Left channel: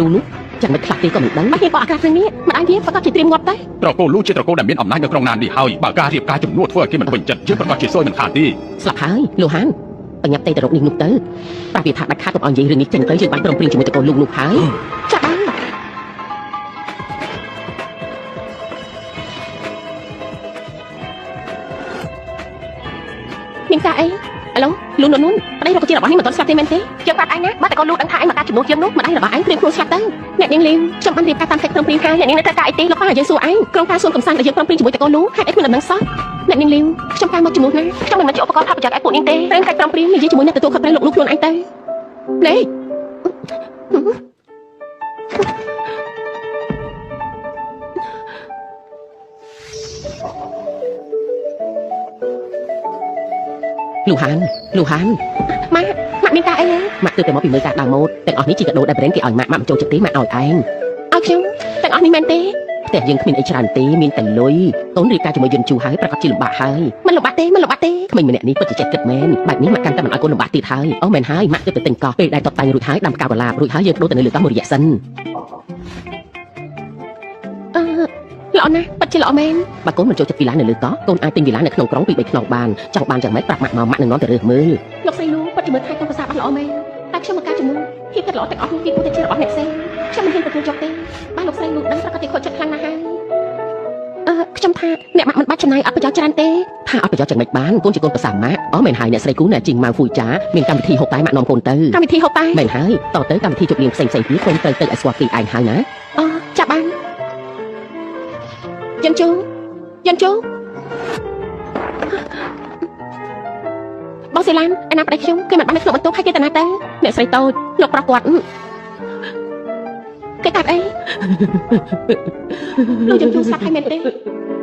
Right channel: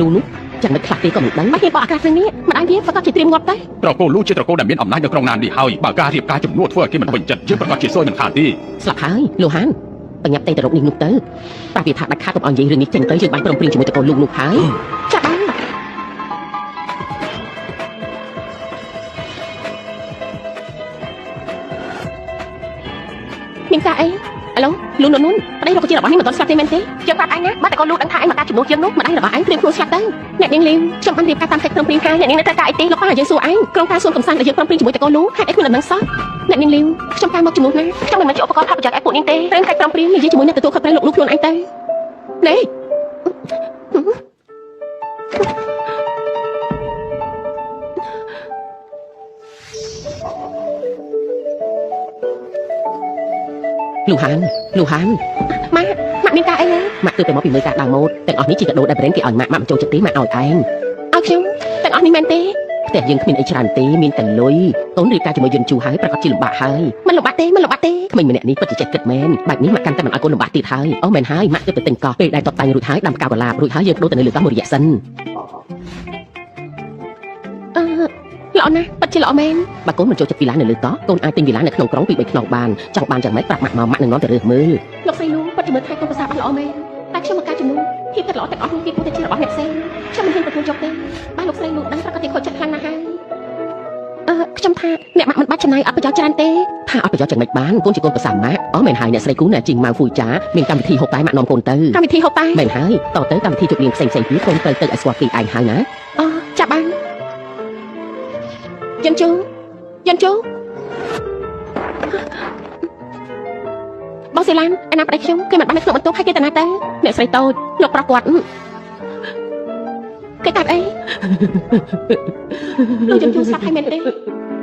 លូនោះchẳng mấyខ្លះទេក៏មិនដឹងមកគេក៏អាក្រាស់ខាងនេះមិនឲ្យវាប្រកាសជាត្រៀមងាប់ដែរត្រកូលលូជាត្រកូលដែលមានអំណាចនៅក្នុងណាននេះហើយបើការរៀបការជំនួសធ្វើឲ្យគេមិនពេញចិត្តជាប្រកាសជាសួយមិនខានទេស្លាប់ហើយលោកហានបញ្ញាប់តែទៅរកនេះនោះទៅប្រាប់វាថាដាច់ខាតកុំឲ្យនិយាយរឿងនេះចេញទៅយើងបានព្រមព្រៀងជាមួយត្រកូលលូនោះហើយចាបានមានការអីឥឡូវលូននោះប្តីលោកជារបស់នេះមិនទាន់ស្លាប់ទេមែនទេយើងប្រាប់ឯងណាបើតែកូនលោកដឹងថាឯងមកការជំនួសយើងនោះមិនឯងរបស់ឯងព្រៀងខ្លួនស្លាប់ទៅអ្នកនាងលីវខ្ញុំបានរៀបការតាមកិច្ចព្រមព្រៀងការអ្នកនាងនៅត្រូវការអីទេលោកខំឲ្យយើងសួរឯងក្រុមការសួរកំសាន្តដែលយើងព្រមព្រៀងជាមួយតកូននោះហេតុអីខ្លួនមិនដឹងសោះអ្នកនាងលីវខ្ញុំការមកជំនួសណាខ្ញុំមិនមែនជាឧបករណ៍ថតប្រចាំឯពួកនាងទេរឿងកិច្ចព្រមព្រៀងនិយាយជាមួយនឹងទទួលខុសត្រូវលោកនោះខ្លួនឯងទៅលេលោកហានម៉ាក់មានការអីទេម៉ាក់ទើបតែមកពីមើលការដល់ម៉ូដទាំងអស់នេះជាកាដូដែលប្រេងគេឲ្យម៉ាក់មិនចូលចិត្តទេម៉ាក់ឲ្យឯងឲ្យខ្ញុំទាំងអស់នេះមែនទេផ្ទះយើងគ្មានអីច្រើនទេមានតែលុយកូនរៀបការជាមួយយន្តជូហើយប្រកាសជាលំបាកហើយមិនលំបាកទេក្មេងម្នាក់នេះពិតជាចិត្តគិតមែនបាច់នេះម៉ាក់កាន់តែមិនឲ្យកូនលំបាកទៀតហើយអូមែនហើយម៉ាក់ទើបតែទិញកោះពេលដែលតបតាំងរួចហើយដាំផ្កាវឡាបរួចហើយយើងបដូរទៅនៅលើកោះមួយរយៈសិនល្អណាស់ពិតជាល្អមែនបើកូនមិនចូលចិត្តវីឡានៅលើកោះកូនអាចទិញវីឡានៅក្នុងក្រុងពី3ខ្នងបានចង់បានយ៉ាងម៉េចប្រាប់ម៉ាក់មកម៉ាក់នឹងនាំទៅរើសមើលលោកស្រីលូពិតជាមើលថែកូនប្រសាបានល្អមែនតែខ្ញុំមកការជំនួសភាពគិតល្អទាំងអស់នេះគឺតែជារបស់អ្នកផ្សេងខ្ញុំមិនហ៊ានទទួលយកទេបើលោកស្រីលូដឹងស្រាប់តែខូចចិត្តខ្លាំងណាស់ហើយខ្ញុំថាអ្នកម៉ាក់មិនបាច់ចំណាយអត់ប្រយោជន៍ច្រើនទេថាអត់ប្រយោជន៍យ៉ាងម៉េចបានកូនជាកូនប្រសាម៉ាក់អូមែនហើយអ្នកស្រីគូអ្នកជីងម៉ៅហ្វូចាមានកម្មវិធីហូបតែម៉ាក់នាំកូនទៅកម្មវិធីហូបតែមែនហើយតទៅកម្មវិធីជប់លៀងផ្សេងៗទៀតកូនត្រូវទៅឲ្យស្គាល់ពីឯងហើយណាចាបានយើងជូបងសេឡានឯណាប្តីខ្ញុំគេមិនបានក្នុងបន្ទប់ឲ្យគេទៅណាទៅអ្នកស្រីតូចលោកប្រុសគាត់គេកាត់អីលោកយើងស្ដាប់ឲ្យមែនទេ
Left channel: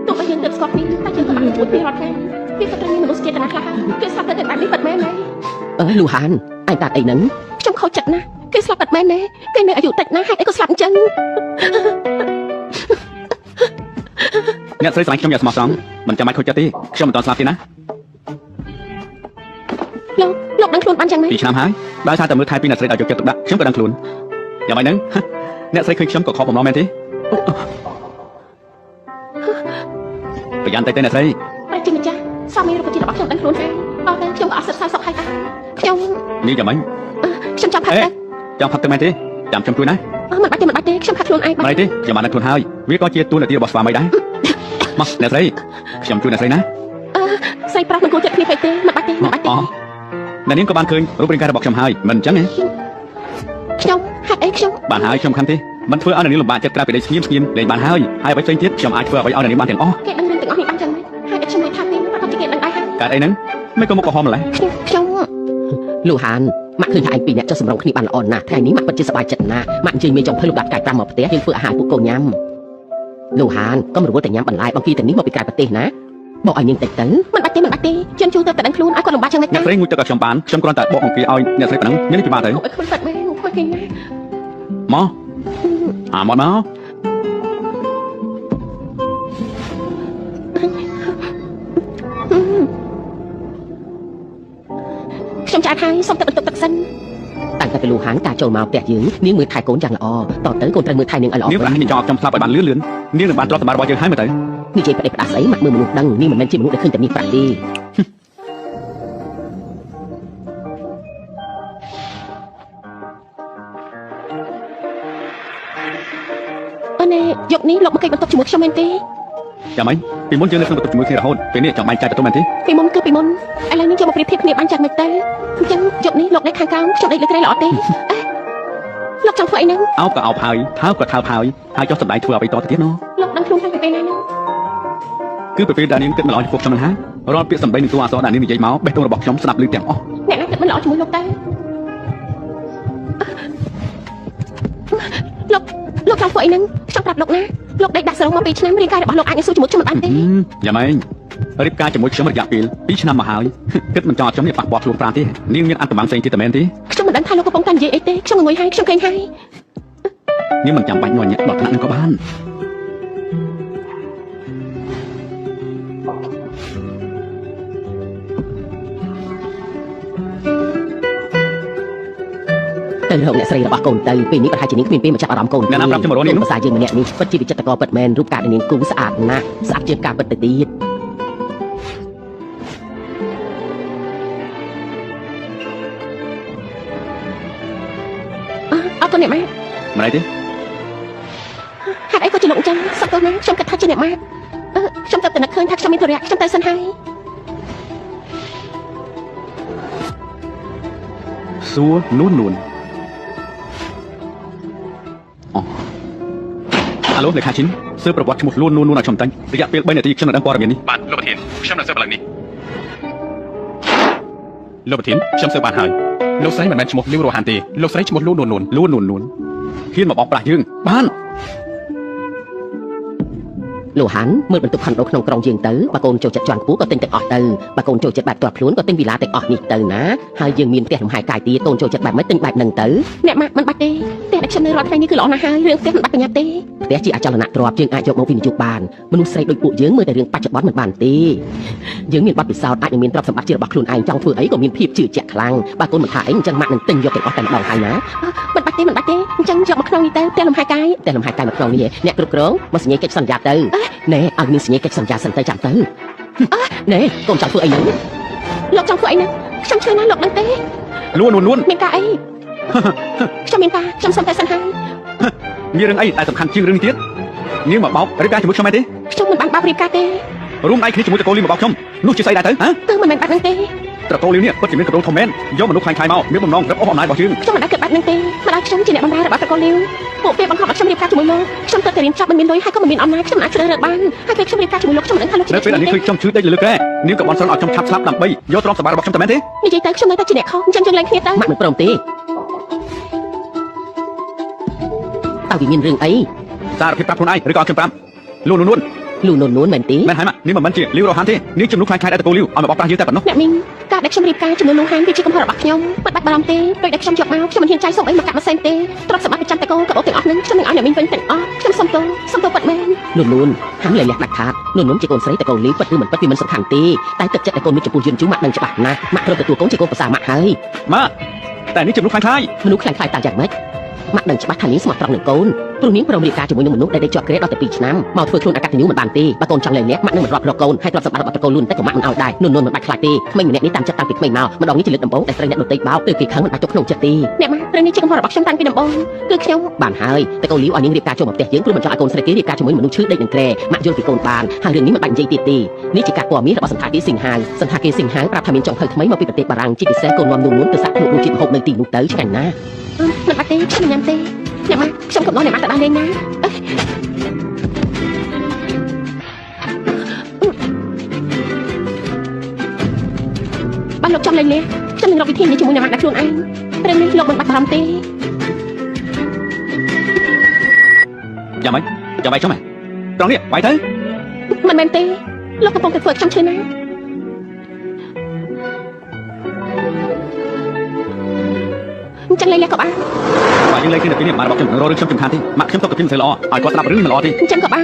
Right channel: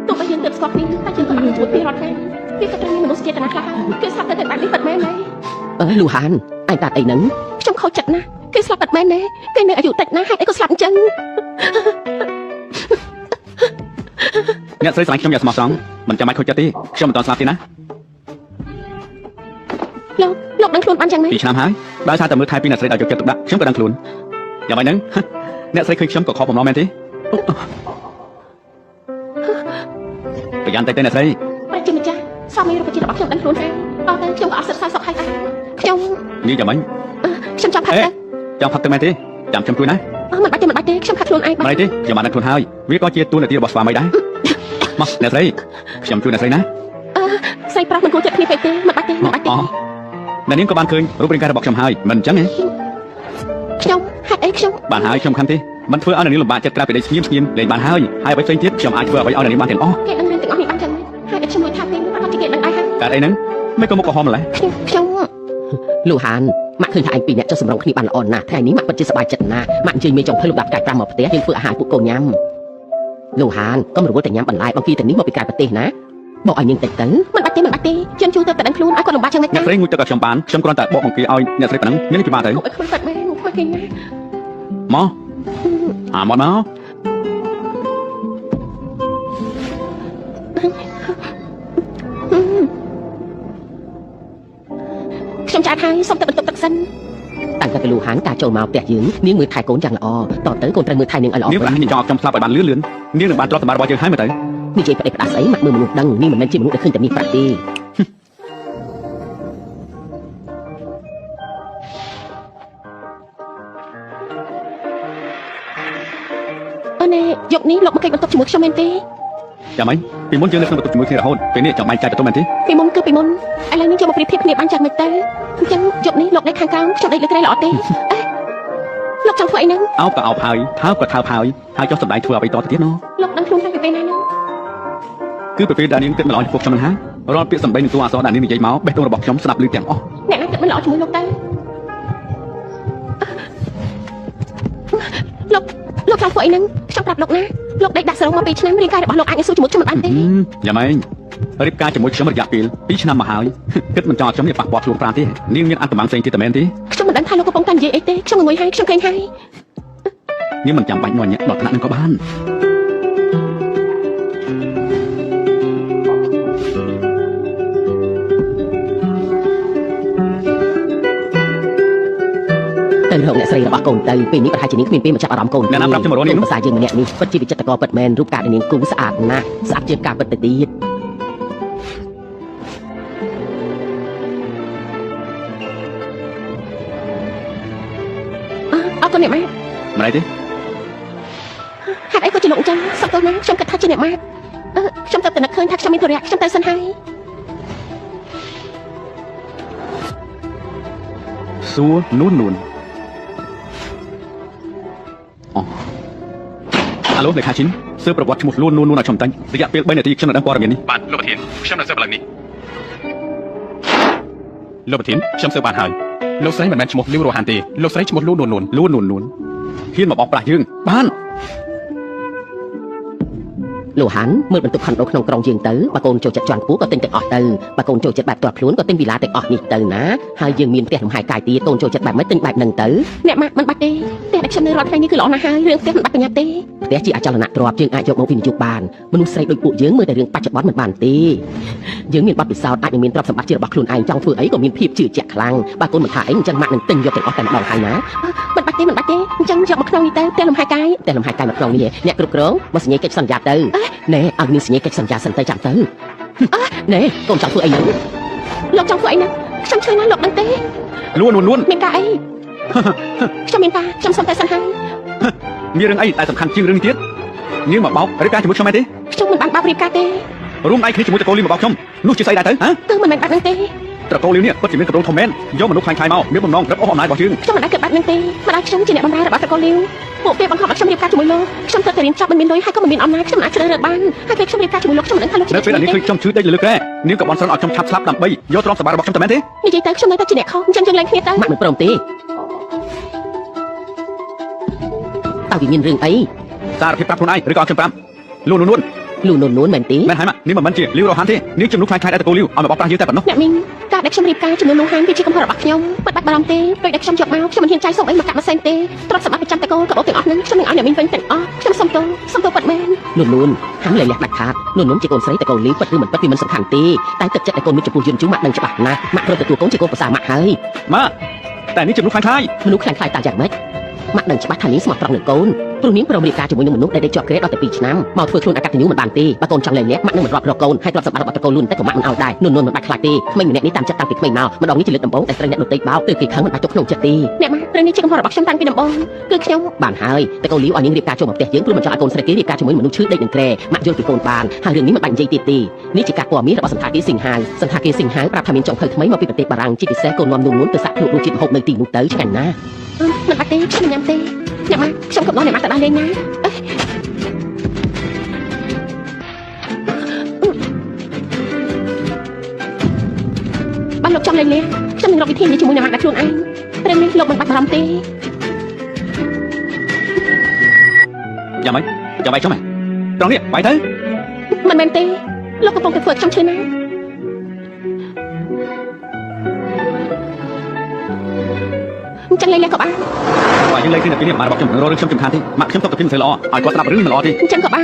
ទោះបីយើងទៅស្គាល់គ្នាតែយើងក៏អត់ជួយពីរត់ដែរគេក៏ត្រូវមានមនុស្សចេតនាខ្លះគេស្លាប់ទៅតែនេះពិតមែនទេលោកហានឯងកាត់អីហ្នឹងខ្ញុំខូចចិត្តណាស់គេស្លាប់ពិតមែនទេគេមានអាយុតិចណាស់ហេតុអីក៏ស្លាប់អញ្ចឹងអ្នកស្រីស្រឡាញ់ខ្ញុំយ៉ាងស្មោះត្រង់មិនចាំបាច់ខូចចិត្តទេខ្ញុំមិនតន់ស្លាប់ទេណាលោកដឹងខ្លួនបានយ៉ាងម៉េច2ឆ្នាំហើយបើសារតែមើលថែពីអ្នកស្រីឲ្យយកចិត្តទុកដាក់ខ្ញុំក៏ដឹងខ្លួនយ៉ាងម៉េចហ្នឹងអ្នកស្រីឃើញខ្ញុំក៏ខកបំណងមែនទេប្រយ័ត្នតែអ្នកស្រីប្រជាម្ចាស់សម័យរូបជារបស់ខ្ញុំដឹងខ្លួនហើយដល់ទៅខ្ញុំក៏អត់សិក្សាសុខហើយខ្ញុំនិយាយយ៉ាងម៉េចខ្ញុំចាប់ផាត់ចាំផាត់ទៅមែនទេចាំខ្ញុំជួយណាមិនបាច់ទេខ្ញុំផាត់ខ្លួនឯងមិនទេខ្ញុំបានខ្លួនហើយវាក៏ជាទូនាទីរបស់ស្វាមីដែរមកអ្នកស្រីខ្ញុំជួយអ្នកស្រីណាស្រីប្រុសមិនគួរចិត្តគ្នាពេកទេមិនបាច់ទេអ្នកនាងក៏បានឃើញរូបរាងកាយរបស់ខ្ញុំហើយមិនអញ្ចឹងទេខ្ញុំហេតុអីខ្ញុំបានហើយខ្ញុំខំទេមិនធ្វើឲ្យអ្នកនាងលំបាកចិត្តក្រៅពីលេងស្ងៀមលេងបានហើយហើយអ្វីផ្សេងទៀតខ្ញុំអាចធ្វើឲ្យអ្នកនាងបានទាំងអស់គេដឹងទាំងអស់នេះបាត់ចឹងហើយខ្ញុំមិនថាទេប្រហែលជាគេដឹងដែរកើតអីហ្នឹងមិនក៏មកកំហំម្ល៉េះខ្ញុំលោកហានម៉ាក់ឃើញថាឯងពីរអ្នកចុះសម្រុងគ្នាបានល្អណាស់ថ្ងៃនេះម៉ាក់ពិតជាសប្បាយចិត្តណាស់ម៉ាក់អញ្ជើញមានចុងភៅលោកដាក់កាយ5មកផ្ទះយើងធ្វើអាហារពួកកូនញ៉ាំលោកហានកុំរវល់តែញ៉ាំបន្លែបង្គាទៅនេះមកពីក្រៅប្រទេសណាបកឲ្យយើងតិចទៅមិនបាច់ទេខ្ញុំជួយទៅតែដឹងខ្លួនឲ្យគាត់លំបាកចឹងមិនអ្នកស្រីងូចទឹកឲ្យខ្ញុំបានខ្ញុំគ្រាន់តែបកបង្គាឲ្យអ្នកស្រីប្រឹងញ៉ាំពីបានទៅអត់ខ្វះមែនមកធ្វើគេមកមកខ្ញុំចាត់ហើយសុំទៅបន្ទប់ទឹកសិនតាំងតែពីលោកហានការចូលមកផ្ទះយើងនាងមើលថែកូនយ៉ាងល្អតទៅកូនត្រូវមើលថែនាងឲ្យល្អនាងប្រាំងនាងចង់ឲ្យខ្ញុំស្លាប់ឲ្យបានលឿននាងនឹងបានទ្រព្យសម្បត្តិរបស់យើងហើយមើលទៅនិយាយផ្ដេសផ្ដាសអីមកមើលមនុស្សដឹងនេះមិនមែនជាមនុស្សដែលឃើញតែនេះប្រាក់ទេយកនេះលោកមកគេបន្ទប់ជាមួយខ្ញុំមែនទេចាំមិនពីមុនយើងនៅក្នុងបន្ទប់ជាមួយគ្នារហូតពេលនេះចង់បែកចែកទៅមែនទេពីមុនគឺពីមុនឥឡូវនេះយកមកប្រៀបធៀបគ្នាបានយ៉ាងម៉េចទៅអញ្ចឹងយកនេះលោកដេកខាងក្រោមខ្ញុំដេកលើក្រែល្អទេលោកចង់ធ្វើអីហ្នឹងអោបក៏អោបហើយថើបក៏ថើបហើយចុះសម្ដែងធ្វើអ្វីតទៅទៀតណលោកដឹងខ្លួនថាពីពេលណាហ្នឹងគឺពីពេលដែលនាងគិតមិនល្អចំពោះខ្ញុំហ្នឹងហារាល់ពាក្យសម្ដីនិងតួអក្សរដែលនាងនិយាយមកបេះដូងរបស់ខ្ញុំស្ដាប់ឮទាំងអស់អ្នកណាគិតមិនល្អជាមួយលោកទៅលោកចង់ធ្វើអីហ្នឹងខ្ញុំប្រាប់លោកណាលោកដេកដាក់សរុបមក2ឆ្នាំរាងកាយរបស់លោកអាចនឹងស៊ូជាមួយខ្ញុំបានទេយ៉ាងម៉េចរៀបការជាមួយខ្ញុំរយៈពេល2ឆ្នាំមកហើយគិតមិនចោលខ្ញុំនេះប៉ះពាល់ខ្លួនប្រាណទេនាងមានអត្តកម្មផ្សេងទៀតតែមែនទេខ្ញុំមិនដឹងថាលោកកំពុងតែនិយាយអីទេខ្ញុំមួយហើយខ្ញុំឃើញហើយនាងមិនចាំបាច់ញ័រញាក់ដល់ថ្នាក់នឹងក៏បានត ត្រូវរកអ្នកស្រីរបស់កូនទៅពេលនេះប្រហែលជានាងគ្មានពេលមកចាប់អារម្មណ៍កូនភាសាយើងម្នាក់នេះពិតជាវិចិត្រករពិតមែនរូបកាយនាងគូស្អាតណាស់ស្អាតជាងការពិតទៅទៀតអត់ទៅអ្នកម៉ែ ម្ល៉េះទេ ហេតុអីក៏ជាលោកអញ្ចឹងសក់កូនណាខ្ញុំគិតថាជាអ្នកម៉ែខ្ញុំទៅតែនឹកឃើញថាខ្ញុំមានធរៈខ្ញុំទៅសិនហើយ សួរនួនអាឡូលេខាឈិនសើប្រវត្តិឈ្មោះនួនឲ្យខ្ញុំតាញ់រយៈពេល3នាទីខ្ញុំនឹងដឹងព័ត៌មាននេះបាទលោកប្រធានខ្ញុំនឹងសើបឡើងនេះលោកប្រធានខ្ញុំសើបបានហើយលោកស្រីមិនមែនឈ្មោះលីវរ៉ូហានទេលោកស្រីឈ្មោះលូនួនហ៊ានមកបោកប្រាស់យើងបាន លោកហាន់មើលបន្ទុកខំដូរក្នុងក្រុងយើងទៅបើកូនចូលចិត្តជាន់ខ្ពស់ក៏ទិញទាំងអស់ទៅបើកូនចូលចិត្តបែបទាត់ខ្លួនក៏ទិញវីឡាទាំងអស់នេះទៅណាហើយយើងមានផ្ទះលំហែកាយទៀតកូនចូលចិត្តបែបម៉េចទិញបែបហ្នឹងទៅអ្នកម៉ាក់មិនបាច់ទេផ្ទះដែលខ្ញុំនៅរាល់ថ្ងៃនេះគឺល្អណាស់ហើយរឿងផ្ទះមិនបាច់ប្រញាប់ទេផ្ទះជាអចលនទ្រព្យយើងអាចយកមកវិនិយោគបានមនុស្សស្រីដូចពួកយើងមើលតែរឿងបច្ចុប្បន្នមិនបានទេយើងមានបទពិសោធន៍អាចនឹងមានទ្រព្យសម្បត្តិជារបស់ខ្លួនឯងចង់ធ្វើអីក៏មានភាពជឿជាក់ខ្លាំងបើកូនមិនថាអីអញ្ចឹងម៉ាក់នឹងទិញយកទាំងអស់តែម្ដងហើយណាមិនបាច់ទេអញ្ចឹងយកមកក្នុងនេះទៅផ្ទះលំហែកាយផ្ទះលំហែកាយមកក្នុងនេះអ្នកគ្រប់គ្រងមកសញ្ញាកិច្ចសន្យាទៅណែឲ្យនាងសញ្ញាកិច្ចសន្យាសិនទៅចាំទៅណែកូនចង់ធ្វើអីហ្នឹងលោកចង់ធ្វើអីហ្នឹងខ្ញុំឆ្លើយណាលោកដឹងទេនួនមានការអីខ្ញុំមានការខ្ញុំសុំតែសិនហើយ មានរឿងអីតែសំខាន់ជាងរឿងនេះទៀតនាងមកបោករៀបការជាមួយខ្ញុំទេ ខ្ញុំមិនបានបោករៀបការទេ រួមដៃគ្នាជាមួយតកូលីមកបោកខ្ញុំនោះជាស្អីដែរទៅហ៎ មិនមែនបែបហ្នឹងទេ តកូលីនេះពិតជាមានកម្រងធំមែនយកមនុស្សខ្លាំងៗមកមានបំណងរឹបអូសអំណាចរបស់យើង ខ្ញុំមិនដែលគិតបែបហ្នឹងទេមិនដែលខ្ញុំជាអ្នកបម្រើរបស់តកូលីពួកគេបង្ខំឲ្យខ្ញុំរៀបការជាមួយលោកខ្ញុំទៅតែរៀនចប់មិនមានលុយហើយក៏មិនមានអំណាចខ្ញុំអាចជ្រើសរើសបានហើយពេលខ្ញុំរៀបការជាមួយលោកខ្ញុំមិនដឹងថាលោកនៅពេលនេះគឺខ្ញុំជឿតិចលើកទេនាងក៏បានស្រន់ឲ្យខ្ញុំឆាប់ស្លាប់ដើម្បីយកទ្រព្យសម្បត្តិរបស់ខ្ញុំទៅមែនទេ និយាយទៅខ្ញុំនៅតែជាអ្នកខុសអញ្ចឹងយើងលែងគ្នាទៅម៉ាក់មិនព្រមទេតើវាមានរឿងអី សារភាពប្រាប់ខ្លួនឯងឬក៏ខ្ញុំប្រាប់លូនមែនទេ មែនហើយម៉ាក់នេះមិនមែនជាលីវរ៉ូហានទេនេះជំនួសខ្លាំងៗឲ្យតកូលីឲ្យមកបោកប្រាស់យើងតែប៉ុណ្ណោះ អ្នកមីងការដែលខ្ញុំរៀបការជាមួយលោកហានវាជាកំហុសរបស់ខ្ញុំមិនបាច់បារម្ភទេពេលដែលខ្ញុំយកមកខ្ញុំមិនហ៊ានចាយសុំអីមកកាត់មកសែនទេទ្រព្យសម្បត្តិប្រចាំតកូលក៏បងទាំងអស់ហ្នឹងខ្ញុំនឹងឲ្យអ្នកមីងវិញទាំងអស់ខ្ញុំសុំទោសប៉ាត់មែនលូនហានលើលះដាច់ខាតលូនជាកូនស្រីតកូលីពិតឬមិនពិតវាមិនសំខាន់ទេតែទឹកចិត្តតកូលមានចំពោះយើងជឿម៉ាក់ដឹងច្បាស់ណាស់ម៉ាក់ត្រូវទទួលកូនជាកូនប្រសាម៉ាក់ហើយម៉ាក់តែនេះជំនួសខ្លាំងៗមនុស្សខ្លាំងៗតាមយ៉ាងម៉េចម៉ាក់ដឹងច្បាស់ថានាងស្មោះត្រង់នឹងកូនព្រោះនាងប្រមរៀបការជាមួយនឹងមនុស្សដែលជាប់ក្រេតដល់តែ2ឆ្នាំមកធ្វើខ្លួនអកតញ្ញូមិនបានទេបើកូនចង់លែងលះម៉ាក់នឹងមិនរាប់រកកូនហើយទ្រព្យសម្បត្តិរបស់តកូលលូនតែក៏ម៉ាក់មិនឲ្យដែរនួនមិនបាច់ខ្លាចទេក្មេងម្នាក់នេះតាមចិត្តតាំងពីក្មេងមកម្ដងនេះជាលើកដំបូងតែស្រីអ្នកដទៃបោកគឺគេខឹងមិនបាច់ចុះក្នុងចិត្តទេអ្នកម៉ាក់រឿងនេះជាកំហុសរបស់ខ្ញុំតាំងពីដំបូងគឺខ្ញុំបានហើយតែកូលីឲ្យនាងរៀបការចូលមកផ្ទះយើងព្រោះមិនចង់ឲ្យកូនស្រីគេរៀបការជាមួយមនុស្សឈឺដេកនឹងក្រែម៉ាក់យល់ពីកូនបានហើយរឿងនេះមិនបាច់និយាយទៀតទេនេះជាការព័ត៌មានរបស់សន្តាគារសិង្ហាប្រាប់ថាមានចំហិលថ្មីមកពីប្រទេសបារាំងជាពិសេសកូននាំនួនទៅសាក់ភ្លុករសជាតិហូបនៅទីនោះទៅឆ្ងាញ់ណាស់មិនបាច់ទេខ្ញុំញ៉ាំទេអ្នកម៉ាក់ខ្ញុំក៏ដល់អ្នកម៉ាក់ទៅដល់លេងណាបានលោកចង់លេងខ្ញុំនឹងរកវិធីនេះជាមួយអ្នកម៉ាក់ដាក់ខ្លួនឯងរឿងនេះលោកមិនបាច់បារម្ភទេយ៉ាងម៉េចចាំបាយខ្ញុំហ៎ត្រង់នេះបាយទៅមិនមែនទេលោកកំពុងតែធ្វើខ្ញុំឈឺណាស់ចឹងលេងក៏បានបើយើងលេងគ្នាទៅពីនេះមករបស់ខ្ញុំរករឿងខ្ញុំសំខាន់ទេម៉ាក់ខ្ញុំទៅកទីមិនស្អីល្អឲ្យគាត់ស្ដាប់រឿងមិនល្អទេចឹងក៏បាន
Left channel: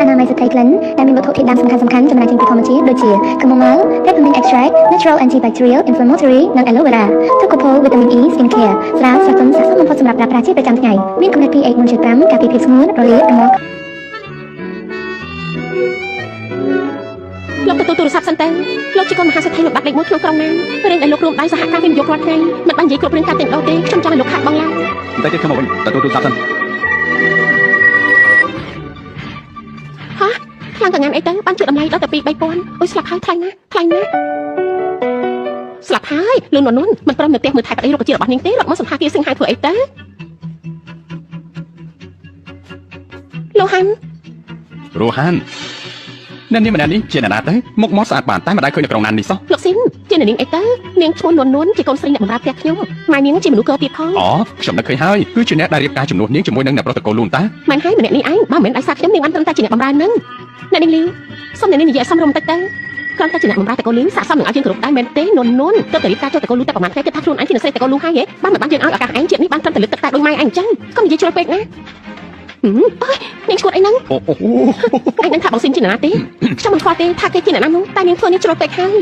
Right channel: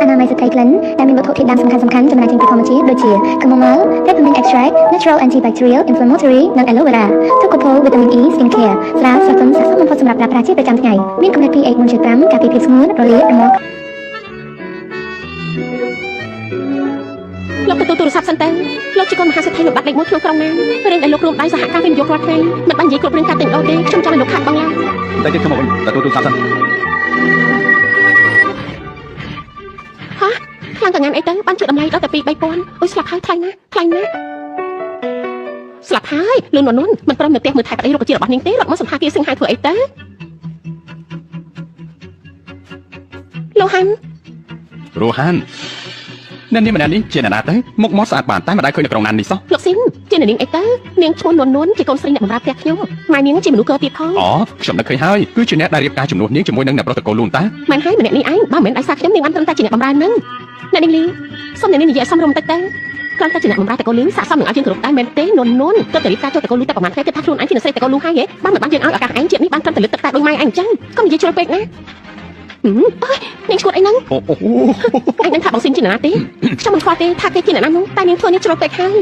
អនាម័យស្ត្រីក្លិនដែលមានវត្ថុធាតុដើមសំខាន់ៗចំណែកចេញពីធម្មជាតិដូចជាខ្មុំម៉ៅ Peppermint Extract Natural Antibacterial Inflammatory និង Aloe Vera ទូកូផូ Vitamin E Skin Care ស្រាលស្រទន់ស័ក្តិសមបំផុតសម្រាប់ប្រើប្រាស់ជាប្រចាំថ្ងៃមានកម្រិត pH 1.5ការពារភាពស្ងួនរលាករមាស់លោកទទួលទូរស័ព្ទសិនទៅលោកជាកូនមហាសេដ្ឋីលោកបាត់លេខ1ក្នុងក្រុងណារឿងដែលលោករួមដៃសហការវិនិយោគរាល់ថ្ងៃមិនបាននិយាយគ្រប់រឿងការតែងដោទេខ្ញុំចង់ឲ្យលោកខាត់បងឡើងតែទេខ្ញុំមកវិញទទួលទូរស័ព្ទសិនខាងកញ្ញាអីទៅបានជួយតម្លៃដល់តែ2-3000អូយស្លាប់ហើយថ្លៃណាស់ស្លាប់ហើយលូនមិនព្រមនៅផ្ទះមើលថែប្តីរុក្ខជាតិរបស់នាងទេរត់មកសន្តាគារសិង្ហាធ្វើអីទៅលោកហាន់អ្នកនេះម្នាក់នេះជាអ្នកណាទៅមុខមកស្អាតបានតែមិនដែលឃើញនៅក្រុងណានេះសោះលោកស៊ីនជានាងអីទៅនាងឈ្មោះនួនជាកូនស្រីអ្នកបម្រើផ្ទះខ្ញុំម៉ែនាងជាមនុស្សកោទៀតផងអូខ្ញុំនឹកឃើញហើយគឺជាអ្នកដែលរៀបការជំនួសនាងជាមួយនឹងអ្នកប្រុសតកូលលូនតាមិនហើយម្នាក់នេះឯងបើមិនឯងសារខ្ញុំនាងបានត្រឹមតែជាអ្នកបម្រើនឹងអ្នកនាងលីសុំអ្នកនាងនិយាយសមរម្យតិចទៅគ្រាន់តែជាអ្នកបម្រើតកូលលូសាកសមនឹងឲ្យយើងគ្រប់ដែរមែនទេនួនទៅរៀបការចូលតកូលលូតែប្រហែលថ្ងៃគឺថាខ្លួនឯងជាអ្នកស្រីតកូលលូហើយហ៎បានមិនបានយើងឲ្យឱកាសឯងជាតិនេះបានត្រឹមតែលើកទឹកតែដោយម៉ែឯងអញ្ចឹងកុំនិយាយជ្រុលពេកណាអើយនាងឈួតអីហ្នឹងឯងនឹងថាបងស៊ីនជាអ្នកណាទេខ្ញុំមិនខ្វល់ទេថាគេជាអ្នកណានោះតែនាងធ្វើនេះជ្រុលពេកហើយ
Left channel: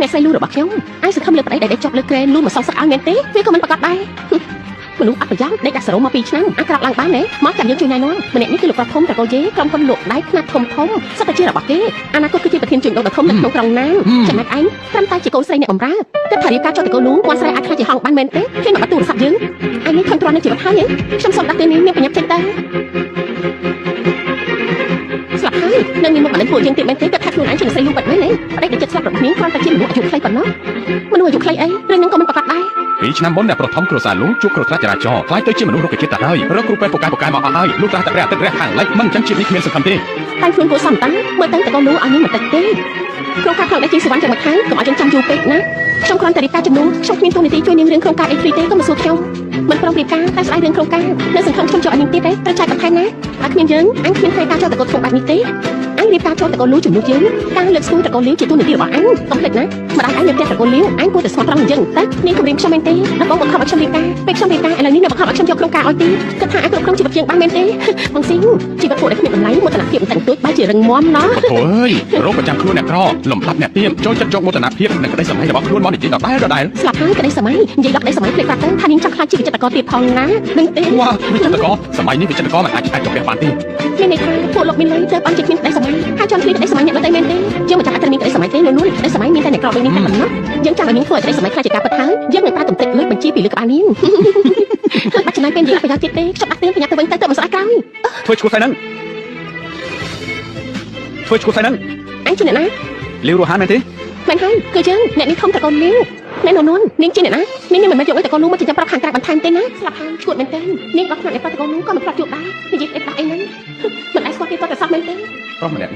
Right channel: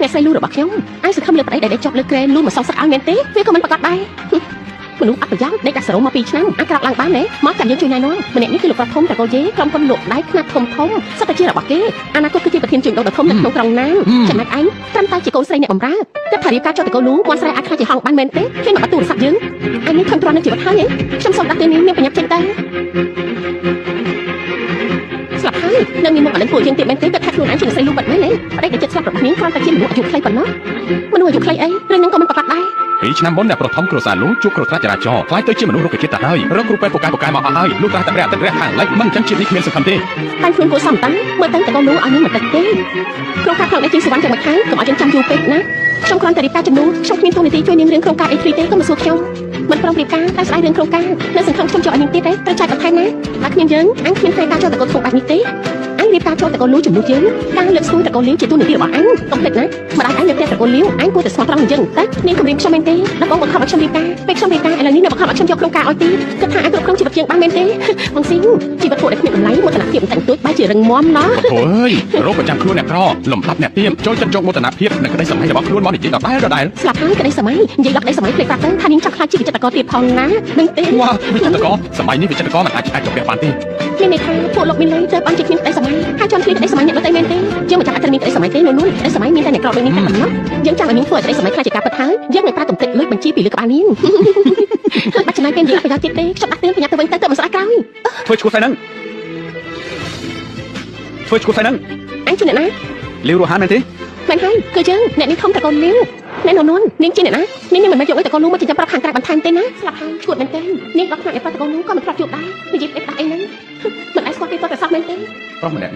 អ្នកស្រីលូរបស់ខ្ញុំអាចសង្ឃឹមលើប្តីដែលជាប់លើក្រែនលូមកសងសឹកឲ្យមែនទេវាក៏មិនប្រកាសដែរមនុស្សអត់ប្រយោជន៍ដេកដាក់សរោមក2ឆ្នាំអាចក្រោកឡើងបានទេមកចាំយើងជួយណែនាំម្នាក់នេះគឺលោកប្រធំតកូនជេក្រុមហ៊ុនលោកដៃខ្នាតធំសិតតែជារបស់គេអនាគតគឺជាប្រធានជួញដូរដ៏ធំនៅក្នុងក្រុងណាចំណែកឯងត្រឹមតែជាកូនស្រីអ្នកបម្រើគិតថារៀបការចុះតកូនលូគាត់ស្រីអាចខ្លាចជាហងបានមែនទេគេមកបាត់ទូរស័ព្ទយើងអញនេះខំទ្រាំនៅជីវិតហើយខ្ញុំសូមដាក់ពេលនេះមានប្រញាប់ចេញទៅស្លាប់ហើយនឹងមានមកបានពួកយើងទៀតមែនទេគិតថាខ្លួនឯងជាស្រីលូបាត់មែនទេប្តីដែលចិត្តស្លាប់របស់ខ្ញុំគ្រាន់តែជាមនុស្សអាយុខ្លីប៉ុណ្ណោះមនុស្សអាយុខ្លីអីរឿងនឹងក៏មិនប្រកាសដែរ ពីឆ្នាំមុនអ្នកប្រធមគ្រួសារលោកជួបគ្រោះថ្នាក់ចរាចរណ៍ខ្លាយទៅជាមនុស្សរកជាតិទៅហើយរកគ្រូពេទ្យពូកែមកអស់ហើយលោកតែព្រះអាទិត្យរះខាងលិចមិនចឹងជាតិនេះគ្មានសង្ឃឹមទេ តែខ្លួនគួរសមតាំងមើលទៅតកូនលូឲ្យនេះបន្តិចទេក្នុងការផ្ដល់ជាសវណ្ណចាំមកខាងកុំឲ្យយើងចាំយូរពេកណាខ្ញុំគ្រាន់តែរៀបការជំនួសខ្ញុំគ្មានទូនាទីជួយនាងរឿងក្នុងការអីហ្វ្រីទេក៏មិនសួរខ្ញុំមិនប្រឹងរៀបការតែស្អីរឿងក្នុងការនៅសង្ឃឹមខ្ញុំចូលឲ្យនាងទៀតទេត្រូវចាច់បន្ថែមណាបើគ្មានយើងអញគ្មានពេលការចូលតកូនធំបែបនេះទេអញរៀបការចូលតកូនលូជំនួសយើងការលើកស្ទួយតកូនលៀងជាទូនាទីរបស់អញកុំភ្លេចណាម្ដាយអញនៅផ្ទះតកូនលៀងអញគួរតែស្មោះត្រង់អញ្ចឹងតែនាងគំរាមខ្ញុំមែនទេដល់បងបង្ខំឲ្យខ្ញុំរៀបការពេលខ្ញុំរៀបការឥឡូវនេះអ្នកបង្ខំឲ្យខ្ញុំយកក្នុងការឲ្យទេគិតថាអញគ្រប់គ្រងជីវិតយើងបានមែនទេបងស៊ីជីវិតពួកដែលគ្មានតម្លៃមោទនភាពតែទួចបែរជារឹងមាំណា អូយរោគប្រចាំខ្លួនអ្នកក្រលំដាប់អ្នកទៀមចូលចិត្តយកមោទនភាពនៅក្តីសម័យរបស់ខ្លួនមកនិយាយដល់ដែរ ស្លាប់ហើយក្តីសម័យនិយាយដល់ក្តីសម័យព្រេងប្រាប់ទៅថានាងចង់ខ្លាចជាវិចិត្រករទៀតផងណាដឹងទេ វ៉ាវិចិត្រករសម័យនេះវិចិត្រករមិនអាចចុះបានទេ មានន័យថាពួកលោកមានលុយទៅអត់ជាគ្នាក្តីសម័យហើយចង់គ្នាក្តីសម័យអ្នកដទៃមែនទេយើងមិនចាំអាចមានក្តីសម័យទេនៅនោះក្តីសម័យមានតែអ្នកក្រដូចនាងតែប៉ុណ្ណោះយើងចាំឲ្យនាងធ្វើឲ្យក្តីសម័យខ្លាចជាការពិតហើយយើងនឹងប្រើទំតិចលុយបញ្ជីពីលើក្បាលនាងបាច់ចំណាយពេលនិយាយប្រយោជន៍ទៀតទេខ្ញុំដាក់ទេបញ្ញាទៅវិញទៅមិនស្អាតក្រោយ ធ្វើឈួតស្អីហ្នឹងធ្វើឈួតស្អីហ្នឹង អញជាអ្នកណា លាវរហ័នមែនទេ មែនហើយគឺយើងអ្នកនេះធំតកូនលាវអ្នកនននាងជាអ្នកណានាងមិនមែនយកឲ្យតកូននោះមកចិញ្ចឹមប្រាប់ខាងក្រៅបន្ថែមទេណាស្លាប់ហើយឈួតមែនទេនាងដល់ថ្នាក់អ្នកប្រាប់តកូននោះក៏មិនប្រាប់ជួបដែរនិយាយតែអីហ្នឹងមិនអាចស្គាល់គេទៅប្រសាទមែនទេ ប្រុសម្នាក់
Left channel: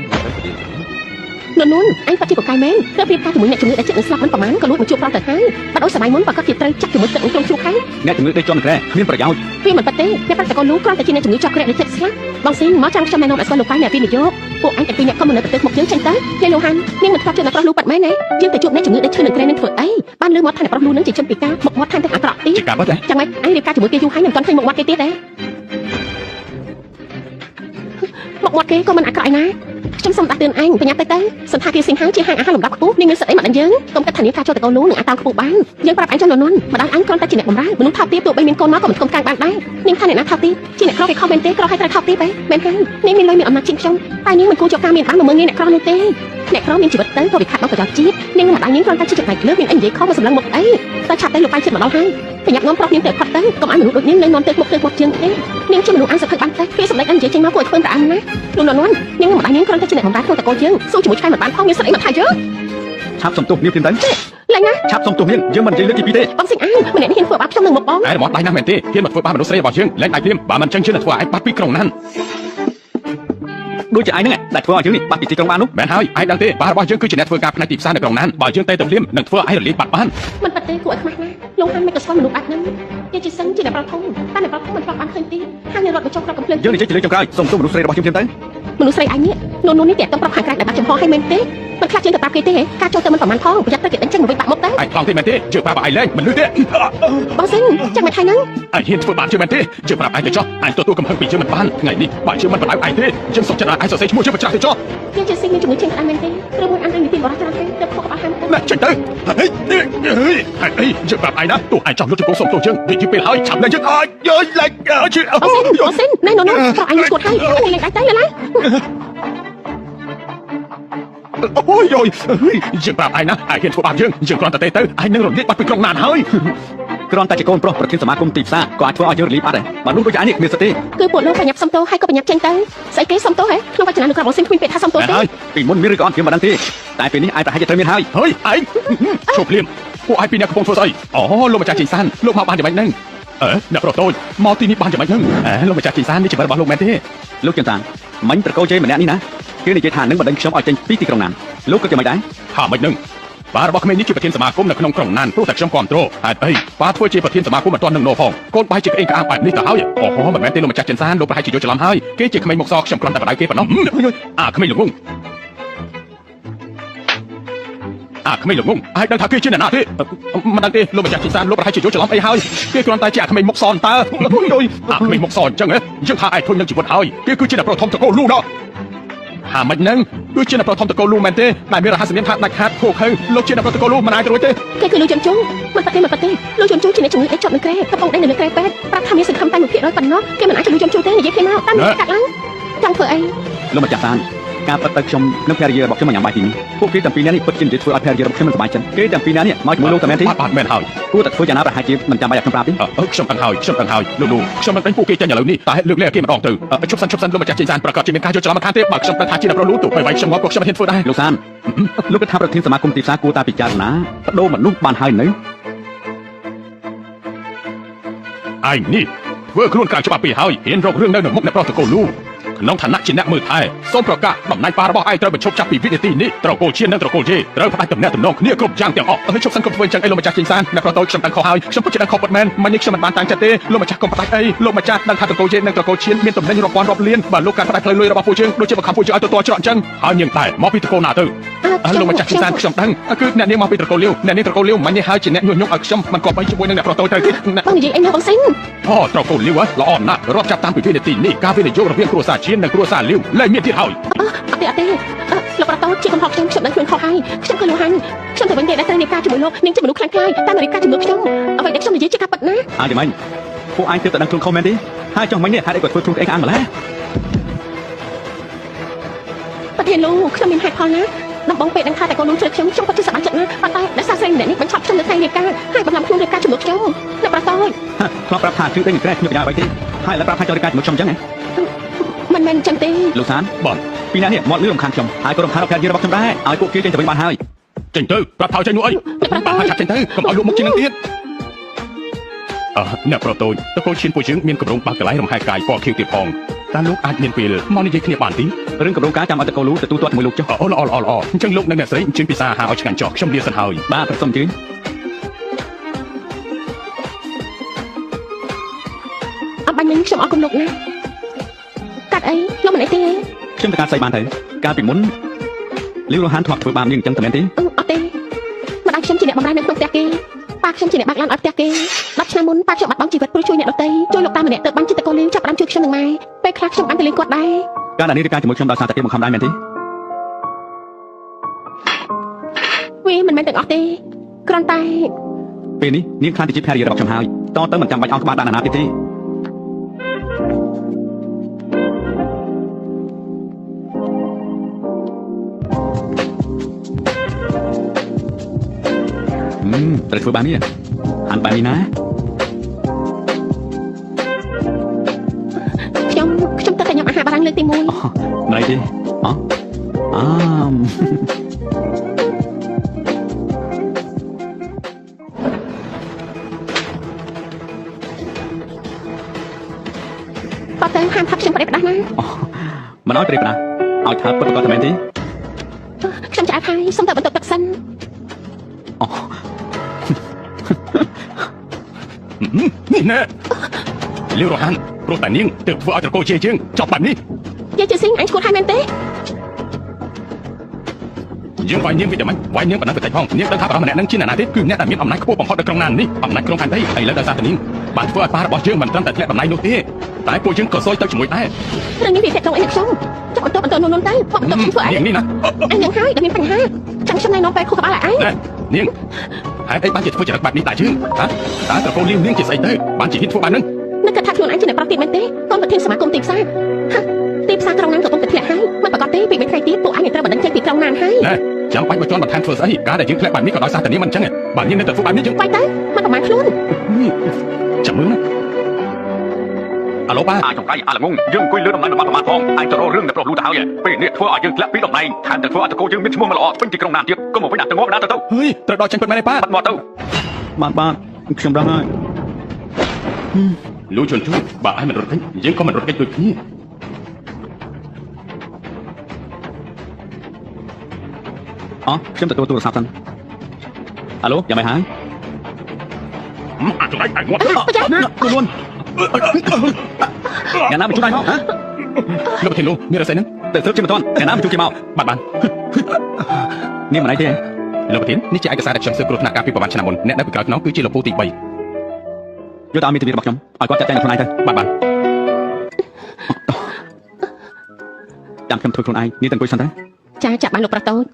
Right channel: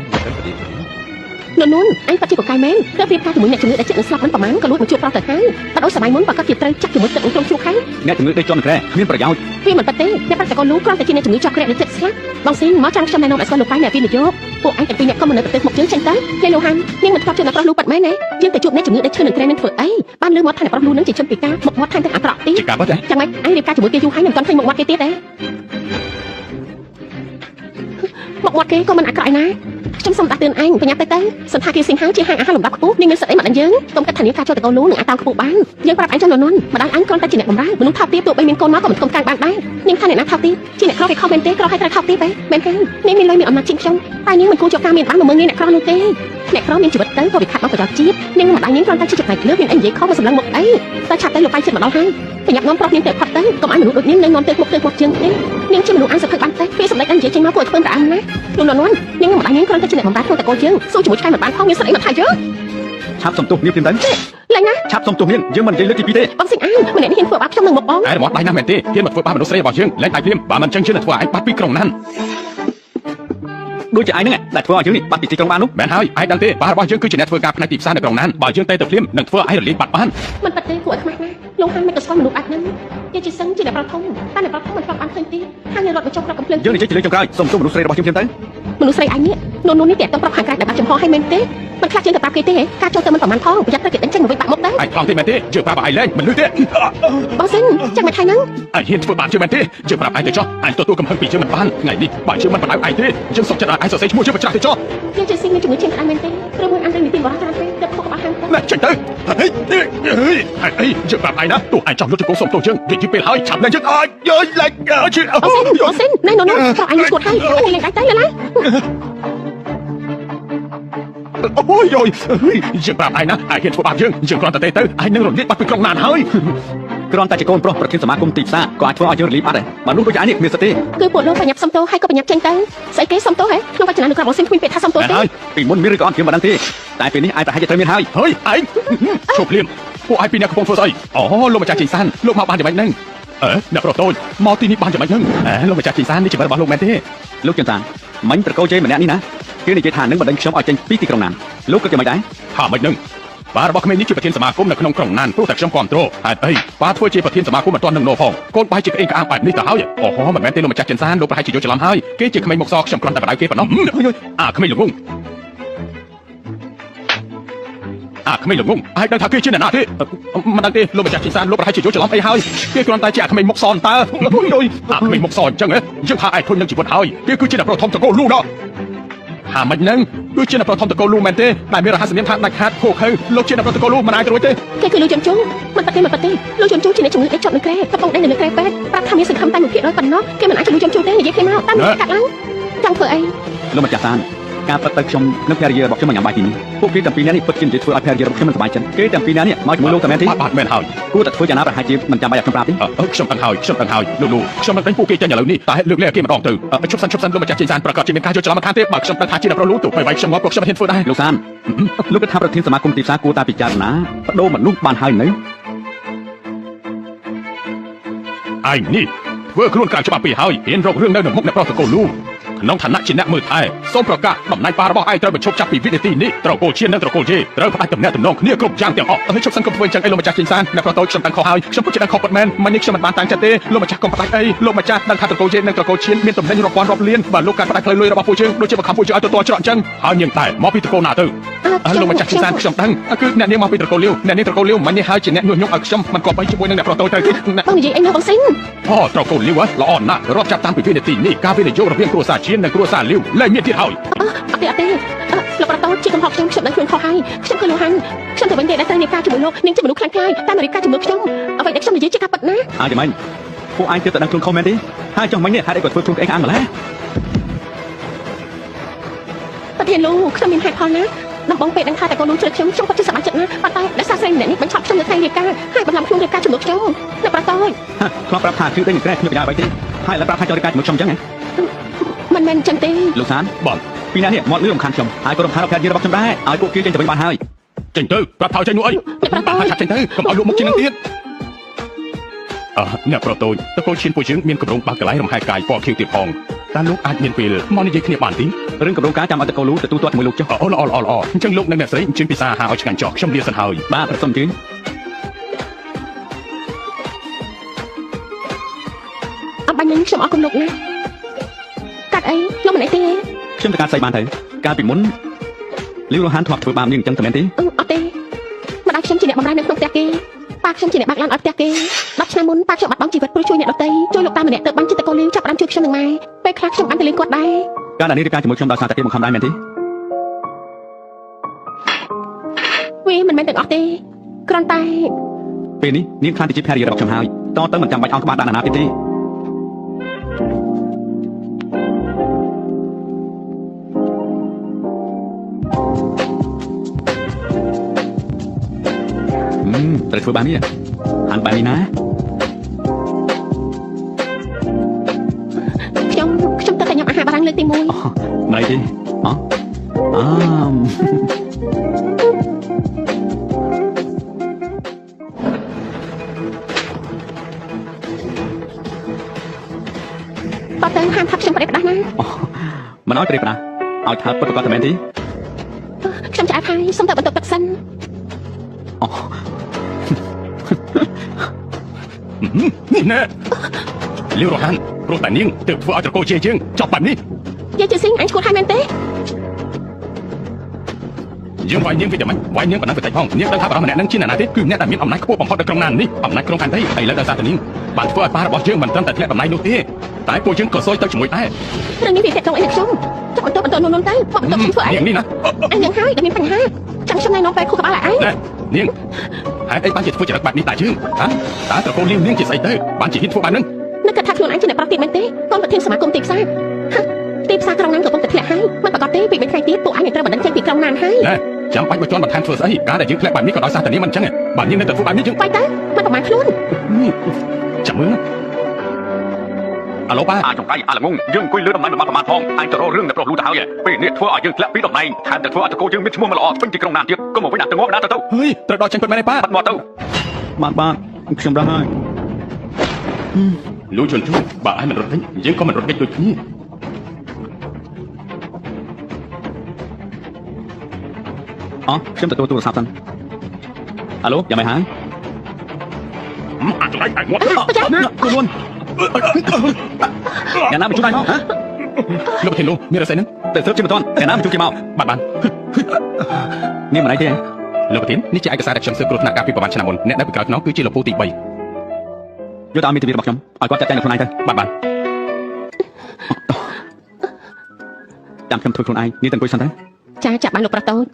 ននអញប៉ាជីកកែមែនទៅព្រៀបការជាមួយអ្នកជំងឺដែលចិត្តនឹងស្លាប់មិនប្រហែលក៏លួចមកជួបប្រាប់ទៅហើយបដូរសម័យមុនបើគាត់ជាត្រូវចាក់ជាមួយទឹកក្នុងជ្រូកហើយ អ្នកជំងឺដេកចំក្រែគ្មានប្រយោជន៍ វាមិនប៉ិតទេអ្នកប្រាប់តកូននោះគ្រាន់តែជាអ្នកជំងឺជាប់ក្រែដែលចិត្តស្លាប់បងស៊ីមកចាំខ្ញុំណែនាំឲ្យស្គាល់លោកប៉ៃអ្នកវិនិយោគពួកអញតែពីរអ្នកក៏មិននៅប្រទេសមកយើងចេញទៅលេលោកហាន់នាងមិនធ្លាប់ជឿនៅប្រុសលូប៉ាត់មែនទេយើងទៅជួបអ្នកជំងឺដែលឈឺនៅក្រែនឹងធ្វើអីបានលើមកថាអ្នកប្រុសលូនឹងជាជនពិការមុខមាត់ថែមទាំងអាក្រក់ទៀត ជាការពិតទេ ចាំមិនអញរៀបការជាមួយគេយូរហើយមិនទាន់ឃើញមុខមាត់គេទៀតទេមុខមាត់គេក៏មិនអាក្រក់ឯណាខ្ញុំសូមដាក់ទឿនអញប្រញាប់ទៅសន្តាគារសិង្ហជាហាងអាហារលំដាប់ខ្ពស់នាងមានសិទ្ធិអីមកដល់យើងកុំគិតថានាងការចូលទៅកូនលូនឹងអាចតាមខ្ពស់បានយើងប្រាប់អញចំនួននោះម្ដាយអញគ្រាន់តែជាអ្នកបម្រើមនុស្សថោកទាបទោះបីមានកូនមកក៏មិនគុំកាំងបានដែរនាងថាអ្នកណាថោកទាបជាអ្នកក្រគេខុសមែនទេក្រឲ្យត្រូវថោកទាបទេមែនហើយនាងមានលុយមានអំណាចជាងខ្ញុំតែនាងមិនគួរចូលការមានបានមកមើលងាយអ្នកក្រនោះទេអ្នកក្រមានជីវិតទៅក៏វាខាត់ដល់ប្រយោជន៍ជាតិនាងម្ដាយនាងគ្រាន់តែជាចំណែកលើមានអីនិយាយខុសមកសម្លឹងមុខអីតែឆាប់តែលោកប៉ៃជិតមកដល់ហើយប្រញាប់នាំប្រុសនាងទៅផាត់ទៅកុំឲ្យមនុស្សដូចនាងនៅនាំទៅពុកជើងទេនាងជាមនុស្សអានសភ័យបានទេពេលសម្ដេចអញនិយាយចេញមកគួរឲ្យធ្វើប្រអើណាលោកលន់នាងម្ដាយនាងគ្រាន់តែជាអ្នកបម្រើក្នុងតកូនជើងสู้ជាមួយឆ្កែមិនបានផងមានសិទ្ធិអីមកថាយើង ឆាប់សុំទោសនាងទៅ ឡើងណា ឆាប់សុំទោសនាងយើងមិននិយាយលើទីពីរទេ បងសិង្ហអាម្នាក់នេះហ៊ានធ្វើបាបខ្ញុំនឹងមកបង ឯមាត់ដៃណាស់មែនទេហ៊ានមកធ្វើបាបមនុស្សស្រីរបស់យើងលែងដៃព្រាមបើមិនចឹងជឿថាធ្វើឲ្យបាត់ពីក្រុងណាន ដូចជាឯងហ្នឹងដែលធ្វើឲ្យយើងនេះបាត់ពីទីក្រុងបាននោះ មែនហើយឯងដឹងទេបាររបស់យើងគឺជាអ្នកធ្វើការផ្នែកទីផ្សារនៅក្រុងណានបើយើងទៅព្រាមនឹងធ្វើឲ្យរលាយបាត់បាន មិនបាត់ទេគួរឲ្យខ្មាស់ណាស់លោកហាន់មិនក៏ស្គាល់មនុស្សបាត់ហ្នឹងជាជាសឹងជាអ្នកប្រធំតែអ្នកប្រធំមិនស្គាល់បានឃើញទេហាងនេះរត់ទៅចុះប្រកកំភ្លើង យើងនិយាយជាលើកចុងក្រោយសុំទោសមនុស្សស្រីរបស់យើងទៅ មនុស្សស្រីអញនេះនោះនេះតែទៅប្រាប់ខាងក្រៅតែបាក់ចំហឲ្យមែនទេមិនខ្លាចជាងទៅបាក់គេទេការចូលទៅមិនប្រហែលផងប្រយ័ត្នទៅគេដេញចេញមកវិញបាក់មុខទៅ ឯងខ្លងទេមែនទេជឿប្រាប់ឲ្យលែងមិនលឺទេ បងសិនចាំមិនថៃហ្នឹង ឯងហ៊ានធ្វើបាបជឿមែនទេជឿប្រាប់ឯងទៅចុះឯងទទួលកំហឹងពីយើងមិនបានថ្ងៃនេះបើយើងមិនបណ្ដោយឯងទេយើងសុំចិត្តឲ្យឯងសរសេរឈ្មោះយើងបញ្ច្រាស់ទៅចុះ ខ្ញុំជាស៊ីមានជំនឿជាងខ្លាំងមែនទេឬមួយអាចមានទីបរិយាកាសទេទៅខុសអស់ហើយ ណាចេញទៅហេអីជឿប្រាប់ឯងណាទោះឯងចង់យកជង្គង់សុំទោសយើងនិយាយពេលហើយឆាប់លែងយើងអើយយយលែងជឿអើ បងសិនណែនោះក៏អញស្គាល់ហើយគេលេងដៃទៅឡើយ អូយយយើងប្រាប់ឯងណាឯងហ៊ានធ្វើបាបយើងគ្រាន់តែទេទៅឯងនឹងរលាយបាត់ពីក្រុងណានហើយ គ្រាន់តែជាកូនប្រុសប្រធានសមាគមទីផ្សារក៏អាចធ្វើឲ្យយើងរលាយបាត់ដែរមនុស្សដូចឯងនេះគ្មានសិទ្ធិទេ គឺពួកលោកប្រញាប់សុំទោសហើយក៏ប្រញាប់ចេញទៅស្អីគេសុំទោសហ៎ក្នុងវចនានុក្រមរបស់សិនគ្មានពាក្យថាសុំទោសទេ ហើយពីមុនមានឬក៏អត់ខ្ញុំមិនដឹងទេតែពេលនេះឯងប្រហែលជាត្រូវមានហើយ ហើយឯងជប់ភ្លាមពួកឯងពីអ្នកកំពុងធ្វើស្អីអូលោកម្ចាស់ជីសានលោកមកបានយ៉ាងម៉េចហ្នឹងអ្នកប្រុសតូចមកទីនេះបានយ៉ាងម៉េចហ្នឹងលោកម្ចាស់ជីសាននេះជីវិតរបស់លោកមែនទេ លោកចន្ទតាមិញប្រកោជ័យម្នាក់នេះណាគេនិយាយថានឹងបណ្ដេញខ្ញុំឲ្យចេញពីទីក្រុងណានលោកក៏គេមិនដែរ ថាមិនហ្នឹងបារបស់ក្មេងនេះជាប្រធានសមាគមនៅក្នុងក្រុងណានព្រោះតែខ្ញុំគ្រប់គ្រងហេតុអីបាធ្វើជាប្រធានសមាគមមិនទាន់នឹងនោះផងកូនបាយជាក្អេងក្អាងបែបនេះទៅហើយអូហូមិនមែនទេលោកម្ចាស់ចិនសានលោកប្រហែលជាយកច្រឡំហើយគេជាក្មេងមុខសខ្ញុំគ្រាន់តែបដៅគេប៉ុណ្ណោះអាក្មេងលោកងក្មេងលោកងហើយដឹងថាគេជាអ្នកណាទេមិនដឹងទេលោកម្ចាស់ចិនសានលោកប្រហែលជាយកច្រឡំអីហើយគេគ្រាន់តែជាក្មេងមុខសតើក្មេងមុខសអញ្ចឹងយើងថាឯងធន់នឹងជីវិតហើយគេគឺជាអ្នកប្រធមតកូលលូដល់ហ ថាមិនហ្នឹងគឺជាអ្នកប្រថមតកូលលោកមែនទេតែមានរហស្សនាមថាដាច់ខាតខូខឹងលោកជាអ្នកប្រថមតកូលលោកមិនអាចទៅរួចទេ គេគឺលោកជនជូមិនប៉ាទេលោកជនជូជាអ្នកជំងឺដេកជាប់នឹងក្រែតកូនដេកនៅលើក្រែពេទ្យប្រាប់ថាមានសង្ឃឹមតែ1%ប៉ុណ្ណោះគេមិនអាចជួយលោកជនជូទេនិយាយគ្នាមកតាមនេះកាត់ឡើងចង់ធ្វើអី លោកម្ចាស់សានការប៉ັດទៅខ្ញុំនិងភរិយារបស់ខ្ញុំមកញ៉ាំបាយទីពួកគេទាំងពីរនាក់នេះពិតជានិយាយធ្វើឲ្យភរិយារបស់ខ្ញុំមិនសប្បាយចិត្តគេទាំងពីរនាក់នេះមកជាមួយលោកតែមែនទេ បាទមែនហើយ គួរតែធ្វើយ៉ាងណាប្រហែលជាមិនចាំបាច់ឲ្យខ្ញុំប្រាប់ទេ ខ្ញុំដឹងហើយលោកខ្ញុំនឹងពួកគេចេញឥឡូវនេះតែហេតុលើកលែគេម្ដងទៅជប់សិនលោកម្ចាស់ចេញសានប្រកាសជាមានការយកច្រឡំមកខាងទៀតបើខ្ញុំតែថាជាអ្នកប្រលូទៅបីខ្ញុំមកពួកខ្ញុំមិនហ៊ានធ្វើដែរ លោកសានលោកគិតថាប្រធានសមាគមទីផ្សារគួរតែពិចារណាបដូរមនុស្សបានហើយនៅ ឯនេះធ្វើខ្លួនការច្បាប់ពីហើយហ៊ានរករឿងនៅមុខអ្នកប្រតកូលលោកក្នុងឋានៈជាអ្នកមើលថែសូមប្រកាសតំណែងប៉ារបស់ឯងត្រូវបញ្ឈប់ចាប់ពីវិនាទីនេះត្រូវកូលជានិងត្រូវកូលជេត្រូវផ្ដាច់តំណែងតំណងគ្នាគ្រប់យ៉ាងទាំងអស់ហើយជប់សិនកុំធ្វើចឹងអីលោកម្ចាស់ចេញសានអ្នកប្រតខ្ញុំតាំងខុសហើយខ្ញុំពិតជាដឹងខុសពិតមែនមិននេះខ្ញុំមិនបានតាំងចិត្តទេលោកម្ចាស់កុំផ្ដាច់អីលោកម្ចាស់ដឹងថាត្រូវកូលជេនិងត្រូវកូលឈៀនមានតំណែងរាប់ពាន់រាប់លានបើលោកការផ្ដាច់ផ្លូវលុយរបស់ពួកយើងដូចជាបង្ខំពួកយើងឲ្យទទួលច្រកចឹងហើយនាងតែមកពីតកូលណាទៅលោកម្ចាស់ចេញសានខ្ញុំដឹងគឺអ្នកនាងមកពីតកូលលាវអ្នកនាងតកូលលាវមិននេះហើយជាអ្នកញុះញង់ឲ្យខ្ញុំមិនគប្បីជាមួយនឹងអ្នកប្រតត្រូវទេ បងនិយាយអីមកសិន អូត្រូវកូនលាវល្អណាស់រាប់ចាប់តាំងពីវិនាទីនេះការវិនិយោគរវាងគ្រួសារឈៀននិងគ្រួសារលាវលែងមានទៀតហើយ អត់ទេលោកប្រតជាកំហុសខ្ញុំដឹងខ្លួនខុសហើយខ្ញុំឃើញលោកហាន់ខ្ញុំទៅវិញនិយាយតែរៀបការជាមួយលោកនាងជាមនុស្សខ្លាំងខ្លាយតែមករៀបការជាមួយខ្ញុំអ្វីដែលខ្ញុំនិយាយជាការពិតណា អាចមិនពួកឯងទើបតែដឹងខ្លួនខុសមែនទេហើយចង់មិញនេះហេតុអីក៏ធ្វើខ្លួនឯងអាំម្ល៉េះ ប្រធានលោកខ្ញុំមានហេតុផលណាដំបងពេលដឹងថាតែកូននោះជួយខ្ញុំពិតជាសប្បាយចិត្តណាស់ប៉ុន្តែដោយសារស្រីម្នាក់នេះបញ្ឈប់ខ្ញុំនៅថ្ងៃរៀបការហើយបង្ហាញខ្លួនរៀបការជាមួយខ្ញុំលោកប្រត ខ្ញុំប្រាប់ថាគឺដេញក្រែគ្មានបញ្ញាអ្វីទេហើយឡើងប្រាប់ថាចង់រៀបការជាមួយខ្ញុំអញ្ចឹងហ៎ មិនមែនអញ្ចឹងទេ លោកសានបងពីណានេះមកលឺរំខានខ្ញុំហើយក៏រំខានភរិយារបស់ខ្ញុំដែរឲ្យពួកគេចេញទៅវិញបានហើយ ចេញទៅប្រាប់ថាចេញនោះអីប្រាប់ថាចេញទៅកុំឲ្យលោកមកជាងនឹងទៀតអ្នកប្រតូចតកូលឈៀនពួកយើងមានកម្រងបាក់កន្លែងរំហែកាយពណ៌ខៀវទៀតផងតើលោកអាចមានពេលមកនិយាយគ្នាបានទេ រឿងកម្រងការចាំឲ្យតកូលូទៅទូទាត់ជាមួយលោកចុះ អូល្អអញ្ចឹងលោកនិងអ្នកស្រីអញ្ជើញពិសាហាឲ្យឆ្ងាញ់ចោះខ្ញុំលាសិនហើយ បាទប្រសិនជឿន អត់បាញ់នឹងខ្ញុំអរគុណលោកណាកាត់អីលោកមិនអីទេ ខ្ញុំទៅការស្អីបានទេកាលពីមុនលាវរហានធ្លាប់ធ្វើបាបនាងអញ្ចឹងទៅមែនទេ អត់ទេម្ដាយខ្ញុំជាអ្នកបម្រើនៅក្នុងផ្ទះគេប៉ាខ្ញុំជាអ្នកបើកឡានឲ្យផ្ទះគេ10ឆ្នាំមុនប៉ាខ្ញុំបាត់បង់ជីវិតព្រោះជួយអ្នកដទៃជួយលោកតាម្នាក់ទៅបានចិត្តតកូនលេងចាប់បានជួយខ្ញុំនឹងម៉ែពេលខ្លះខ្ញុំអាចទៅលេងគាត់ដែរ ការដែលនាងរៀបការជាមួយខ្ញុំដោយសារតែគេមកខំដែរមែនទេ វាមិនមែនទាំងអស់ទេគ្រាន់តែ ពេលនេះនាងខ្លាចទៅជាភរិយារបស់ខ្ញុំហើយតទៅមិនចាំបាច់អោនក្បាលដាក់ណាទៀតទេត្រូវធ្វើបាននេះអានបាយនេះណា ខ្ញុំទៅតែញ៉ាំអាហារបារាំងលើកទី1 មិនអីទេអតើហាងថាខ្ញុំប្រេះផ្ដាស់ណា មិនឲ្យប្រេះផ្ដាស់ឲ្យថាពិតក៏តែមែនទេ ខ្ញុំឆ្អែតហើយសុំតែបន្ទប់ទឹកសិន នេះណែលាវរហានព្រោះតែនាងទៅធ្វើឲ្យតកូលជេយើងចប់បែបនេះ យាយជាស៊ីងអញឈ្មោះហើយមែនទេ យើងវាយនាងវាតែមិនវាយនាងបណ្ដាប្រតិផងនាងដឹងថាបរិម្នាក់នឹងជាអ្នកណាទេគឺអ្នកដែលមានអំណាចខ្ពស់បំផុតនៅក្នុងណាននេះអំណាចក្នុងផែនដីហើយលើដោយសារតែនាងបានធ្វើឲ្យប៉ារបស់យើងមិនត្រឹមតែធ្លាក់តំណែងនោះទេតែពួកយើងក៏សួយទៅជាមួយដែរ នឹងនេះវាតែក្នុងអីខ្ញុំចាប់បន្ទប់នោះទៅខ្ញុំធ្វើអី នាងនេះណា អញយ៉ាងហើយដែលមានបញ្ហាចាំខ្ញុំណែនាំពេលខួរក្បាលឲ្យឯង នាងហេតុអីបានជាធ្វើចរិតបែបនេះតែយើងតើតកូលលាវនាងជាស្អីទៅបានជាហ៊ានធ្វើបែបហ្នឹង នឹកថាខ្លួនឯងជាអ្នកប្រាប់ទៀតមែនទេកូនប្រធានសមាគមទីផ្សារទីផ្សារក្រុងណានកំពុងតែធ្លាក់ហើយមិនប្រកបទេពី3ថ្ងៃទៀតពួកអញនឹងត្រូវបណ្ដឹងចេញពីក្រុងណានហើយ ចាំបាច់មកជន់បន្ថែមធ្វើស្អីការដែលយើងធ្លាក់បែបនេះក៏ដោយសារតែនាងមិនអញ្ចឹងបាទនាងនៅតែធ្វើបែបនេះយើង បាយទៅមិនប្រមាណខ្លួន ចាំមើលអាឡូបាទ អាចចង្រៃអាល្ងងយើងអង្គុយលើតំណែងរបស់ប្រមាណផងអាចទៅរករឿងនៅប្រុសលូទៅហើយពេលនេះធ្វើឲ្យយើងធ្លាក់ពីតំណែងខាងតែធ្វើឲ្យតកូលយើងមានឈ្មោះមិនល្អពេញទីក្រុងណានទៀតក៏មកវិញដាក់ទៅមកដាក់ទៅ ហេត្រូវដល់ចេញពិតមែនទេប៉ា បាត់មកទៅបាទខ្ញុំដឹងហើយ លូជន់បាទឲ្យមិនរត់ទេយើងក៏មិនរត់គេដូចគ្នា ខ្ញុំទទួលទូរស័ព្ទសិនអាឡូយ៉ាងម៉េចហើយ អាចចង្រៃតែងាត់ ខ្លួនយ៉ាងណាមកជួយមកហ៎ លោកធានលោកមានអីហ្នឹង តែទើបជិះមិនទាន់យ៉ាងណាមកជួយគេមក បាទបាន នេះមិនអីទេ លោកធាននេះជាឯកសារដែលខ្ញុំស៊ើបគ្រោះថ្នាក់ការពីប្រហែលឆ្នាំមុនអ្នកនៅពីក្រោយខ្នងគឺជាលោកពូទី3 យកតាមមីទ្វីរបស់ខ្ញុំឲ្យគាត់ចាត់ចែងខ្លួនឯងទៅ បាទ តាមខ្ញុំធ្វើខ្លួនឯងនេះទៅអង្គុយសិនទៅ ចាចាប់បានលោកប្រុសតូច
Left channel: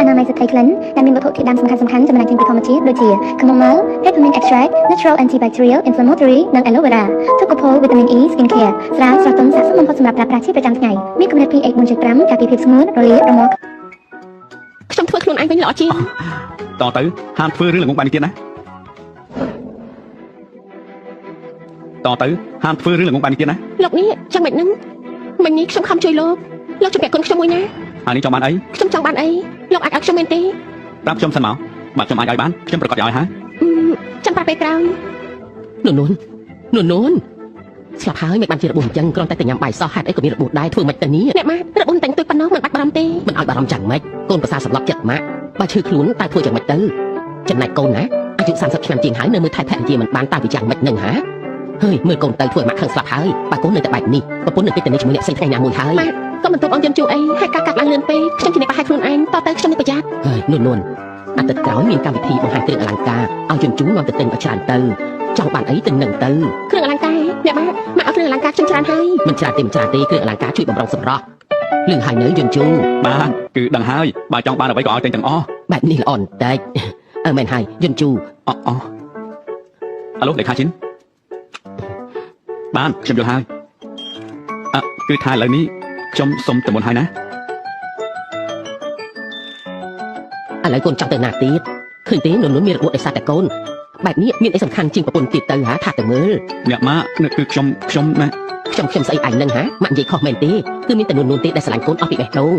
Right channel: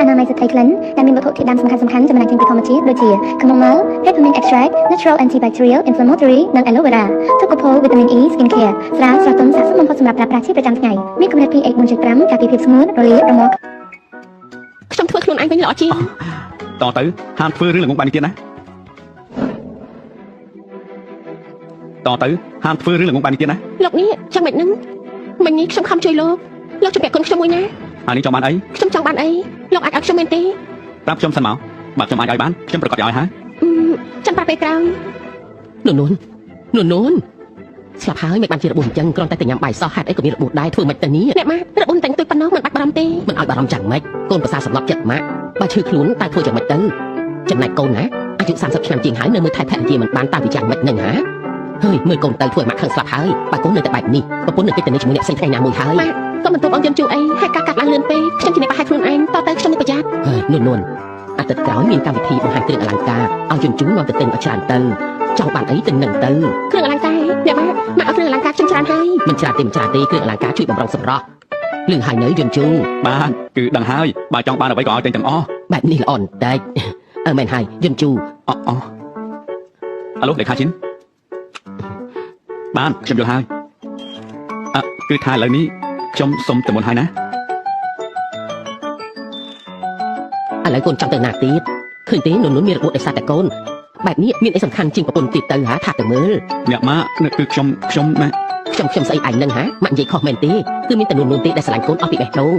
អនាម័យស្ត្រីក្លិនដែលមានវត្ថុធាតុដើមសំខាន់ៗចំណែកចេញពីធម្មជាតិដូចជាខ្មុំម៉ៅ Peppermint Extract Natural Antibacterial Inflammatory និង Aloe Vera ទុកកូផូ Vitamin E Skin Care ស្រាស្រស់ទន់ស័ក្តិសមបំផុតសម្រាប់ប្រើប្រាស់ជាប្រចាំថ្ងៃមានកម្រិត pH 4.5 ការពារភាពស្ងួតរលាយរមាស់ ខ្ញុំធ្វើខ្លួនឯងវិញល្អជាង តទៅហាមធ្វើរឿងល្ងងបាយនេះទៀតណាតទៅហាមធ្វើរឿងល្ងងបាយនេះទៀតណា លោកនេះចាំមិននឹងមិញនេះខ្ញុំខំជួយលោកជំរាបកូនខ្ញុំមួយណា អានេះចង់បានអី ខ្ញុំចង់បានអីលោកអាចឲ្យខ្ញុំមែនទេ ប្រាប់ខ្ញុំសិនមកបើខ្ញុំអាចឲ្យបានខ្ញុំប្រកាសឲ្យហើយ ចាំបានពេលក្រោយនួនស្លាប់ហើយមិនបានជារបួសអញ្ចឹងគ្រាន់តែញ៉ាំបាយសោះហេតុអីក៏មានរបួសដែរធ្វើមិនទៅនេះអ្នកម៉ារបួសតែងទុយប៉ុណ្ណោះមិនបាច់បារម្ភទេមិនឲ្យបារម្ភចាំម៉េចកូនប្រសាសម្លាប់ចិត្តម៉ាក់បើឈឺខ្លួនតែធ្វើយ៉ាងម៉េចទៅចំណែកកូនណាអាយុ30ឆ្នាំជាងហើយនៅមើលថែភរិយាមិនបានតាមវិចារម៉េចនឹងហាហើយមើលកូនទៅធ្វើឲ្យម៉ាក់ខឹងស្លាប់ហើយបើកូននៅតែបែបនេះប្រពន្ធនៅពេលទៅនេះជាមួយអ្នកផ្សេងថ្ងៃណាមួយហើយក៏មិនទុកអូនយំជួអីហើយការកាត់ឡើងលឿនពេកខ្ញុំជាអ្នកប្រហែលខ្លួនឯងតទៅខ្ញុំនឹងប្រយ័ត្នហើយនួនអាទិត្យក្រោយមានកម្មវិធីបង្ហាញគ្រឿងអលង្ការឲ្យជូននាំទៅទិញឲ្យច្រើនទៅចង់បានអីទៅនឹងទៅគ្រឿងអលង្ការអ្នកម៉ាក់ឲ្យគ្រឿងអលង្ការខ្ញុំច្រើនហើយមិនច្រើនទេគ្រឿងអលង្ការជួយបំរុងសម្រស់លឿនហើយនៅយំជូ បានគឺដឹងហើយបើចង់បានអ្វីក៏ឲ្យតែទាំងអស់ បែបនេះល្អបន្តិចមែនហើយយំជូ អាឡូលេខាឈិនបានខ្ញុំយល់ហើយគឺថាឥឡូវនេះខ្ញុំសុំទៅមុនហើយណា ឥឡូវកូនចង់ទៅណាទៀតឃើញទេនួនមានរបួសដោយសារតែកូនបែបនេះមានអីសំខាន់ជាងប្រពន្ធទៀតទៅហ่าថាទៅមើល អ្នកម៉ាក់គឺខ្ញុំណា ខ្ញុំស្អីឯងនឹងហ่าម៉ាក់និយាយខុសមែនទេគឺមានតែនួនទេដែលស្រឡាញ់កូនអស់ពីបេះដូង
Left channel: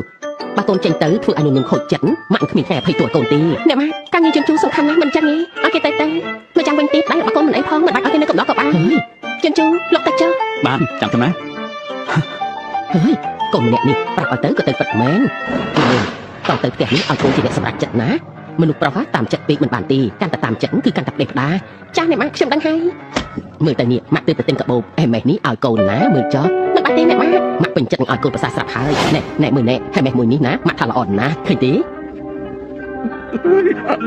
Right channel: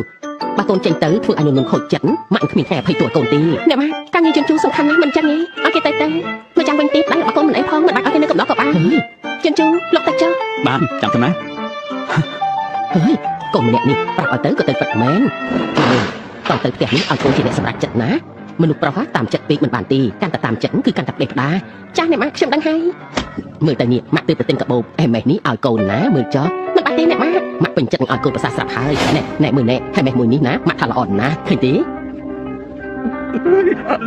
បើកូនចេញទៅធ្វើឲ្យនួនខូចចិត្តម៉ាក់គ្មានថ្ងៃអភ័យទោសកូនទេអ្នកម៉ាក់ការងារជញ្ជូនសំខាន់ណាស់មិនចឹងទេឲ្យគេទៅមកចាំវិញទៀតដែរឲ្យកូនមិនអីផងមិនអាចឲ្យគេនៅកំឡោះក៏បានជញ្ជូនលោកទៅចុះ បានចាំខ្ញុំណា ហើយកូនម្នាក់នេះប្រាប់ឲ្យទៅក៏ទៅពិតមែនតោះទៅផ្ទះនេះឲ្យកូនជាអ្នកសម្រេចចិត្តណាមនុស្សប្រុសតាមចិត្តពេកមិនបានទេកាន់តែតាមចិត្តគឺកាន់តែផ្ដេសផ្ដាចាស់អ្នកម៉ាក់ខ្ញុំដឹងហើយមើលតែនេះម៉ាក់ទៅទិញកាបូបអេម៉េះនេះឲ្យកូនណាមើលចុះមិនបានទេអ្នកម៉ាក់ម៉ាក់ពេញចិត្តនឹងឲ្យកូនប្រសាស្រាប់ហើយណែមើលណែហើយម៉េះមួយនេះណាម៉ាក់ថាល្អណាស់ឃើញទេ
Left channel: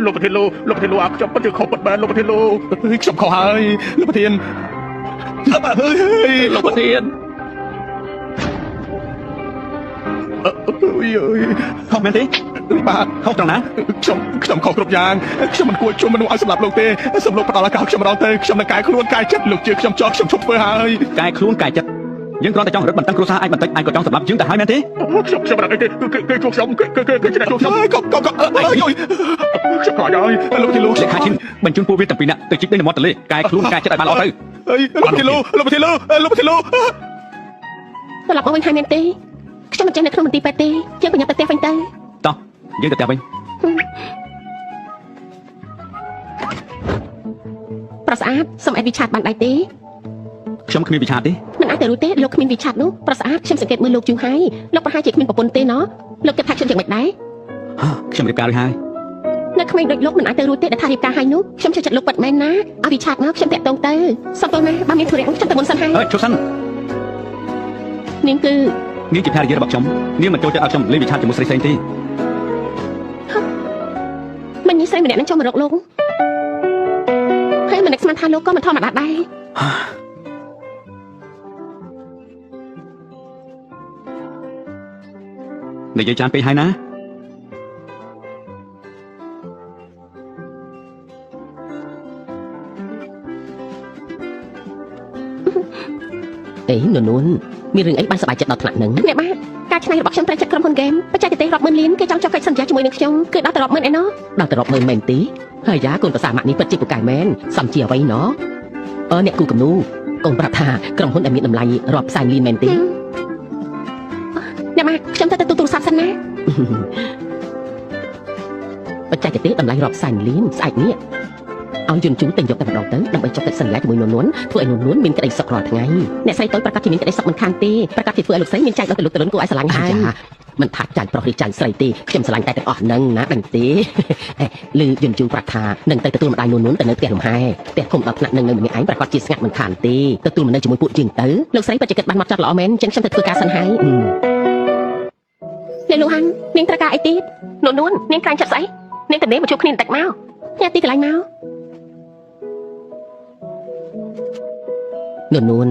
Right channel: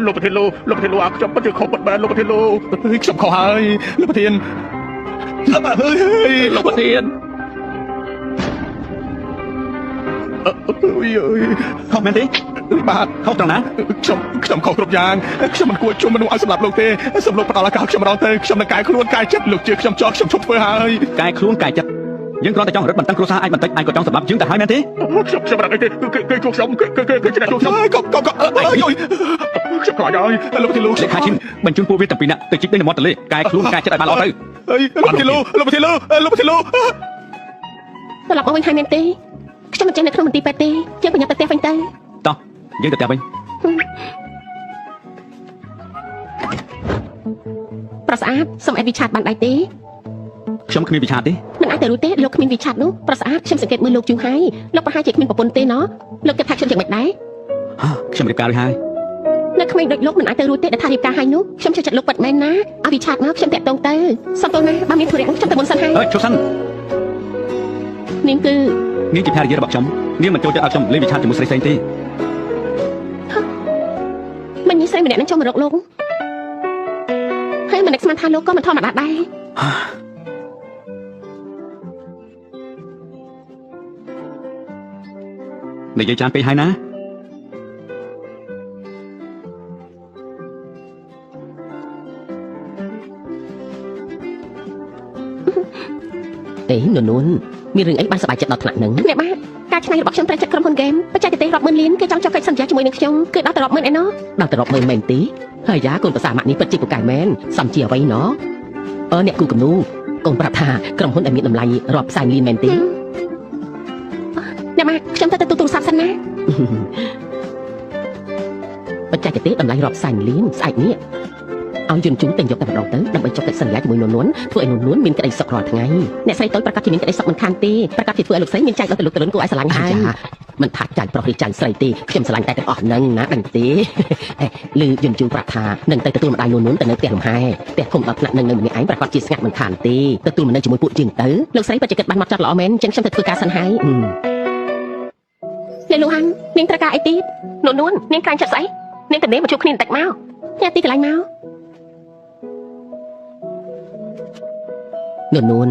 លោកប្រធានលោកប្រធានលោកខ្ញុំពិតជាខុសបាត់បានលោកប្រធានលោកខ្ញុំខុសហើយលោកប្រធានលោកប្រធានខុសមែនទេបាទខុសត្រង់ណា ខ្ញុំខុសគ្រប់យ៉ាងខ្ញុំមិនគួរជួបមនុស្សឲ្យសម្រាប់លោកទេសូមលោកផ្ដល់ឱកាសខ្ញុំម្ដងទៅខ្ញុំនឹងកែខ្លួនកែចិត្តលោកជឿខ្ញុំចោលខ្ញុំជប់ធ្វើហើយក ែខ្លួនកែចិត្តយើងគ្រាន់តែចង់រត់បន្តឹងគ្រួសារឯងបន្តិចឯងក៏ចង់សម្រាប់យើងទៅហើយមែនទេ ខ្ញុំមិនដឹងទេគឺខ្ញុំគឺឆ្នាំខ្ញុំកុំខ្ញុំខ្លាចហើយលោកប្រធានលោក លេខាឈិនបញ្ជូនពួកវាទាំងពីរនាក់ទៅជីកទៅនៅមាត់ទន្លេកែខ្លួនកែចិត្តឲ្យបានល្អទៅ លោកប្រធានលោក ត្រឡប់មកវិញហើយមែនទេខ្ញុំមិនចេះនៅក្នុងមន្ទីរពេទ្យទេយើងប្រញាប់ទៅផ្ទះវិញទៅ តោះយើងទៅផ្ទះវិញ ប្រស្អាតសូមឲ្យវិឆាតបានដែរទេ ខ្ញុំគ្មានវិឆាទេ មិនអាចទៅរួចទេលោកគ្មានវិឆាតនោះប្រស្អាតខ្ញុំសង្កេតមើលលោកជឿហើយលោកប្រហែលជាគ្មានប្រពន្ធទេណោះលោកគិតថាខ្ញុំយ៉ាងម៉េចដែរ ខ្ញុំរៀបការរួចហើយ នៅក្មេងដូចលោកមិនអាចទៅរួចទេដែលថារៀបការហើយនោះខ្ញុំជឿចិត្តលោកពិតមែនណាឲ្យវិឆាតមកខ្ញុំតាក់ទងទៅសុំតោះណាបើមានធុរៈខ្ញុំទៅមុនសិនហើយ ជួបសិន នាងគឺ នាងជាភរិយារបស់ខ្ញុំនាងមិនចូលទៅឲ្យខ្ញុំលេងវិឆាជាមួយស្រីផ្សេងទេ មិនញីស្រីម្នាក់នឹងចង់មករកលោកហើយមិននឹកស្មានថាលោកក៏មិនធម្មតាដែរ និយាយច្រើនពេកហើយណា អេនួនមានរឿងអីបានសប្បាយចិត្តដល់ថ្នាក់ហ្នឹងអ្នកបាទការឆ្នៃរបស់ខ្ញុំត្រូវចិត្តក្រុមហ៊ុនហ្គេមបច្ចេកទេសរាប់ម៉ឺនលានគេចង់ចុះកិច្ចសន្យាជាមួយនឹងខ្ញុំគឺដល់ទៅរាប់ម៉ឺនឯណោះដល់ទៅរាប់ម៉ឺនមែនទេហើយយ៉ាកូនប្រសាម៉ាក់នេះពិតជាពូកែមែនសំជាអ្វីណោះអ្នកគូគំនូកូនប្រាប់ថាក្រុមហ៊ុនដែលមានតម្លៃរាប់ផ្សាយលានមែនទេអ្នកបាទខ្ញុំទៅទូរស័ព្ទសិនណាបច្ចេកទេសតម្លៃរាប់ផ្សាយលានស្អែកនេះឲ្យយន្តជូនតែយកតែម្ដងទៅដើម្បីចុះកិច្ចសន្យាជាមួយនួនធ្វើឲ្យនួនមានក្តីសុខរាល់ថ្ងៃអ្នកស្រីតូចប្រកាសជាមានក្តីសុខមិនខានទេប្រកាសជាធ្វើឲ្យលោកស្រីមានចែកដល់ទៅលោកតលុនគួរឲ្យស្រឡាញ់ហើយមិនថាចាញ់ប្រុសឬចាញ់ស្រីទេខ្ញុំស្រឡាញ់តែទាំងអស់ហ្នឹងណាដឹងទេឮយន្តជូនប្រាប់ថានឹងទៅទទួលម្ដាយនួនទៅនៅផ្ទះលំហែផ្ទះធំដល់ថ្នាក់នឹងនៅម្នាក់ឯងប្រកាសជាស្ងាត់មិនខានទេទទួលមកនៅជាមួយពួកជាងទៅលោកស្រីពិតជាគិតបានមកចាត់ល្អមែនចឹងខ្ញុំទៅធ្វើការសិនហើយអ្នកលោកហាននាងត្រូវការអីទៀតនួននាងខ្លាញ់ចិត្តស្អីនាងទៅនេះមកជួបគ្នាបន្តិចមកញ៉ាំទីកន្លែងមកនួន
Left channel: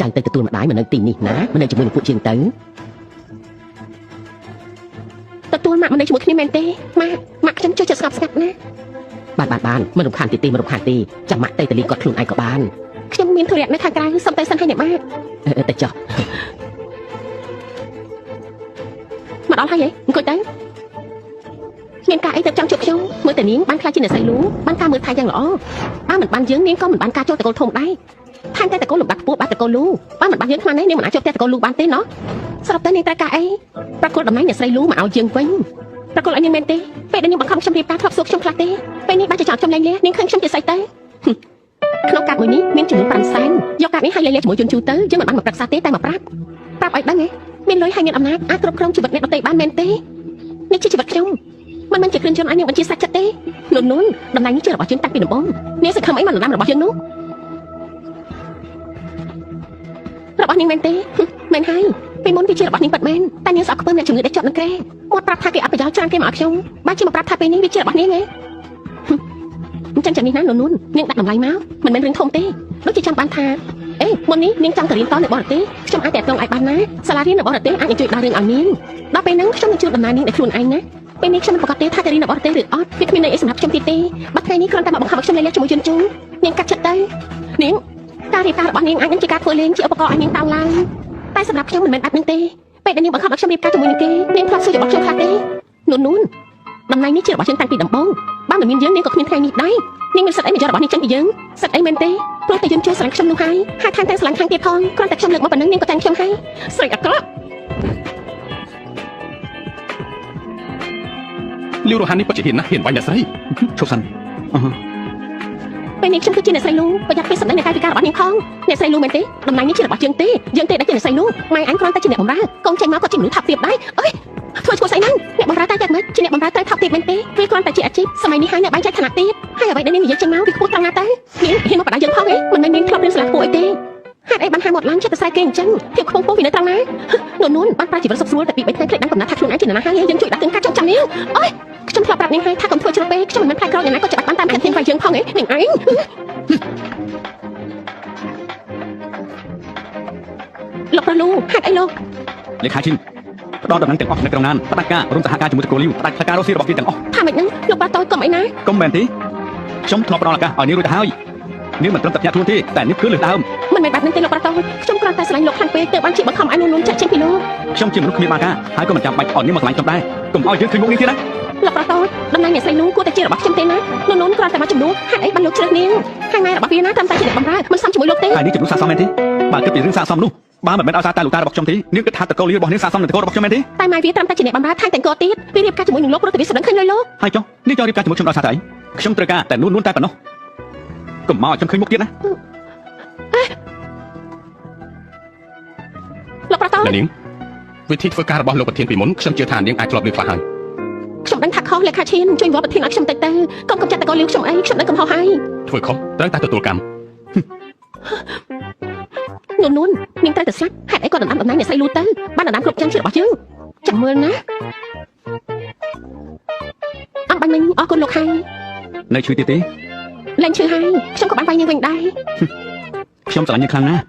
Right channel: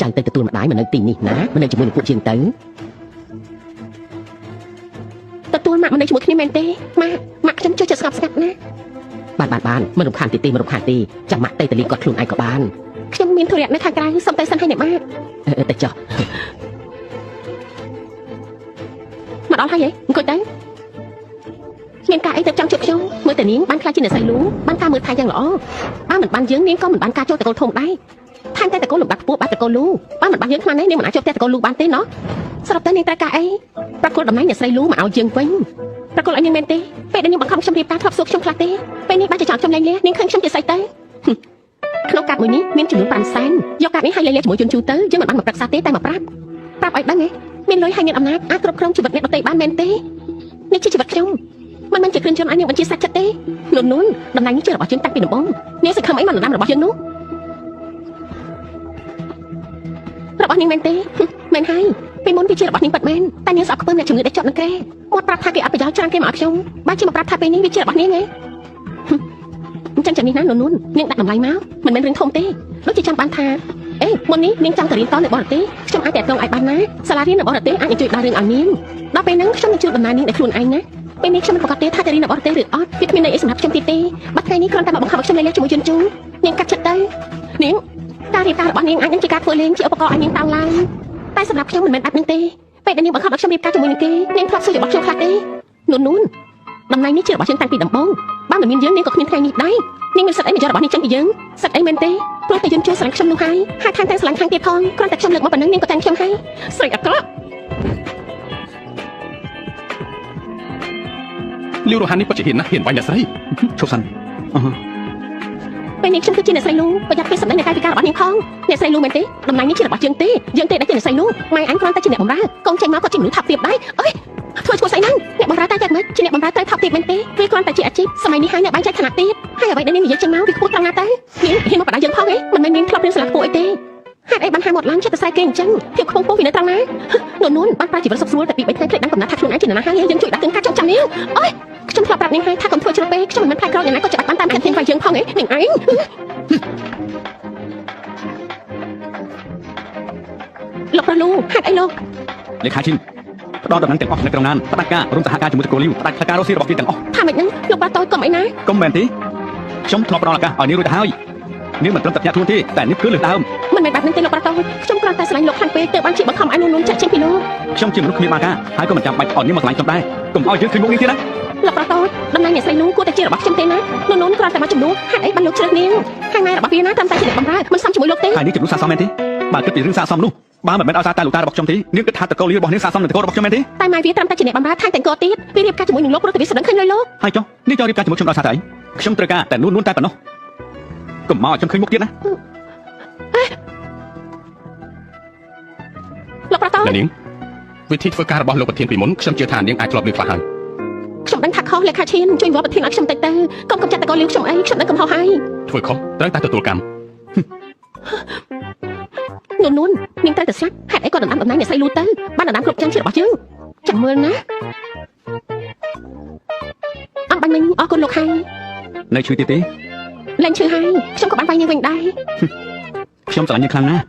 ចាំទៅទទួលម្ដាយមកនៅទីនេះណាមកនៅជាមួយនឹងពួកជាងទៅទទួលម៉ាក់មកនៅជាមួយគ្នាមែនទេម៉ាក់ខ្ញុំជួយចិត្តស្ងប់ស្ងាត់ណាបានមិនរំខានទេមិនរំខានទេចាំម៉ាក់ទៅតលីគាត់ខ្លួនឯងក៏បានខ្ញុំមានธุរៈនៅខាងក្រៅសុំតែសិនឲ្យអ្នកម៉ាក់ទៅចុះមកដល់ហើយអង្គុយទៅមានការអីទៅចង់ជួបខ្ញុំមើលតែនាងបានខ្លាចជាអ្នកស្រីលូបានការមើលថៃយ៉ាងល្អបានមិនបានយើងនាងក៏មិនបានការចោះតកូលធំដែរថែមតែតកូលលំដាប់ខ្ពស់បានតកូលលូបានមិនបានយើងខ្លាំងណាស់នាងមិនអាចជួបតែតកូលលូបានទេណោះសរុបទៅនាងត្រូវការអីប្រកួតតំណែងអ្នកស្រីលូមកឲ្យយើងវិញប្រកួតឲ្យនាងមែនទេពេលដែលនាងបង្ខំខ្ញុំរៀបការធ្លាប់សួរខ្ញុំខ្លះទេពេលនេះបានជាចោលខ្ញុំលែងលះនាងឃើញខ្ញុំជាស្រីទៅក្នុងកាតមួយនេះមានចំនួន5សែនយកកាតនេះឲ្យលែងលះជាមួយជនជូទៅយើងមិនបានមកប្រឹក្សាទេតែមកប្រាប់ឲ្យដឹងហ៎មានលុយហើយមានអំណាចអាចគ្រប់គ្រងជីវិតអ្នកដទៃបានមែនទេនេះជាជីវិតខ្ញុំមិនជាគ្រឿងយន្តឲ្យនាងបញ្ជាសាច់ចិត្តទេនួនតំណែងនេះជារបស់យើងតាំងពីដំបូងនាងសង្ឃឹមអីមិនដំរបស់យើងនោះរបស់នាងមែនទេមែនហើយពេលមុនវាជារបស់នាងពិតមែនតែនាងស្អប់ខ្ពើមអ្នកជំងឺដែលជាប់នឹងគេមកប្រាប់ថាគេអត់ប្រយោជន៍ច្រើនគេមកឲ្យខ្ញុំបានជាមកប្រាប់ថាពេលនេះវាជារបស់នាងទេអញ្ចឹងចាំនេះណានួននាងដាក់តម្លៃមកមិនមែនរឿងធំទេដូចជាចាំបានថាអេមុននេះនាងចង់ទៅរៀនតនៅបរទេសខ្ញុំអាចតាក់ទងឲ្យបានណាសាលារៀននៅបរទេសអាចជួយដល់រឿងឲ្យនាងដល់ពេលហ្នឹងខ្ញុំនឹងជួយដំណើរនាងដោយខ្លួនឯងណាពេលនេះខ្ញុំមិនប្រកាសទេថាទៅរៀននៅបរទេសឬអត់វាគ្មានន័យអីសម្រាប់ខ្ញុំទីទេបាត់ថ្ងៃនេះគ្រាន់តែមកបង្ខំឲ្យខ្ញុំលែងជាមួយជនជូនាងកាត់ចិត្តទៅនាងការរៀបការរបស់នាងអាចនឹងជាការធ្វើលេងជាឧបករណ៍ឲ្យនាងតាមឡើងតែសម្រាប់ខ្ញុំមិនមែនបែបហ្នឹងទេពេលដែលនាងបង្ខំឲ្យខ្ញុំរៀបការជាមួយនឹងគេនាងធ្លាប់សួររបស់ខ្ញុំខ្លះទេនួនតំណែងនេះជារបស់យើងតាំងពីដំបូងបានតែមានយើងនាងក៏គ្មានថ្ងៃនេះដែរនាងមានសិទ្ធិអីមកយករបស់នេះចេញពីយើងសិទ្ធិអីមែនទេព្រោះតែយើងជួយស្រឡាញ់ខ្ញុំនោះហើយថែមទាំងស្រឡាញ់ខាងទៀតផងគ្រាន់តែខ្ញុំលើកមកប៉ុណ្ណឹងនាងក៏តែខ្ញុំហើយស្រីអាក្រក់លីវរ៉ូហាននេះពិតជាហ៊ានណាស់ហ៊ានបាញ់អ្នកស្រីឈប់សិនពេលនេះខ្ញុំគឺជាអ្នកស្រីលូប្រយ័ត្នពីសម្ដីនៃកាយវិការរបស់នាងផងអ្នកស្រីលូមែនទេតំណែងនេះជារបស់យើងទេយើងទេដែលជាអ្នកស្រីលូម៉ែអញគ្រាន់តែជាអ្នកបម្រើកូនចេញមកក៏ជាមនុស្សថាប់ទាបដែរអើយធ្វើឈ្មោះស្អីហ្នឹងអ្នកបម្រើតែមិនជាអ្នកបម្រើតែថាប់ទាបមែនទេឬគ្រាន់តែជាអាជីពសម័យនេះហើយអ្នកបែងចែកឋានៈទាបហើយអ្វីដែលនាងនិយាយចេញមកវាខ្ពស់ត្រង់ណាទៅនាងហ៊ានមកបដៅយើងផងហ៎មិនមែននាងធ្លាប់រៀនសាលាខ្ពស់អីទេហេតុអីបានហាមាត់ឡើងចិត្តតែស្អែកគេអញ្ចឹងភាពខ្ពង់ពោះវានៅត្រង់ណានួនបានប្រើជីវិតសុខស្រួលតែពី3ថ្ងៃភ្លេចបានកំណត់ថាខ្លួនឯងជានរណាហើយយើងជួយដាក់ទិញការចងចាំនាងអើយខ្ញុំធ្លាប់ប្រាប់នាងហើយថាកុំធ្វើជ្រុលពេកខ្ញុំមិនមែនផ្លែក្រយ៉ាងណាក៏ច្បាស់បានតាមខាត់ទិញវាយើងផងហ៎នាងឯងលោកប្រលូហេតុអីលោកលេខាជីផ្ដល់ដំណឹងទាំងអស់នៅក្នុងណានផ្ដាច់ការរួមសហការជាមួយតកូលីវផ្ដាច់ការរស់ស៊ីរបស់គេទាំងអស់ថាម៉េចហ្នឹងលោកបាតូចកុំអីណាកុំមែនទេខ្ញុំធ្លាប់ផ្ដល់ឱកាសឲ្យនាងរួចទៅហើយនាងមិនត្រឹមតែធ្លាក់ខ្លួនទេតែនាងគឺលើកដើមមិនមែនបែបហ្នឹងទេលោកបាតូចខ្ញុំគ្រាន់តែស្រឡាញ់លោកខ្លាំងពេកទើបបានជាបង្ខំឲ្យនួនចាក់ចេញពីលោកខ្ញុំជាមនុស្សគ្មានបាការហើយក៏មិនចាំបាច់ឲ្យនាងមកឆ្លាញ់ខ្ញុំដែរកុំឲ្យយើងឃើញមុខនាងទៀតណាលោកបាតូចដំណើរអ្នកស្រីនួនគួរតែជារបស់ខ្ញុំទេណានួនគ្រាន់តែមកជំនួសហេតុអីបានលោកជ្រើសនាងហើយម៉ែរបស់វាណាតាមតែជាអ្នកបម្រើមិនសមជាមួយលោកទេហើយនាងជំនួសសាសមមែនទេបើគិតពីរឿងសាសមនោះបើមិនមែនឲ្យសារតែលោកតារបស់ខ្ញុំទេនាងគិតថាតកូលីរបស់នាងសាសមនឹងតកូលរបស់ខ្ញុំមែនទេតែម៉ែវាត្រឹមតែជាអ្នកបម្រើថែមទាំងកទៀតវារៀបការជាមួយនឹងលោកព្រោះតែវាសម្ដឹងឃើញហើយលោកហើយចុះនេះចូលរៀបការជាមួយខ្ញុំដល់សារតែអីខ្ញុំត្រូវការតែនួនតែប៉ុណ្ណោះកុំមកឲ្យខ្ញុំឃើញមុខទៀតណាលោកប្រតោនាងវិធីធ្វើការរបស់លោកប្រធានពីមុនខ្ញុំជឿថានាងអាចធ្លាប់លើខ្លះហើយខ្ញុំដឹងថាខុសលេខាឈានជួយវត្តប្រធានឲ្យខ្ញុំតិចទៅកុំចាត់តកូលីវខ្ញុំអីខ្ញុំដឹងកំហុសហើយធ្វើខុសត្រូវតែទទួលកម្មនួននាងត្រូវតែស្លាប់ហេតុអីក៏ដណ្ដើមតំណែងអ្នកស្រីលូទៅបានដណ្ដើមគ្រប់យ៉ាងជារបស់យើងចាំមើលណាអំបញ្ញអរគុណលោកហើយនៅជួយទៀតទេលែងជួយហើយខ្ញុំក៏បានវាយនាងវិញដែរខ្ញុំស្រឡាញ់នាងខ្លាំងណាស់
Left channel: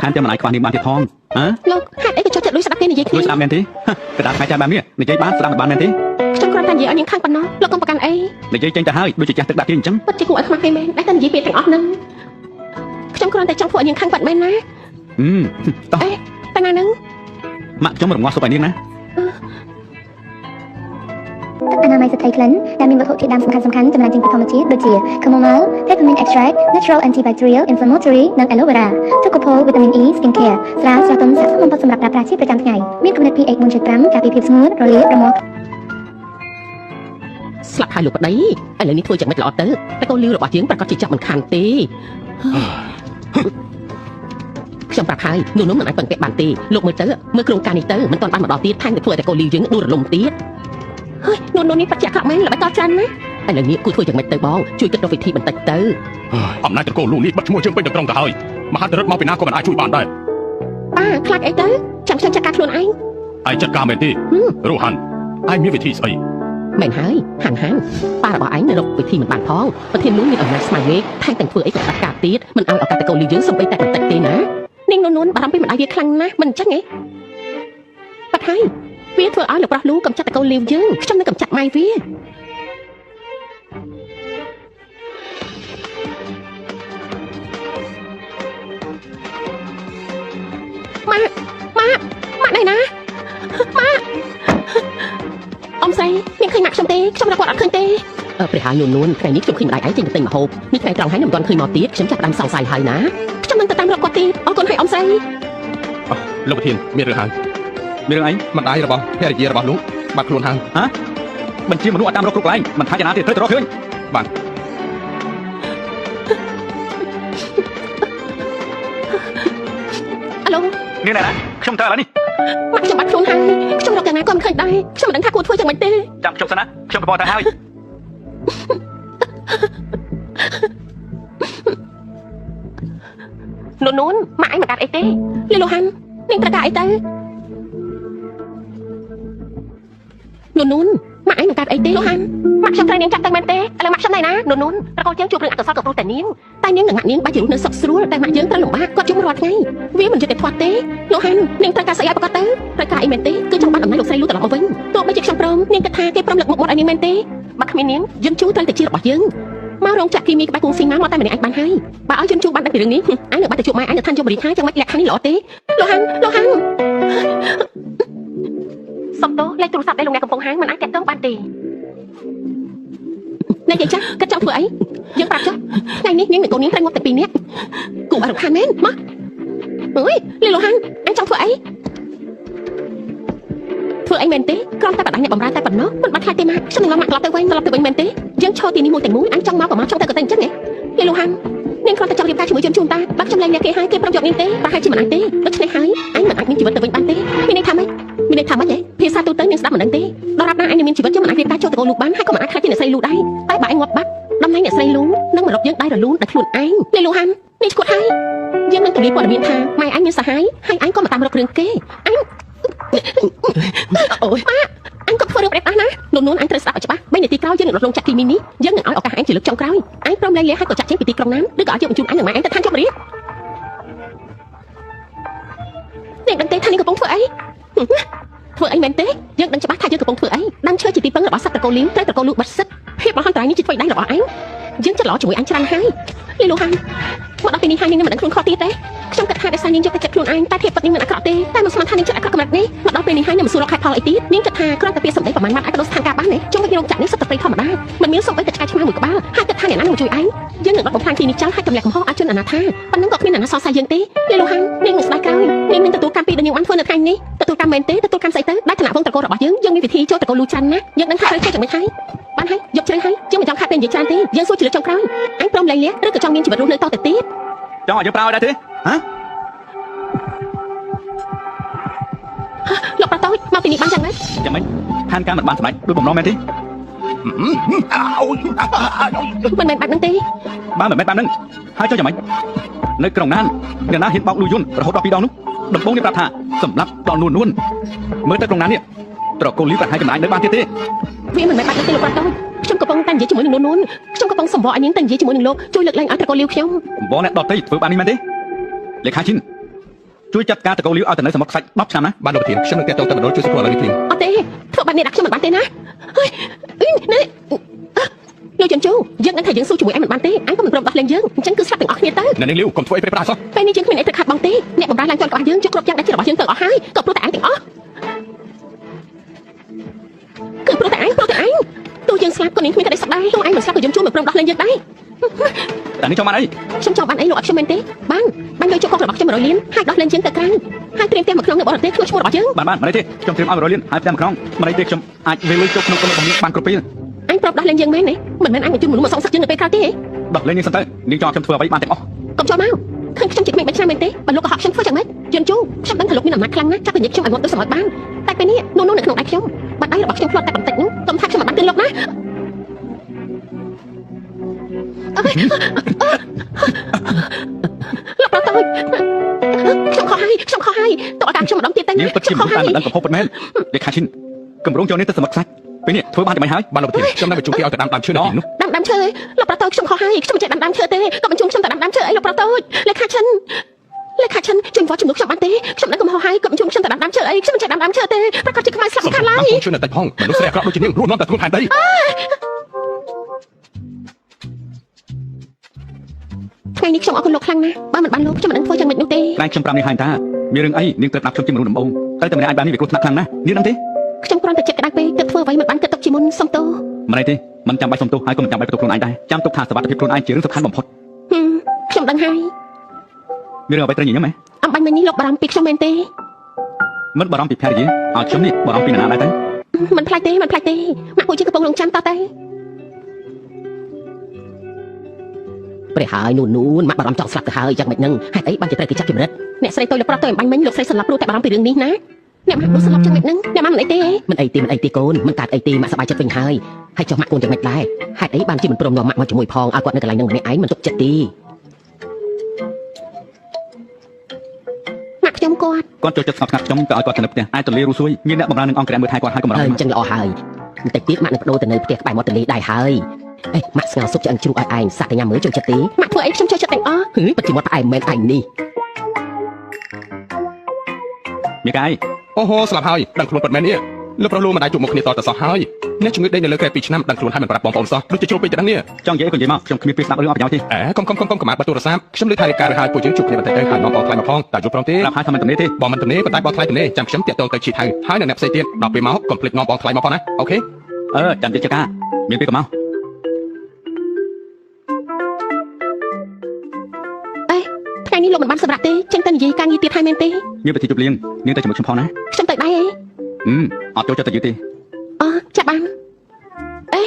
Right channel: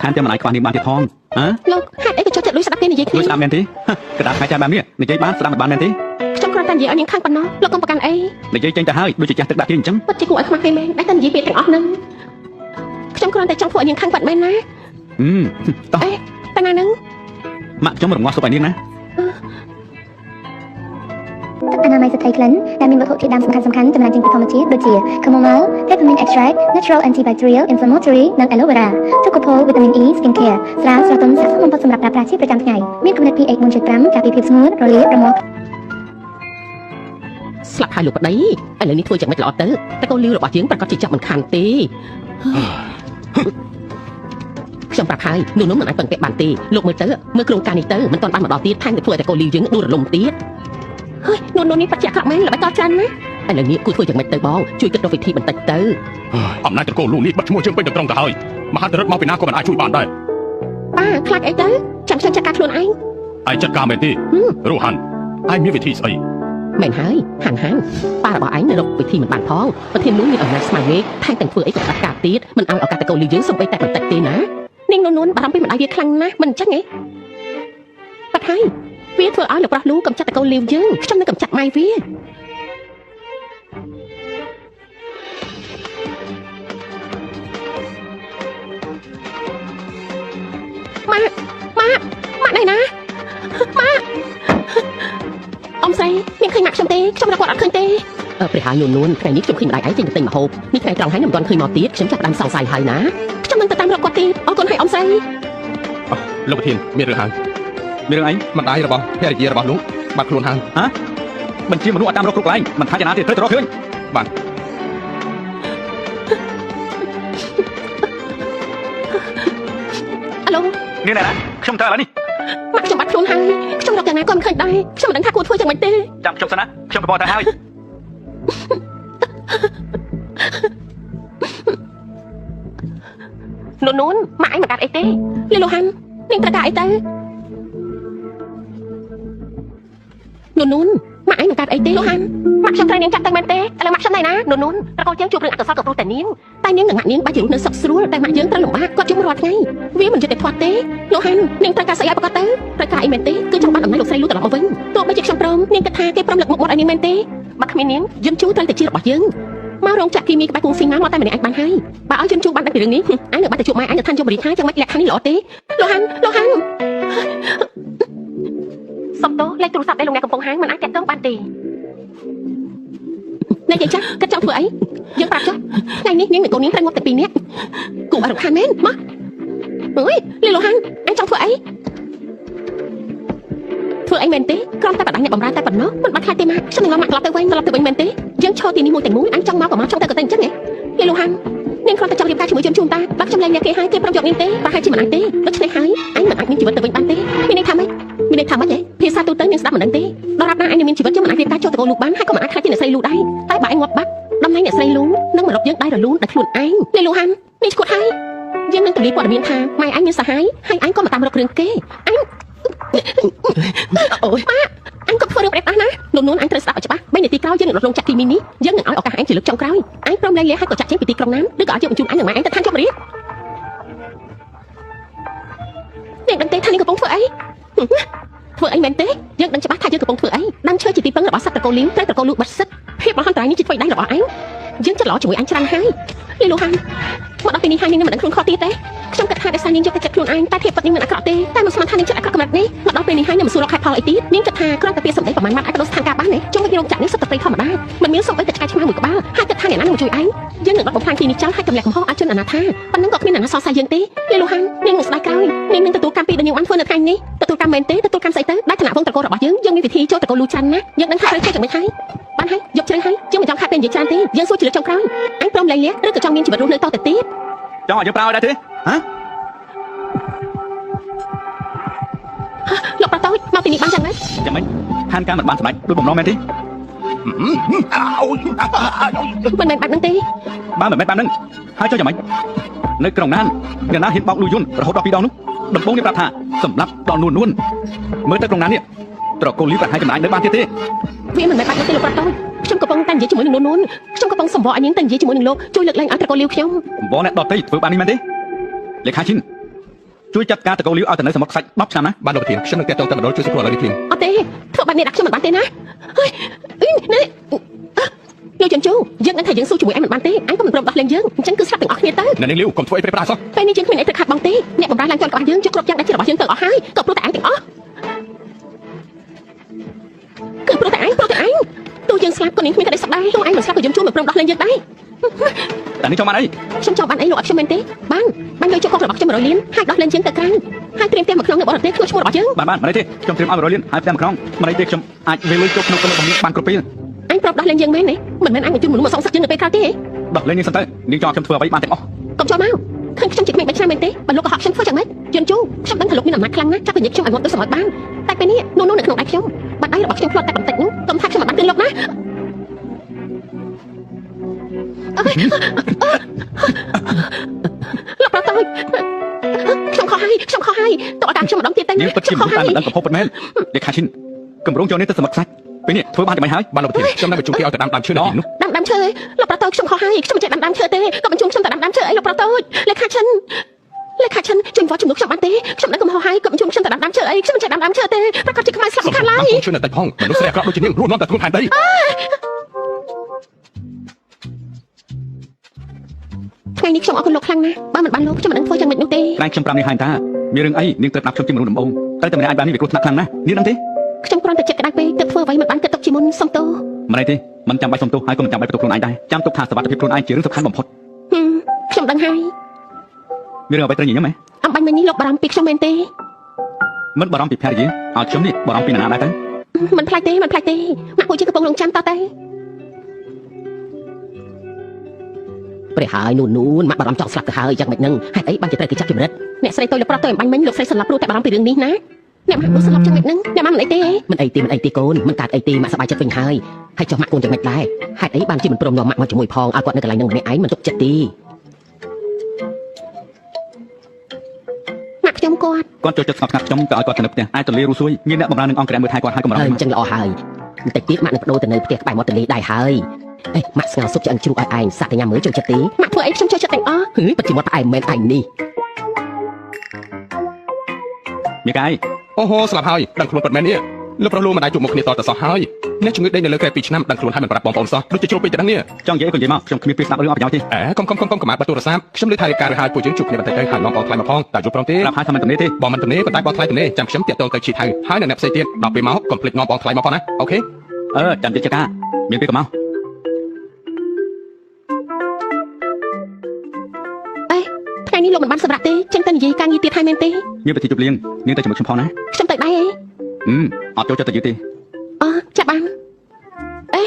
ថែមទាំងមិនអាចខ្វះនាងបានទៀតផងលោកហេតុអីក៏ចូលចិត្តលួចស្ដាប់គេនិយាយគ្នាលួចស្ដាប់មែនទេគឺថាផ្កាយចាស់បាននេះនិយាយបានស្ដាប់បានមែនទេខ្ញុំគ្រាន់តែនិយាយឲ្យនាងខាងប៉ុណ្ណោះលោកកុំប្រកាន់អីនិយាយចេញទៅហើយដូចជាចាស់ទឹកដាក់ទៀតអញ្ចឹងពិតជាគួរឲ្យខ្មាស់គេមែនតែនិយាយពាក្យទាំងអស់ហ្នឹងខ្ញុំគ្រាន់តែចង់ធ្វើឲ្យនាងខាងបាត់មែនណាតោះតែណាហ្នឹងម៉ាក់ខ្ញុំរងាស់សុបឲ្យនាងណាអនាម័យស្ត្រីក្លិនដែលមានវត្ថុធាតុដើមសំខាន់ៗចំណែកចេញពីធម្មជាតិដូចជា chamomile, peppermint extract, natural antibacterial, inflammatory និង aloe vera ទុកកពោវីតាមីន E skin care ស្រាលស្រទន់ស័ក្តិសមបំផុតសម្រាប់ប្រើប្រាស់ជាប្រចាំថ្ងៃមានកម្រិត pH 4.5 ការពារភាពស្ងួតរលាករមាស់ស្លាប់ហើយលោកប្តីឥឡូវនេះធ្វើយ៉ាងម៉េចល្អទៅតែកូនលីវរបស់យើងប្រកាសជាចាប់មិនខានទេខ្ញុំប្រាប់ហើយនោះមិនអាចពឹងពាក់បានទេលោកមើលទៅមើលក្រុមការនេះទៅមិនទាន់បានមកដល់ទៀតថែមទាំងធ្វើឲ្យតែកូនលីវយើងដួលរលំទៀតហើយនោះនេះបច្ចាក់ខ្លាំងមែនល្បីតច្រើនណាឥឡូវនេះគួរធ្វើយ៉ាងម៉េចទៅបងជួយគិតរកវិធីបន្តិចទៅអំណាចតកូលលូនេះបាត់ឈ្មោះយើងពេញទៅត្រង់ទៅហើយមហាតរិទ្ធមកពីណាក៏មិនអាចជួយបានដែរខ្លាចអីទៅចាំខ្ញុំចាត់ការខ្លួនឯងចាត់ការមែនទេរੂហាន់ឯងមានវិធីស្អីមែនហើយហាន់ប៉ារបស់ឯងនៅរកវិធីមិនបានផងប្រធានលូមានអំណាចស្មារតីថែមទាំងធ្វើអីក៏ដាច់ការទៀតមិនឲ្យឱកាសតកូលលីវយើងសំបីតែបន្តិចទេណា នាងនួនបារម្ភពីម្ដាយវាខ្លាំងណាស់មិនអញ្ចឹងហ៎បាត់ហើយវាធ្វើឲ្យលោកប្រុសលូកំចាត់តកូនលាវយើងខ្ញុំនឹងកំចាត់ម៉ែវាម៉ាក់ដៃណាម៉ាក់អ៊ំស្រីនាងឃើញម៉ាក់ខ្ញុំទេខ្ញុំរកគាត់អត់ឃើញទេព្រះហើយនួនថ្ងៃនេះខ្ញុំឃើញម្ដាយឯងចេញទៅទិញម្ហូបនេះថ្ងៃត្រង់ហើយនឹងមិនទាន់ឃើញមកទៀតខ្ញុំចាប់ផ្ដើមសង្ស័យហើយណាខ្ញុំនឹងទៅតាមរកគាត់ទៀតអរគុណហើយអ៊ំស្រី លោកប្រធានមានរឿងហើយ មានរឿងអី ម្ដាយរបស់ភរិយារបស់លោកបាត់ខ្លួនហើយ ហ៎បញ្ជាមនុស្សឲ្យតាមរកគ្រប់កន្លែងមិនថាយ៉ាងណាទៀតត្រូវទៅរកឃើញ បាទ អាឡូ នេះណាខ្ញុំទៅឥឡូវនេះ ម៉ាក់ខ្ញុំបាត់ខ្លួនហើយខ្ញុំរកយ៉ាងណាក៏មិនឃើញដែរខ្ញុំមិនដឹងថាគួរធ្វើយ៉ាងម៉េចទេ ចាំខ្ញុំសិនណាខ្ញុំទៅបកទៅហើយ នួនម៉ាក់ឯងមិនដាច់អីទេលីលូហាន់នាងត្រូវដាក់អីទៅនួនម៉ាក់ឯងមិនដាច់អីទេលូហាន់ម៉ាក់ខ្ញុំត្រូវនាងចាត់ទៅមែនទេឥឡូវម៉ាក់ខ្ញុំណៃណានួនប្រកបជាងជួបរឿងអកុសលក៏ព្រោះតែនាងនឹងម៉ាក់នាងបាច់ជារូបនៅសុខស្រួលតែម៉ាក់យើងត្រូវលំបាកគាត់ជុំរាល់ថ្ងៃវាមិនយល់តែធាត់ទេលូហាន់នាងត្រូវការស្អីឲ្យប្រកាសទៅត្រូវការអីមែនទេគឺចង់បានអំណាចលោកស្រីលូត្រឡប់មកវិញទោះបីជាខ្ញុំព្រមនាងគិតថាគេព្រមលើកមុខមាត់ឲ្យនាងមែនទេបើគ្មាននាងយើងជួត្រូវតែជារបស់យើងមករោងចក្រគីមីក្បែរគង់ស៊ីម៉ាមកតែម្នាក់ឯងបានហើយបើឲ្យយើងជួបបានតែពីរឿងនេះឯងនៅបាត់ទៅជួបម៉ែឯងទៅឋានជមរីថាចឹងមិនលក្ខខណ្ឌនេះល្អទេលោកហាន់សុំតោលេខទូរស័ព្ទដែលលោកអ្នកកំពុងហៅមិនអាចតាក់ទងបានទេអ្នកយាយចាស់គិតចង់ធ្វើអីយើងប្រាប់ចុះថ្ងៃនេះនាងនិងកូននាងត្រូវមកតែ2នាក់គូអរខានមែនមកអើយលីលោកហាន់អញចង់ធ្វើអីធ្វើអីមែនទេគ្រាន់តែបដាអ្នកបំរើតែប៉ុណ្ណោះមិនបាច់ខ្លាចទេម៉ាក់ខ្ញុំនឹងមកត្រឡប់ទៅវិញមែនទេយើងឈរទីនេះមួយទាំងមួយអញចង់មកក៏មកចង់ទៅក៏ទៅអញ្ចឹងហ៎លីលោកហាន់នាងគ្រាន់តែចង់រៀបការជាមួយជូនតាបាក់ខ្ញុំលេងអ្នកគេហើយគេប្រំយកនាងទេប្រហែលជាមិនអាចទេដូច្នេះហើយអញមិនអាចមានជីវិតទៅវិញបានទេមានន័យថាម៉េចទេភាសាទូទៅនាងស្ដាប់មិនដឹងទេដល់រាប់ណាអញមានជីវិតយើងមិនអាចរៀបការចូលទៅកូនលោកបានហើយក៏មិនអាចខ្លាចជាអ្នកស្រីលូដែរតែបើអញងាប់បាត់ដំណែងអ្នកស្រីលូនឹងមករកយើងដែររលូនតែខ្លួនឯងលីលោកហាន់នេះឈ្មោះហើយយើងនឹងទូលាយព័ត៌មានថាម៉ែអញមានសហាយហើយអញក៏មកតាមរករឿងគេអញអូយម៉ាអញក៏ធ្វើរឿងប្រេតដែរណានួនអញត្រូវស្ដាប់ឲ្យច្បាស់3នាទីក្រោយយើងនឹងរត់លងចាក់គីមីនេះយើងនឹងឲ្យឱកាសអញជាលើកចុងក្រោយអញព្រមលែងលះហើយក៏ចាក់ចេញពីទីក្រុងណាឬក៏ឲ្យយើងបញ្ជូនអញនិងម៉ែអញទៅឋានជមរានាងដឹងទេថានាងកំពុងធ្វើអីធ្វើអីមែនទេយើងដឹងច្បាស់ថាយើងកំពុងធ្វើអីដាំឈើជាទីពឹងរបស់សត្វតកូលៀងតែតកូលលូបាត់សិទ្ធភាពរបស់ហន្តរាយនេះជាធ្វើដៃរបស់អញយើងចិត្តល្អជាមួយអញច្រើនហើយលីលូហាន់មកដល់ពេលនេះហើយនាងមិនដឹងខ្លួនខុសទៀតទេខ្ញុំគិតថាដោយសារនាងយកតែចិត្តខ្លួនឯងតែភាពពិតនាងមិនអាក្រក់ទេតែមិនស្មានថានាងចិត្តអាក្រក់កម្រិតនេះមកដល់ពេលនេះហើយនាងមិនសួរលោកខែផលអីទៀតនាងគិតថាគ្រាន់តែពាក្យសម្ដីប្រមាណម៉ាត់អាចបដូរស្ថានភាពបានទេចុងពីរោងចក្រនេះសុទ្ធតែធម្មតាមិនមានសូម្បីតែឆ្កែឆ្មាមួយក្បាលហើយគិតថាអ្នកណានឹងជួយឯងយើងនឹងរត់បំផ្លាញទីនេះចោលហើយទម្លាក់កំហុសឲ្យជនអនាថាប៉ុណ្ណឹងក៏គ្មានអ្នកណាសរសើរយើងទេលីលូហាន់នាងនឹងស្ដាយក្រោយនាងនឹងទទួលកម្មពីដែលនាងបានធ្វើនៅថ្ងៃនេះទទួលកម្មមែនទេទទួលកម្មស្អីទៅដែលឋានៈវងតកូលរបស់យើងមានវិធីចូលតកូលលូច្រើនណាស់យើងដឹងថាត្រូវធ្វើយ៉ាងម៉េចហើយបានហើយយកជ្រៅហើយជាងមិនចង់ខាត់ពេលនិយាយច្រើនទេយើងសួរជាលើកចុងក្រោយអញព្រមលែងលះឬក៏ចង់មានជីវិតរស់នៅតទៅទៀតចង់ឲ្យយើងប្រើឲ្យដែរទេហ៎លោកប្រតោចមកទីនេះបានយ៉ាងម៉េចយ៉ាងម៉េចខានការមិនបានសម្រេចដូចបំណងមែនទេមិនមែនបាត់នឹងទេបើមិនមែនបាននឹងហើយចុះយ៉ាងម៉េចនៅក្រុងណានអ្នកណាហ៊ានបោកលុយយន្តរហូតដល់2ដងនោះដំបងនេះប្រាប់ថាសម្រាប់ដល់នួនមើលទៅក្រុងណាននេះត្រកូលលីវក៏ហាយចំណាយនៅបានទៀតទេវាមិនមែនបាត់ទេលោកប្រតោចខ្ញុំកំពុងតែនិយាយជាមួយនឹងនួនខ្ញុំកំពុងសម្បកឲ្យនាងតែនិយាយជាមួយនឹងលោកជួយលើកលែងឲ្យត្រកូលលីវខ្ញុំបងអ្នកដតៃធ្វើបាននេះមែនទេលេខាឈិនជួយចាត់ការត្រកូលលីវឲ្យទៅនៅសមុទ្រខ្សាច់10ឆ្នាំណាបានលោកប្រធានខ្ញុំនឹងទៅដល់ជួយសួរឥឡូវនេះភ្លាមអត់ទេធ្វើបែបនេះដាក់ខ្ញុំមិនបានទេណានេះលោកជន់ជូយើងនឹងថាយើងសួរជាមួយឯងមិនបានទេអញក៏មិនព្រមដោះលែងយើងអញ្ចឹងគឺស្លាប់ទាំងអស់គ្នាទៅអ្នកនាងលីវកុំធ្វើអីប្រេះប្រាសោះពេលនេះយើងគ្មានអីត្រូវខាត់បងទេអ្នកបំរើឡើងជាន់របស់យើងជួយគ្រប់យ៉ាងដែលជារបស់យើងទាំងអស់ហើយក៏ព្រោះតែឯងទាំងអស់គឺព្រោះតែឯងទោះយើងស្លាប់ក៏នាងគ្មានតែស្ដាយទោះឯងមិនស្លាប់ក៏យើងជួយមិនព្រមដោះលែងយើងដែរតែនេះចង់បានអីខ្ញុំចង់បានអីលោកអត់ខ្ញុំមែនទេបានយកជុកកុករបស់ខ្ញុំ100លានហើយដោះលែងយើងទៅក្រៅហើយត្រៀមផ្ទះមួយក្នុងនៅបរទេសធ្វើឈ្មោះរបស់យើងបានមិនទេខ្ញុំត្រៀមឲ្យ100លានហើយផ្ទះមួយក្នុងមិនទេខ្ញុំអាចមានលុយជុកក្នុងក្រុមរបស់បានគ្រប់ពេលអញប្រាប់ដោះលែងយើងមែនទេមិនមែនអញបញ្ជូនមនុស្សមកសងសឹកយើងនៅពេលក្រោយទេហ៎ដោះលែងយើងសិនទៅនាងចង់ខ្ញុំធ្វើអ្វីបានទាំងអស់កុំចូលមកឃើញខ្ញុំជាគ្មានបិទឆ្នាំមែនទេបើលោកក៏ហត់ខ្ញុំធ្វើយ៉ាងម៉េចយន់ជូខ្ញុំដឹងថាលោកមានអំណាចខ្លាំងណាស់ចាប់ពីខ្ញុំឲ្យមកទៅសម្រេចបានតែពេលនេះនោះនៅក្នុងដៃខ្ញុំបាត់ដៃរបស់ខ្ញុំផ្លាត់តែបន្តិចនោះកុំថាខ្ញុំមិនបានទិញលោកណាលោកប្រតោចខ្ញុំខុសហើយតើតាមខ្ញុំម្ដងទៀតតែខ្ញុំខុសហើយមិនដឹងកំហុសប៉ុណ្ណេះលេខាឈិនកម្រងយកនេះទៅសមុទ្រខ្សាច់ពេលនេះធ្វើបានតែមិនហើយបានលោកប្រធានខ្ញុំនឹងបញ្ជូនគេឲ្យទៅដាំឈើនៅទីនោះដាំឈើលោកប្រតោចខ្ញុំខុសហើយខ្ញុំមិនចេះដាំឈើទេក៏បញ្ជូនខ្ញុំទៅដាំឈើអីលោកប្រតោចលេខាឈិន លេខាឈិនជួយវត្តជំនួសខ្ញុំបានទេខ្ញុំនឹងកំហុសហើយគាត់ជួយខ្ញុំទៅដាំឈើអីខ្ញុំមិនចេះដាំឈើទេប្រកាសជាខ្មែរស្លាប់ខាងឡើយ ជួយនៅតែផងមនុស្សស្រីអាក្រក់ដូចជានាងរស់នាំតែខ្លួនថែមដី ថ្ងៃនេះខ្ញុំអរគុណលោកខ្លាំងណាស់បើមិនបានលោកខ្ញុំមិននឹងធ្វើចំណុចនោះទេ ក្រែងខ្ញុំប្រាប់នាងហើយតាមានរឿងអីនាងត្រូវដាក់ខ្ញុំជាមនុស្សដំបូងតែតែម្នាក់ឯងបាននេះវាគ្រោះថ្នាក់ខ្លាំងណាស់នាងដឹងទេ ខ្ញុំគ្រាន់តែចិត្តក្តៅពេកទើបធ្វើអ្វីមិនបានគិតទុកជាមុនសុំទោស មិនទេមិនចាំបាច់សុំទោសហើយក៏មិនចាំបាច់បន្ទោសខ្លួនឯងដែរចាំទុកថាសុខភាពខ្លួនឯងជារឿងសំខាន់បំផុត ខ្ញុំដឹងហើយ មានរឿងអ្វីត្រូវញញឹមហ៎ អំបញ្ញមិញនេះលោកបារម្ភពីខ្ញុំមែនទេ មិនបារម្ភពីភរិយាឲ្យខ្ញុំនេះបារម្ភពីនរណាដែរទេ មិនផ្លាច់ទេម៉ាក់ពូជាកំពុងរងចាំតទៅព្រះហើយនូនម៉ាក់បារម្ភចង់ស្លាប់ទៅហើយយ៉ាងម៉េចនឹងហេតុអីបានជាត្រូវគេចាប់ជំរិតអ្នកស្រីទៅលើប្រុសទៅអំបញ្ញមិញលោកស្រីស្លាប់ព្រោះតែបារម្ភពីរឿងនេះណាអ្នកម៉ាក់នោះស្លាប់យ៉ាងម៉េចនឹងអ្នកម៉ាក់មិនអីទេមិនអីទេកូនមិនកើតអីទេម៉ាក់សប្បាយចិត្តវិញហើយហើយចុះម៉ាក់កូនយ៉ាងម៉េចដែរហេតុអីបានជាមិនព្រមយកម៉ាក់មកជាមួយផងឲ្យគាត់នៅកន្លែងនឹងម្នាក់ឯងមិនទុកចិត្តទេម៉ាក់ខ្ញុំគាត់ចូលចិត្តស្ងប់ស្ងាត់ខ្ញុំក៏ឲ្យគាត់ទៅនៅផ្ទះអាចទៅលេរੂសួយមានអ្នកបម្រើនឹងអង្គរៈមើលថែគាត់ហើយក៏មិនរំ អញ្ចឹងល្អហើយបន្តិចទៀតម៉ាក់នឹងបដូរទៅនៅផ្ទះក្បែរមាត់ទន្លេដែរហើយអេម៉ាក់ស្ងោសុកឆ្អិនជ្រូកឲ្យឯងសាក់ទៅញ៉ាំមើលចូលចិត្តទេម៉ាក់ធ្វើអីខ្ញុំចូលចិត្តទាំងអស់ហឺពិតជាមាត់ផ្អែមមែនឯងនេះ មីកាយ អូហូស្លាប់ហើយដឹងខ្លួនពិតមែននេះលោកប្រុសលោកមិនអាចជួបមុខគ្នាតទៅសោះហើយអ្នកជំងឺដេកនៅលើកែ2ឆ្នាំដឹងខ្លួនហើយមិនប្រាប់បងប្អូនសោះដូចជាជ្រុលពេកទៅដឹងនេះ ចង់និយាយក៏និយាយមកខ្ញុំគ្មានពេលស្ដាប់រឿងអត់ប្រយោជន៍ទេ អេកុំមកបាត់ទូរស័ព្ទខ្ញុំលើថៃរាយការណ៍ឲ្យពួកយើងជួបគ្នាបន្តិចទៅហើយបងប្អូនខ្លាចមកផងតើជួបព្រមទេ ប្រាប់ថាមិនទំនេរទេ បងមិនទំនេរប៉ុន្តែបងខ្លាចទំនេរចាំខ្ញុំតាក់ទងទៅជាតិហើយនៅអ្នកផ្សេងទៀតដល់ពេលមកកុំភ្លេចងបងខ្លាចមកផងណាអូខេ ចាំទៀតចកាមានពេលក៏មក ថ្ងៃនេះលោកមិនបានសម្រាប់ទេចឹងតែនិយាយការងារទៀតហើយមែនទេ មានប្រតិជប់លៀងនាងទៅជាមួយខ្ញុំផងណា ខ្ញុំទៅដែរអី អត់ចូលចិត្តទៅយើងទេ អូចាប់បានអេ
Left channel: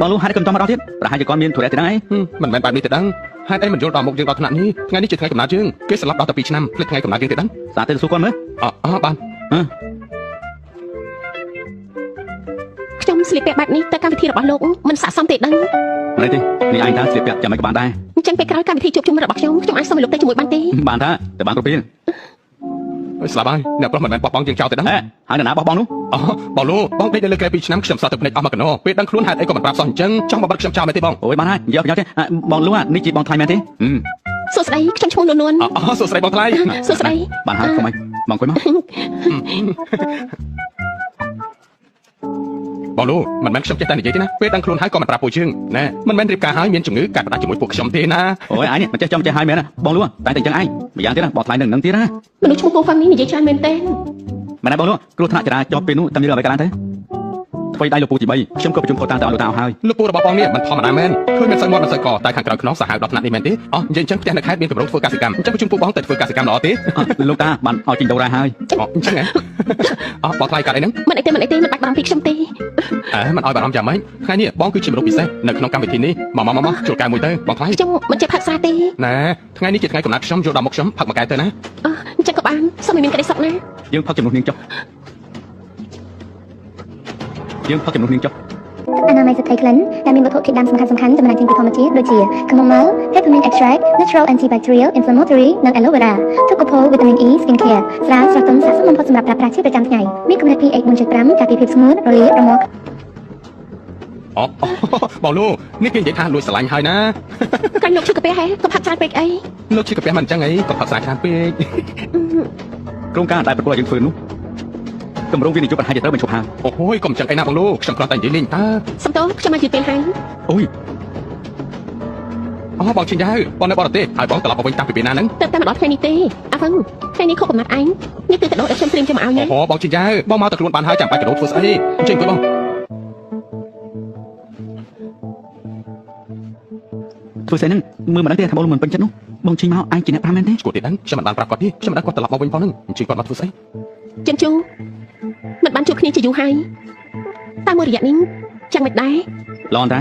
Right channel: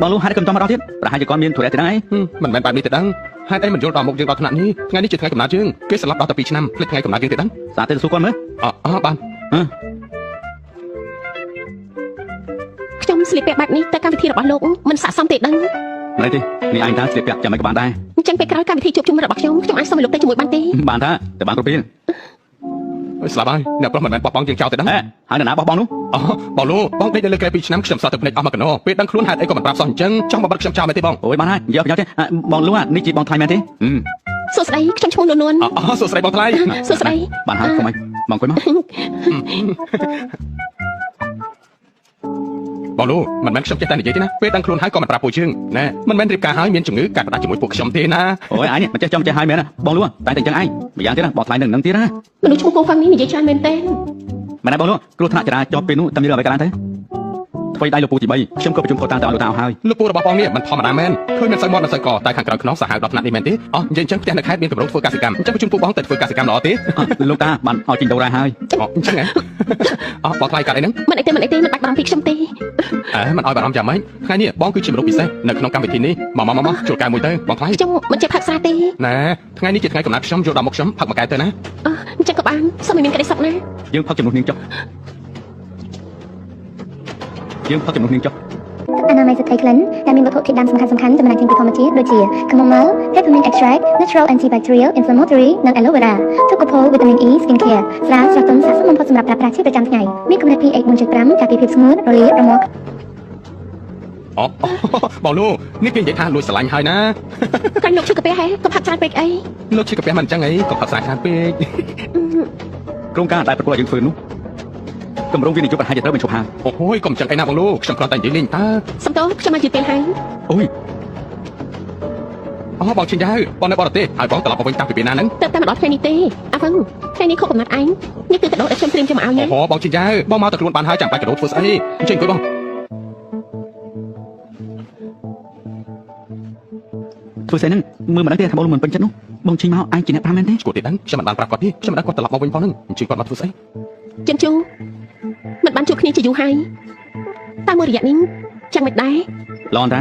បើលោកហើយខ្ញុំចង់មកដល់ទៀតប្រហែលជាគាត់មានធុរៈទេដែរ មិនមែនបែបនេះទេដឹងហេតុអីមិនយល់ដល់មុខយើងដល់ថ្នាក់នេះថ្ងៃនេះជាថ្ងៃកំណើតយើងគេស្លាប់ដល់តែ2ឆ្នាំភ្លេចថ្ងៃកំណើតយើងទេដឹង សាទៅសួរគាត់មើល បាន ខ្ញុំស្លៀកពាក់បែបនេះទៅកម្មវិធីរបស់លោកមិនស័ក្តិសមទេដឹង ណែទេនេះឯងតើស្លៀកពាក់ចាំមិនក៏បានដែរ អញ្ចឹងពេលក្រោយកម្មវិធីជួបជុំរបស់ខ្ញុំអាចសុំឲ្យលោកទៅជាមួយបានទេ បានតាតែបានគ្រប់ពេល ស្លាប់ហើយអ្នកប្រុសមិនមែនបោះបង់យើងចោលទេដឹង ហើយនរណាបោះបង់នោះ បងលោកបងដេកនៅលើកែ2ឆ្នាំខ្ញុំសតទៅភ្នែកអស់មកកណោពេលដឹងខ្លួនហេតុអីក៏មិនប្រាប់សោះអញ្ចឹងចង់មកបិទខ្ញុំចោលមែនទេបង អូយបានហើយនិយាយប្រយោជន៍ទេបងលោកនេះជាបងថ្លៃមែនទេ សួស្តីខ្ញុំឈ្មោះនួន សួស្តីបងថ្លៃ សួស្តី បានហើយកុំអីបងអង្គុយមក បងលោកមិនមែនខ្ញុំចេះតែនិយាយទេណាពេលដឹងខ្លួនហើយក៏មិនប្រាប់ពួកយើងណែមិនមែនរៀបការហើយមានជំងឺកាត់ផ្ដាច់ជាមួយពួកខ្ញុំទេណា អូយឯងនេះមិនចេះចាំចេះហើយមែនណាបងលោកតែតែអញ្ចឹងឯងម្យ៉ាងទៀតណាបងថ្លៃនឹងទៀតណា មនុស្សឈ្មោះពងផាំងនេះនិយាយច្រើនមែនទេ មែនណាបងលោកគ្រោះថ្នាក់ចរាចរណ៍ពេលនោះតែមានអ្វីកើតឡើងទេថ្មីដៃលោកពូទី3ខ្ញុំក៏ប្រជុំផុតតាំងទៅឲ្យលោកតាហើយ លោកពូរបស់បងនេះមិនធម្មតាមែនឃើញមិនសូវមាត់មិនសូវកតែខាងក្រៅខ្នងសាហាវដល់ថ្នាក់នេះមែនទេនិយាយអញ្ចឹងផ្ទះនៅខេត្តមានកម្រិតធ្វើកសិកម្មអញ្ចឹងប្រជុំពួកបងទៅធ្វើកសិកម្មល្អទេ លោកតាបានឲ្យជីងដូរ៉ាហើយ អញ្ចឹងបងថ្លៃកាត់អីហ្នឹង មិនអីទេមិនបាច់បារម្ភពីខ្ញុំទេ មិនឲ្យបារម្ភយ៉ាងម៉េចថ្ងៃនេះបងគឺជាមនុស្សពិសេសនៅក្នុងកម្មវិធីនេះមកជួយកែមួយទៅបងថ្លៃ ខ្ញុំមិនចេះផឹកសាទេ ណែថ្ងៃនេះជាថ្ងៃកំណត់ខ្ញុំយកដល់មុខខ្ញុំផឹកមួយកែទៅណា អញ្ចឹងក៏បានសូមឲ្យមានក្តីសុខណា យើងផឹកជំនួសនាងចុះយើងផឹកជំនួសនាងចុះ អនាម័យសទ្ធីក្លិនដែលមានវត្ថុធាតុដើមសំខាន់ៗចំណែកចេញពីធម្មជាតិដូចជា chamomile, peppermint extract, natural antibacterial, inflammatory និង aloe vera ទឹកកផូវីតាមីន E skin care ស្រាលស្រទន់ស័ក្តិសមបំផុតសម្រាប់ប្រើប្រាស់ជាប្រចាំថ្ងៃមានកម្រិត pH 4.5 ការពារភាពស្ងួតរលាករមាស់ បងលោកនេះគេនិយាយថាលួចស្រឡាញ់ហើយណា កាញ់លោកឈឺកាពះហេក៏ផឹកច្រើនពេកអី លោកឈឺកាពះមិនអញ្ចឹងអីក៏ផឹកសាខានពេក ក្រុមការដែលប្រគល់ឲ្យយើងធ្វើនោះតម្រងវិនិយោគប្រហែលជាត្រូវបញ្ឈប់ហើយ អូយកុំចឹងអីណាបងលោកខ្ញុំគ្រាន់តែនិយាយលេងតើ សំទោខ្ញុំមកយឺតពេលហើយ អូយ បងជិះទៅបងនៅបរទេសហើយបងត្រឡប់មកវិញតាំងពីពេលណាហ្នឹង តែម្ដងថ្ងៃនេះទេអាវ៉ាន់ថ្ងៃនេះខុសកំណត់ឯងនេះគឺកដោដែលខ្ញុំត្រៀមជូនមកឲ្យណា បងជិះទៅបងមកតែខ្លួនបានហើយចាំបាច់កដោធ្វើស្អីអញ្ចឹងទៅបង ធ្វើស្អីហ្នឹងមើលមិនដឹងទេថាបងមិនពេញចិត្តនោះបងជិះមកឯងជាអ្នកប្រាំមែនទេ ឈួតទេហ្នឹងខ្ញុំមិនបានប្រាប់គាត់ទេខ្ញុំមិនដឹងគាត់ត្រឡប់មកវិញផងហ្នឹងអញ្ចឹងគាត់មកធ្វើស្អី ចិនជូមិនបានជួបគ្នាជាយូរហើយតែមួយរយៈនេះចាំមិនដែរ ឡងតា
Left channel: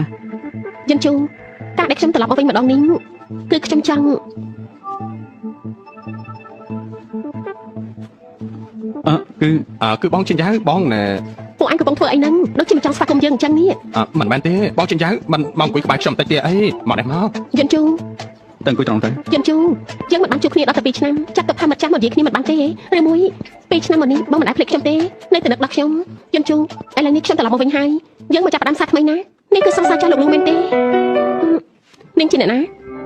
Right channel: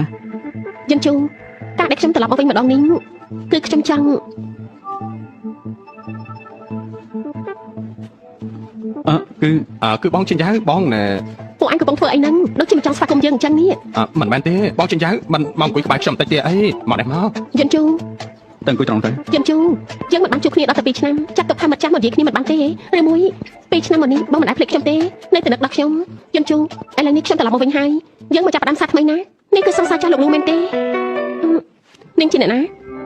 ចិនជូការដែលខ្ញុំត្រឡប់មកវិញម្ដងនេះគឺខ្ញុំចង់ គឺបងជិះទៅបងណែ ពួកឯងកំពុងធ្វើអីហ្នឹងដូចជាមិនចង់ស្វាគមន៍យើងអញ្ចឹងនេះ មិនមែនទេបងជិះទៅមិនមកអង្គុយក្បែរខ្ញុំតិចទេអីមកនេះមក ចិនជូ ទៅអង្គុយត្រង់ទៅ ចិនជូយើងមិនបានជួបគ្នាដល់តែ2ឆ្នាំចាត់ទុកថាមិនចាំមកនិយាយគ្នាមិនបានទេឬមួយ2ឆ្នាំមកនេះបងមិនអាចភ្លេចខ្ញុំទេនៅតែនឹកដល់ខ្ញុំចិនជូឥឡូវនេះខ្ញុំត្រឡប់មកវិញហើយយើងមកចាប់ផ្ដើមសាថ្មីណានេះគឺសង្សារចាស់លោកនោះមែនទេនាងជាអ្នកណា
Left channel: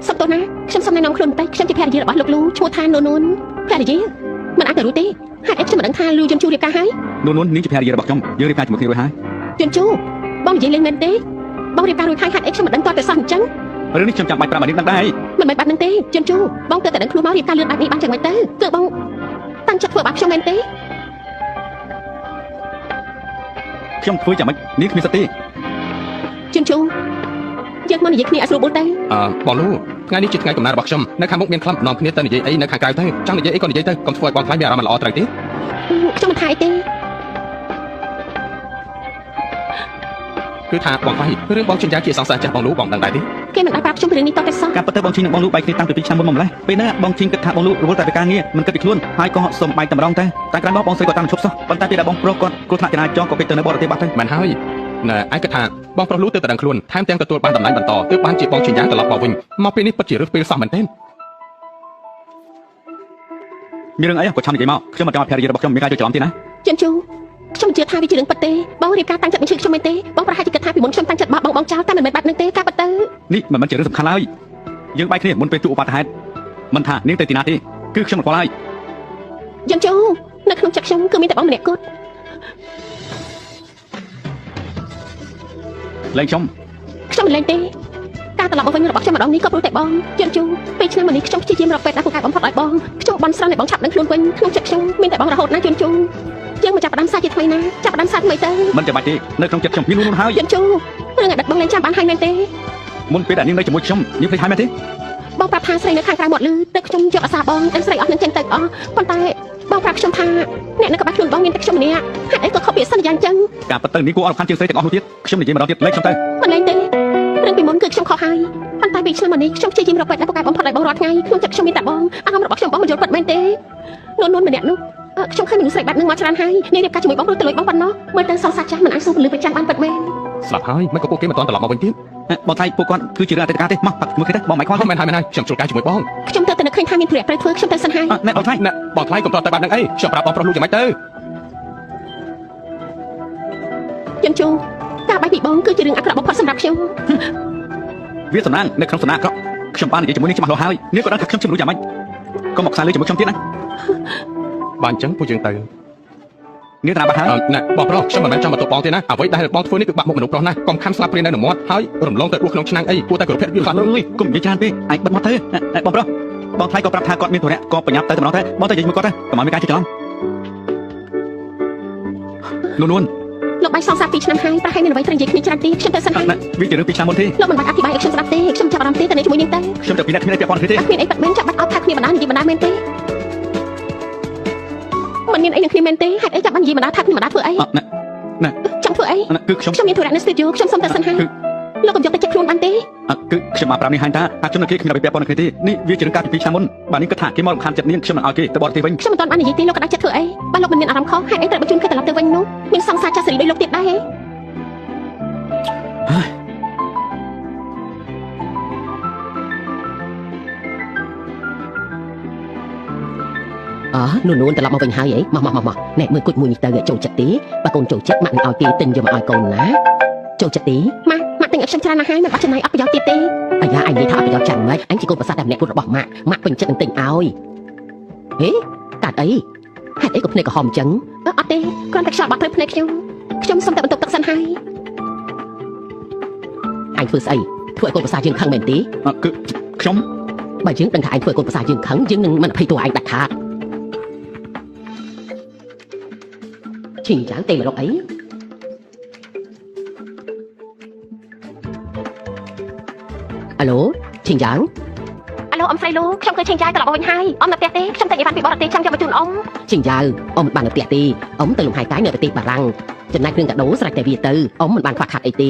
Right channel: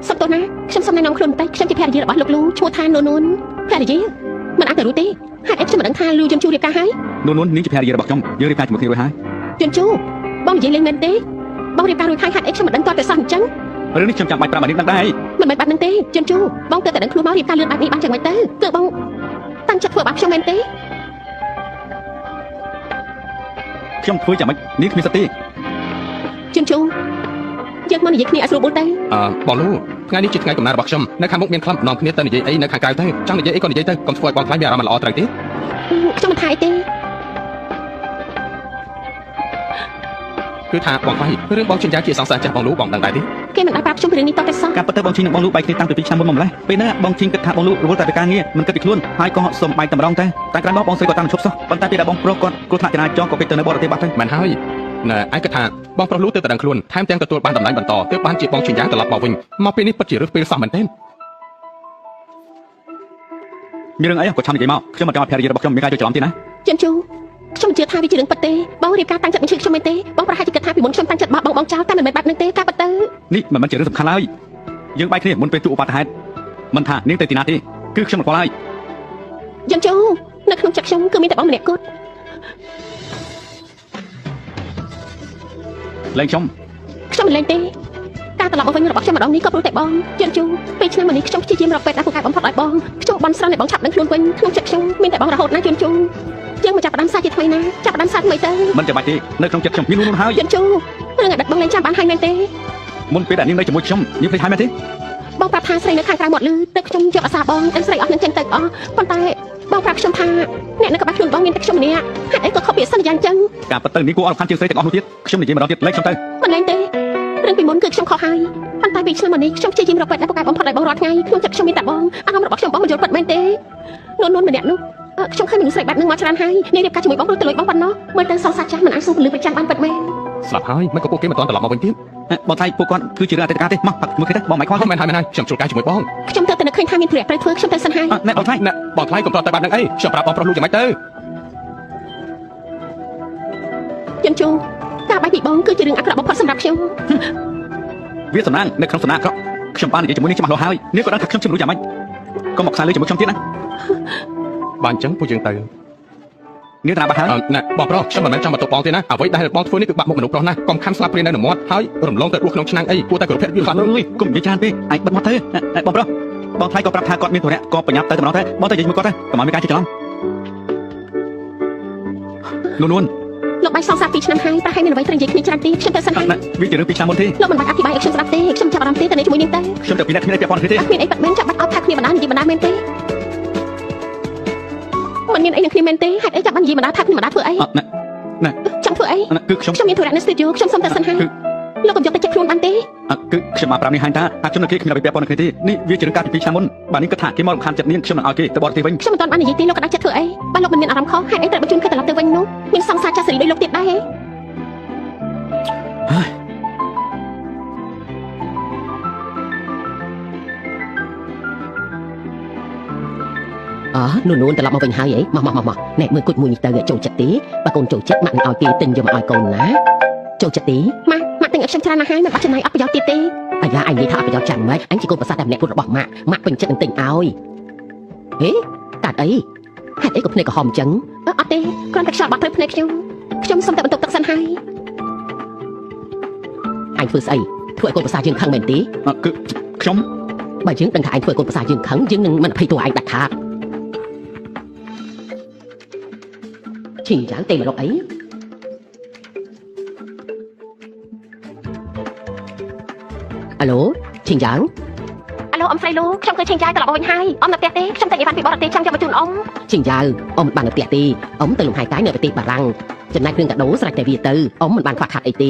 សុំតោះណាខ្ញុំសុំណែនាំខ្លួនបន្តិចខ្ញុំជាភរិយារបស់លោកលូឈ្មោះថានូនភរិយាមិនអាចទៅរួចទេហេតុអីខ្ញុំមិនដឹងថាលូយន់ជូរៀបការហើយ នួននាងជាភរិយារបស់ខ្ញុំយើងរៀបការជាមួយគ្នារួចហើយ យន់ជូបងនិយាយលេងមែនទេបងរៀបការរួចហើយហេតុអីខ្ញុំមិនដឹងតើតែសោះអញ្ចឹង រឿងនេះខ្ញុំចាំបាច់ប្រាប់នាងដឹងដែរ មិនមែនបាត់នឹងទេយន់ជូបងទៅតែដឹងខ្លួនមករៀបការលឿនបែបនេះបានយ៉ាងម៉េចទៅគឺបងតាំងចិត្តធ្វើបាបខ្ញុំមែនទេ ខ្ញុំធ្វើយ៉ាងម៉េចនាងគ្មានសិទ្ធិទេ យន់ជូយើងមកនិយាយគ្នាឲ្យស្រួលបួលទៅ បងនោះថ្ងៃនេះជាថ្ងៃកំណើតរបស់ខ្ញុំនៅខាងមុខមានខ្លឹមនាំគ្នាទៅនិយាយអីនៅខាងក្រៅទៅចង់និយាយអីក៏និយាយទៅកុំធ្វើឲ្យបងខ្លាចមានអារម្មណ៍មិនល្អត្រូវទេ ខ្ញុំមិនថាអីទេ គឺថាបងខ្លាចរឿងបងចិញ្ចាជាសង្សារចាស់បងនោះបងដឹងដែរទេ គេមិនអាចប្រាប់ខ្ញុំពីរឿងនេះតតែសោះ ការពិតទៅបងជីងនិងបងលូបែកគ្នាតាំងពី2ឆ្នាំមុនមកម្លេះពេលហ្នឹងបងជីងគិតថាបងលូរវល់តែពីការងារមិនគិតពីខ្លួនហើយក៏សុំបែកតម្រង់តែក្រោយមកបងស្រីក៏តាមឈប់សោះប៉ុន្តែពេលដែលបងប្រុសគាត់គ្រោះថ្នាក់ចរាចរណ៍ក៏គេទៅនៅបរទេសបាត់ទៅ មិនហើយណែឯងគិតថាបងប្រុសលូទៅតែដឹងខ្លួនថែមទាំងទទួលបានតម្លៃបន្តទើបបានជាបងចិញ្ចាត្រឡប់មកវិញមកពេលនេះពិតជារឿងពេលសោះមែនទេ មានរឿងអីក៏ឆាំនិយាយមកខ្ញុំមិនចង់ឲ្យភរិយារបស់ខ្ញុំមានការយល់ច្រឡំទេណា យន់ជូខ្ញុំមិនជឿថាវាជារឿងពិតទេបងរៀបការតាំងចិត្តមិនជឿខ្ញុំមែនទេបងប្រហែលជាគិតថាពីមុនខ្ញុំតាំងចិត្តបោះបងចោលតែមិនមែនបែបហ្នឹងទេការពិតទៅ នេះមិនមែនជារឿងសំខាន់ឡើយយើងបែកគ្នាមុនពេលទូឧបត្តិហេតុមិនថានាងទៅទីណាទេគឺខ្ញុំមិនខ្វល់ហើយ យន់ជូនៅក្នុងចិត្តខ្ញុំគឺមានតែបងម្នាក់គត់ លេងខ្ញុំ ខ្ញុំមិនលេងទេការត្រឡប់មកវិញរបស់ខ្ញុំម្ដងនេះក៏ព្រោះតែបងយន់ជូពេលឆ្នាំនេះខ្ញុំព្យាយាមរកពេទ្យដែលពូកែបំផុតឲ្យបងខ្ញុំបានស្រង់ឲ្យបងឆាប់ដឹងខ្លួនវិញក្នុងចិត្តខ្ញុំមានតែបងរហូតណាយន់ជូយើងមកចាប់ផ្ដើមសារជាថ្មីណាចាប់ផ្ដើមសារថ្មីទៅ មិនចាំបាច់ទេនៅក្នុងចិត្តខ្ញុំមាននោះហើយ យន់ជូរឿងឲ្យដឹកបងលេងចាំបានហើយមែនទេ មុនពេលដែលនាងនៅជាមួយខ្ញុំនាងភ្លេចហើយមែនទេ បងប្រាប់ថាស្រីនៅខាងក្រៅមាត់លឺតែខ្ញុំយកអាសាបងតែស្រីអស់នឹងចេញទៅអស់ប៉ុន្តែបងប្រាប់ខ្ញុំថាអ្នកនៅក្បែរខ្លួនបងមានតែខ្ញុំម្នាក់ហេតុអីក៏ខុសពីសន្យាអញ្ចឹង ការពិតទៅនាងគួរអរខានជាងស្រីទាំងអស់នោះទៀតខ្ញុំនិយាយម្ដងទៀតលេងខ្ញុំទៅ មិនមែនទេរឿងពីមុនគឺខ្ញុំខុសហើយប៉ុន្តែពីឆ្នាំនេះខ្ញុំព្យាយាមរកពេទ្យដែលពូកែបំផុតឲ្យបងរាល់ថ្ងៃក្នុងចិត្តខ្ញុំមានតែបងអារម្មណ៍របស់ខ្ញុំបងមិនយល់ពិតមែនទេនួនម្នាក់នោះខ្ញុំឃើញមនុស្សស្រីបែបហ្នឹងមកច្រើនហើយនាងរៀបការជាមួយបងព្រោះទៅលួចបងប៉ុណ្ណោះមើលទៅសោះសាច់ចាស់មិនអាចសួរពលឺពេជ្រចាំបានពិតមែន ស្លាប់ហើយមិនក៏ពួកគេមិនទាន់ត្រឡប់មកវិញទៀត បងថៃពួកគាត់គឺជារឿងអតីតកាលទេមកបាត់មកគេទៅបងមិនខ្វល់ មិនហើយខ្ញុំជួលកាយជាមួយបង ខ្ញុំទៅតែនឹកឃើញថាមានប្រយ័ត្នត្រូវធ្វើខ្ញុំទៅសិនហើយ ណែបងថៃ ណែបងខ្លាចកុំប្រត់តែបានដឹងអីខ្ញុំប្រាប់បងប្រុសលូយ៉ាងម៉េចទៅ យន់ជូការបែកពីបងគឺជារឿងអាក្រក់បំផុតសម្រាប់ខ្ញុំ វាសំណាងនៅក្នុងសំណាងអាក្រក់ខ្ញុំបាននិយាយជាមួយនាងច្បាស់លាស់ហើយនាងក៏ដឹងថាខ្ញុំជំនួសយ៉ាងម៉េចកុំមកខ្សែលើជាមួយខ្ញុំទៀតណា បានអញ្ចឹងពួកយើងទៅ នាងតាបាត់ហើយ ណែបងប្រុសខ្ញុំមិនមែនចង់មកតបបងទេណាអ្វីដែលបងធ្វើនេះគឺបាក់មុខមនុស្សប្រុសណាកុំខំស្លាប់ព្រាយនៅនឹងមាត់ហើយរំលងទៅរស់ក្នុងឆ្នាំងអីគួរតែគោរពវាខ្លះ រុយគុំនិយាយច្រើនពេកអាចបិទមាត់ទៅបងប្រុសបងថៃក៏ប្រាប់ថាគាត់មានធុរៈក៏ប្រញាប់ទៅតែម្ដងទៅបងទៅនិយាយជាមួយគាត់ទៅកុំឲ្យមានការជិះច្រឡំនួន លោកបាយសងសា2ឆ្នាំហើយប្រហែលមានអ្វីត្រូវនិយាយគ្នាច្រើនទេខ្ញុំទៅសិនហើយ វាជារឿង2ឆ្នាំមុនទេ លោកមិនបាច់អធិប្បាយឲ្យខ្ញុំស្ដាប់ទេខ្ញុំចាប់អារម្មណ៍ទេទៅជាមួយនាងទៅ ខ្ញុំទៅពីអ្នកគ្នាពាក់ព័ន្ធគ្នាទេ គ្មានអីបាត់មែនចាប់បាត់អត់ថាគ្នាបណ្ដានិយាយបណ្ដាមែនទេមិនមានអីនឹងគ្នាមែនទេហេតុអីចាប់បាត់និយាយបណ្ដាថាគ្នាបណ្ដាធ្វើអី ណែ ចង់ធ្វើអី គឺខ្ញុំ ខ្ញុំមានធុរៈនៅស្ទូឌីយោខ្ញុំសុំទៅសិនហើយលោកកុំយកទៅចិត្តខ្លួនបានទេ គឺខ្ញុំបានប្រាប់នាងហាញថាខ្ញុំនៅគេគ្មានអ្វីពាក់ព័ន្ធគ្នាទេនេះវាជារឿងការពី2ឆ្នាំមុនបាទនាងគិតថាគេមករំខានចិត្តនាងខ្ញុំមិនឲ្យគេទៅបរទេសវិញ ខ្ញុំមិនទាន់បាននិយាយទេលោកក៏ដាក់ចិត្តធ្វើអីបើលោកមិនមានអារម្មណ៍ខុសហេតុអីត្រូវបញ្ជូនគេត្រឡប់ទៅវិញនោះមានសង្សារចាស់សេរីដូចលោកទៀតដែរហេ នួនត្រឡប់មកវិញហើយហីមកណែមើលគុជមួយនេះទៅចូលចិត្តទេបើកូនចូលចិត្តម៉ាក់នឹងឲ្យគេទិញយកមកឲ្យកូនណាចូលចិត្តទេម៉ាក់ទិញឲ្យខ្ញុំច្រើនណាស់ហើយមិនបាច់ចំណាយអត់ប្រយោជន៍ទៀតទេអាយ៉ាអញនិយាយថាអត់ប្រយោជន៍ចាំម៉េចអញជាកូនប្រសាទតែម្នាក់ពុតរបស់ម៉ាក់ពេញចិត្តនឹងទិញឲ្យហេកាត់អីហេតុអីក៏ភ្នែកក្រហមអញ្ចឹងអត់ទេគ្រាន់តែខ្យល់បាត់ទៅភ្នែកខ្ញុំសុំតែបន្ទប់ទឹកសិនហើយអញធ្វើស្អីធ្វើឲ្យកូនប្រសាទយើងខឹងមែនទេ គឺខ្ញុំ បើយើងដឹងថាអញធ្វើឲ្យកូនប្រសាទយើងខឹងយើងនឹងមិនភ័យតួឯងដាច់ខាតឈិញចាំទេរកអីអាឡូឈិញចាំអាឡូអ៊ំស្រីលូខ្ញុំឃើញឈិញចាំត្រឡប់មកវិញហើយអ៊ំនៅផ្ទះទេខ្ញុំតែនិយាយបានពីបរទេសចាំយកមកជូនអ៊ំឈិញចាំអ៊ំមិនបាននៅផ្ទះទេអ៊ំទៅលំហែកាយនៅប្រទេសបារាំងចំណែកគ្រឿងកាដូស្រេចតែវាទៅអ៊ំមិនបានខ្វះខាតអីទេ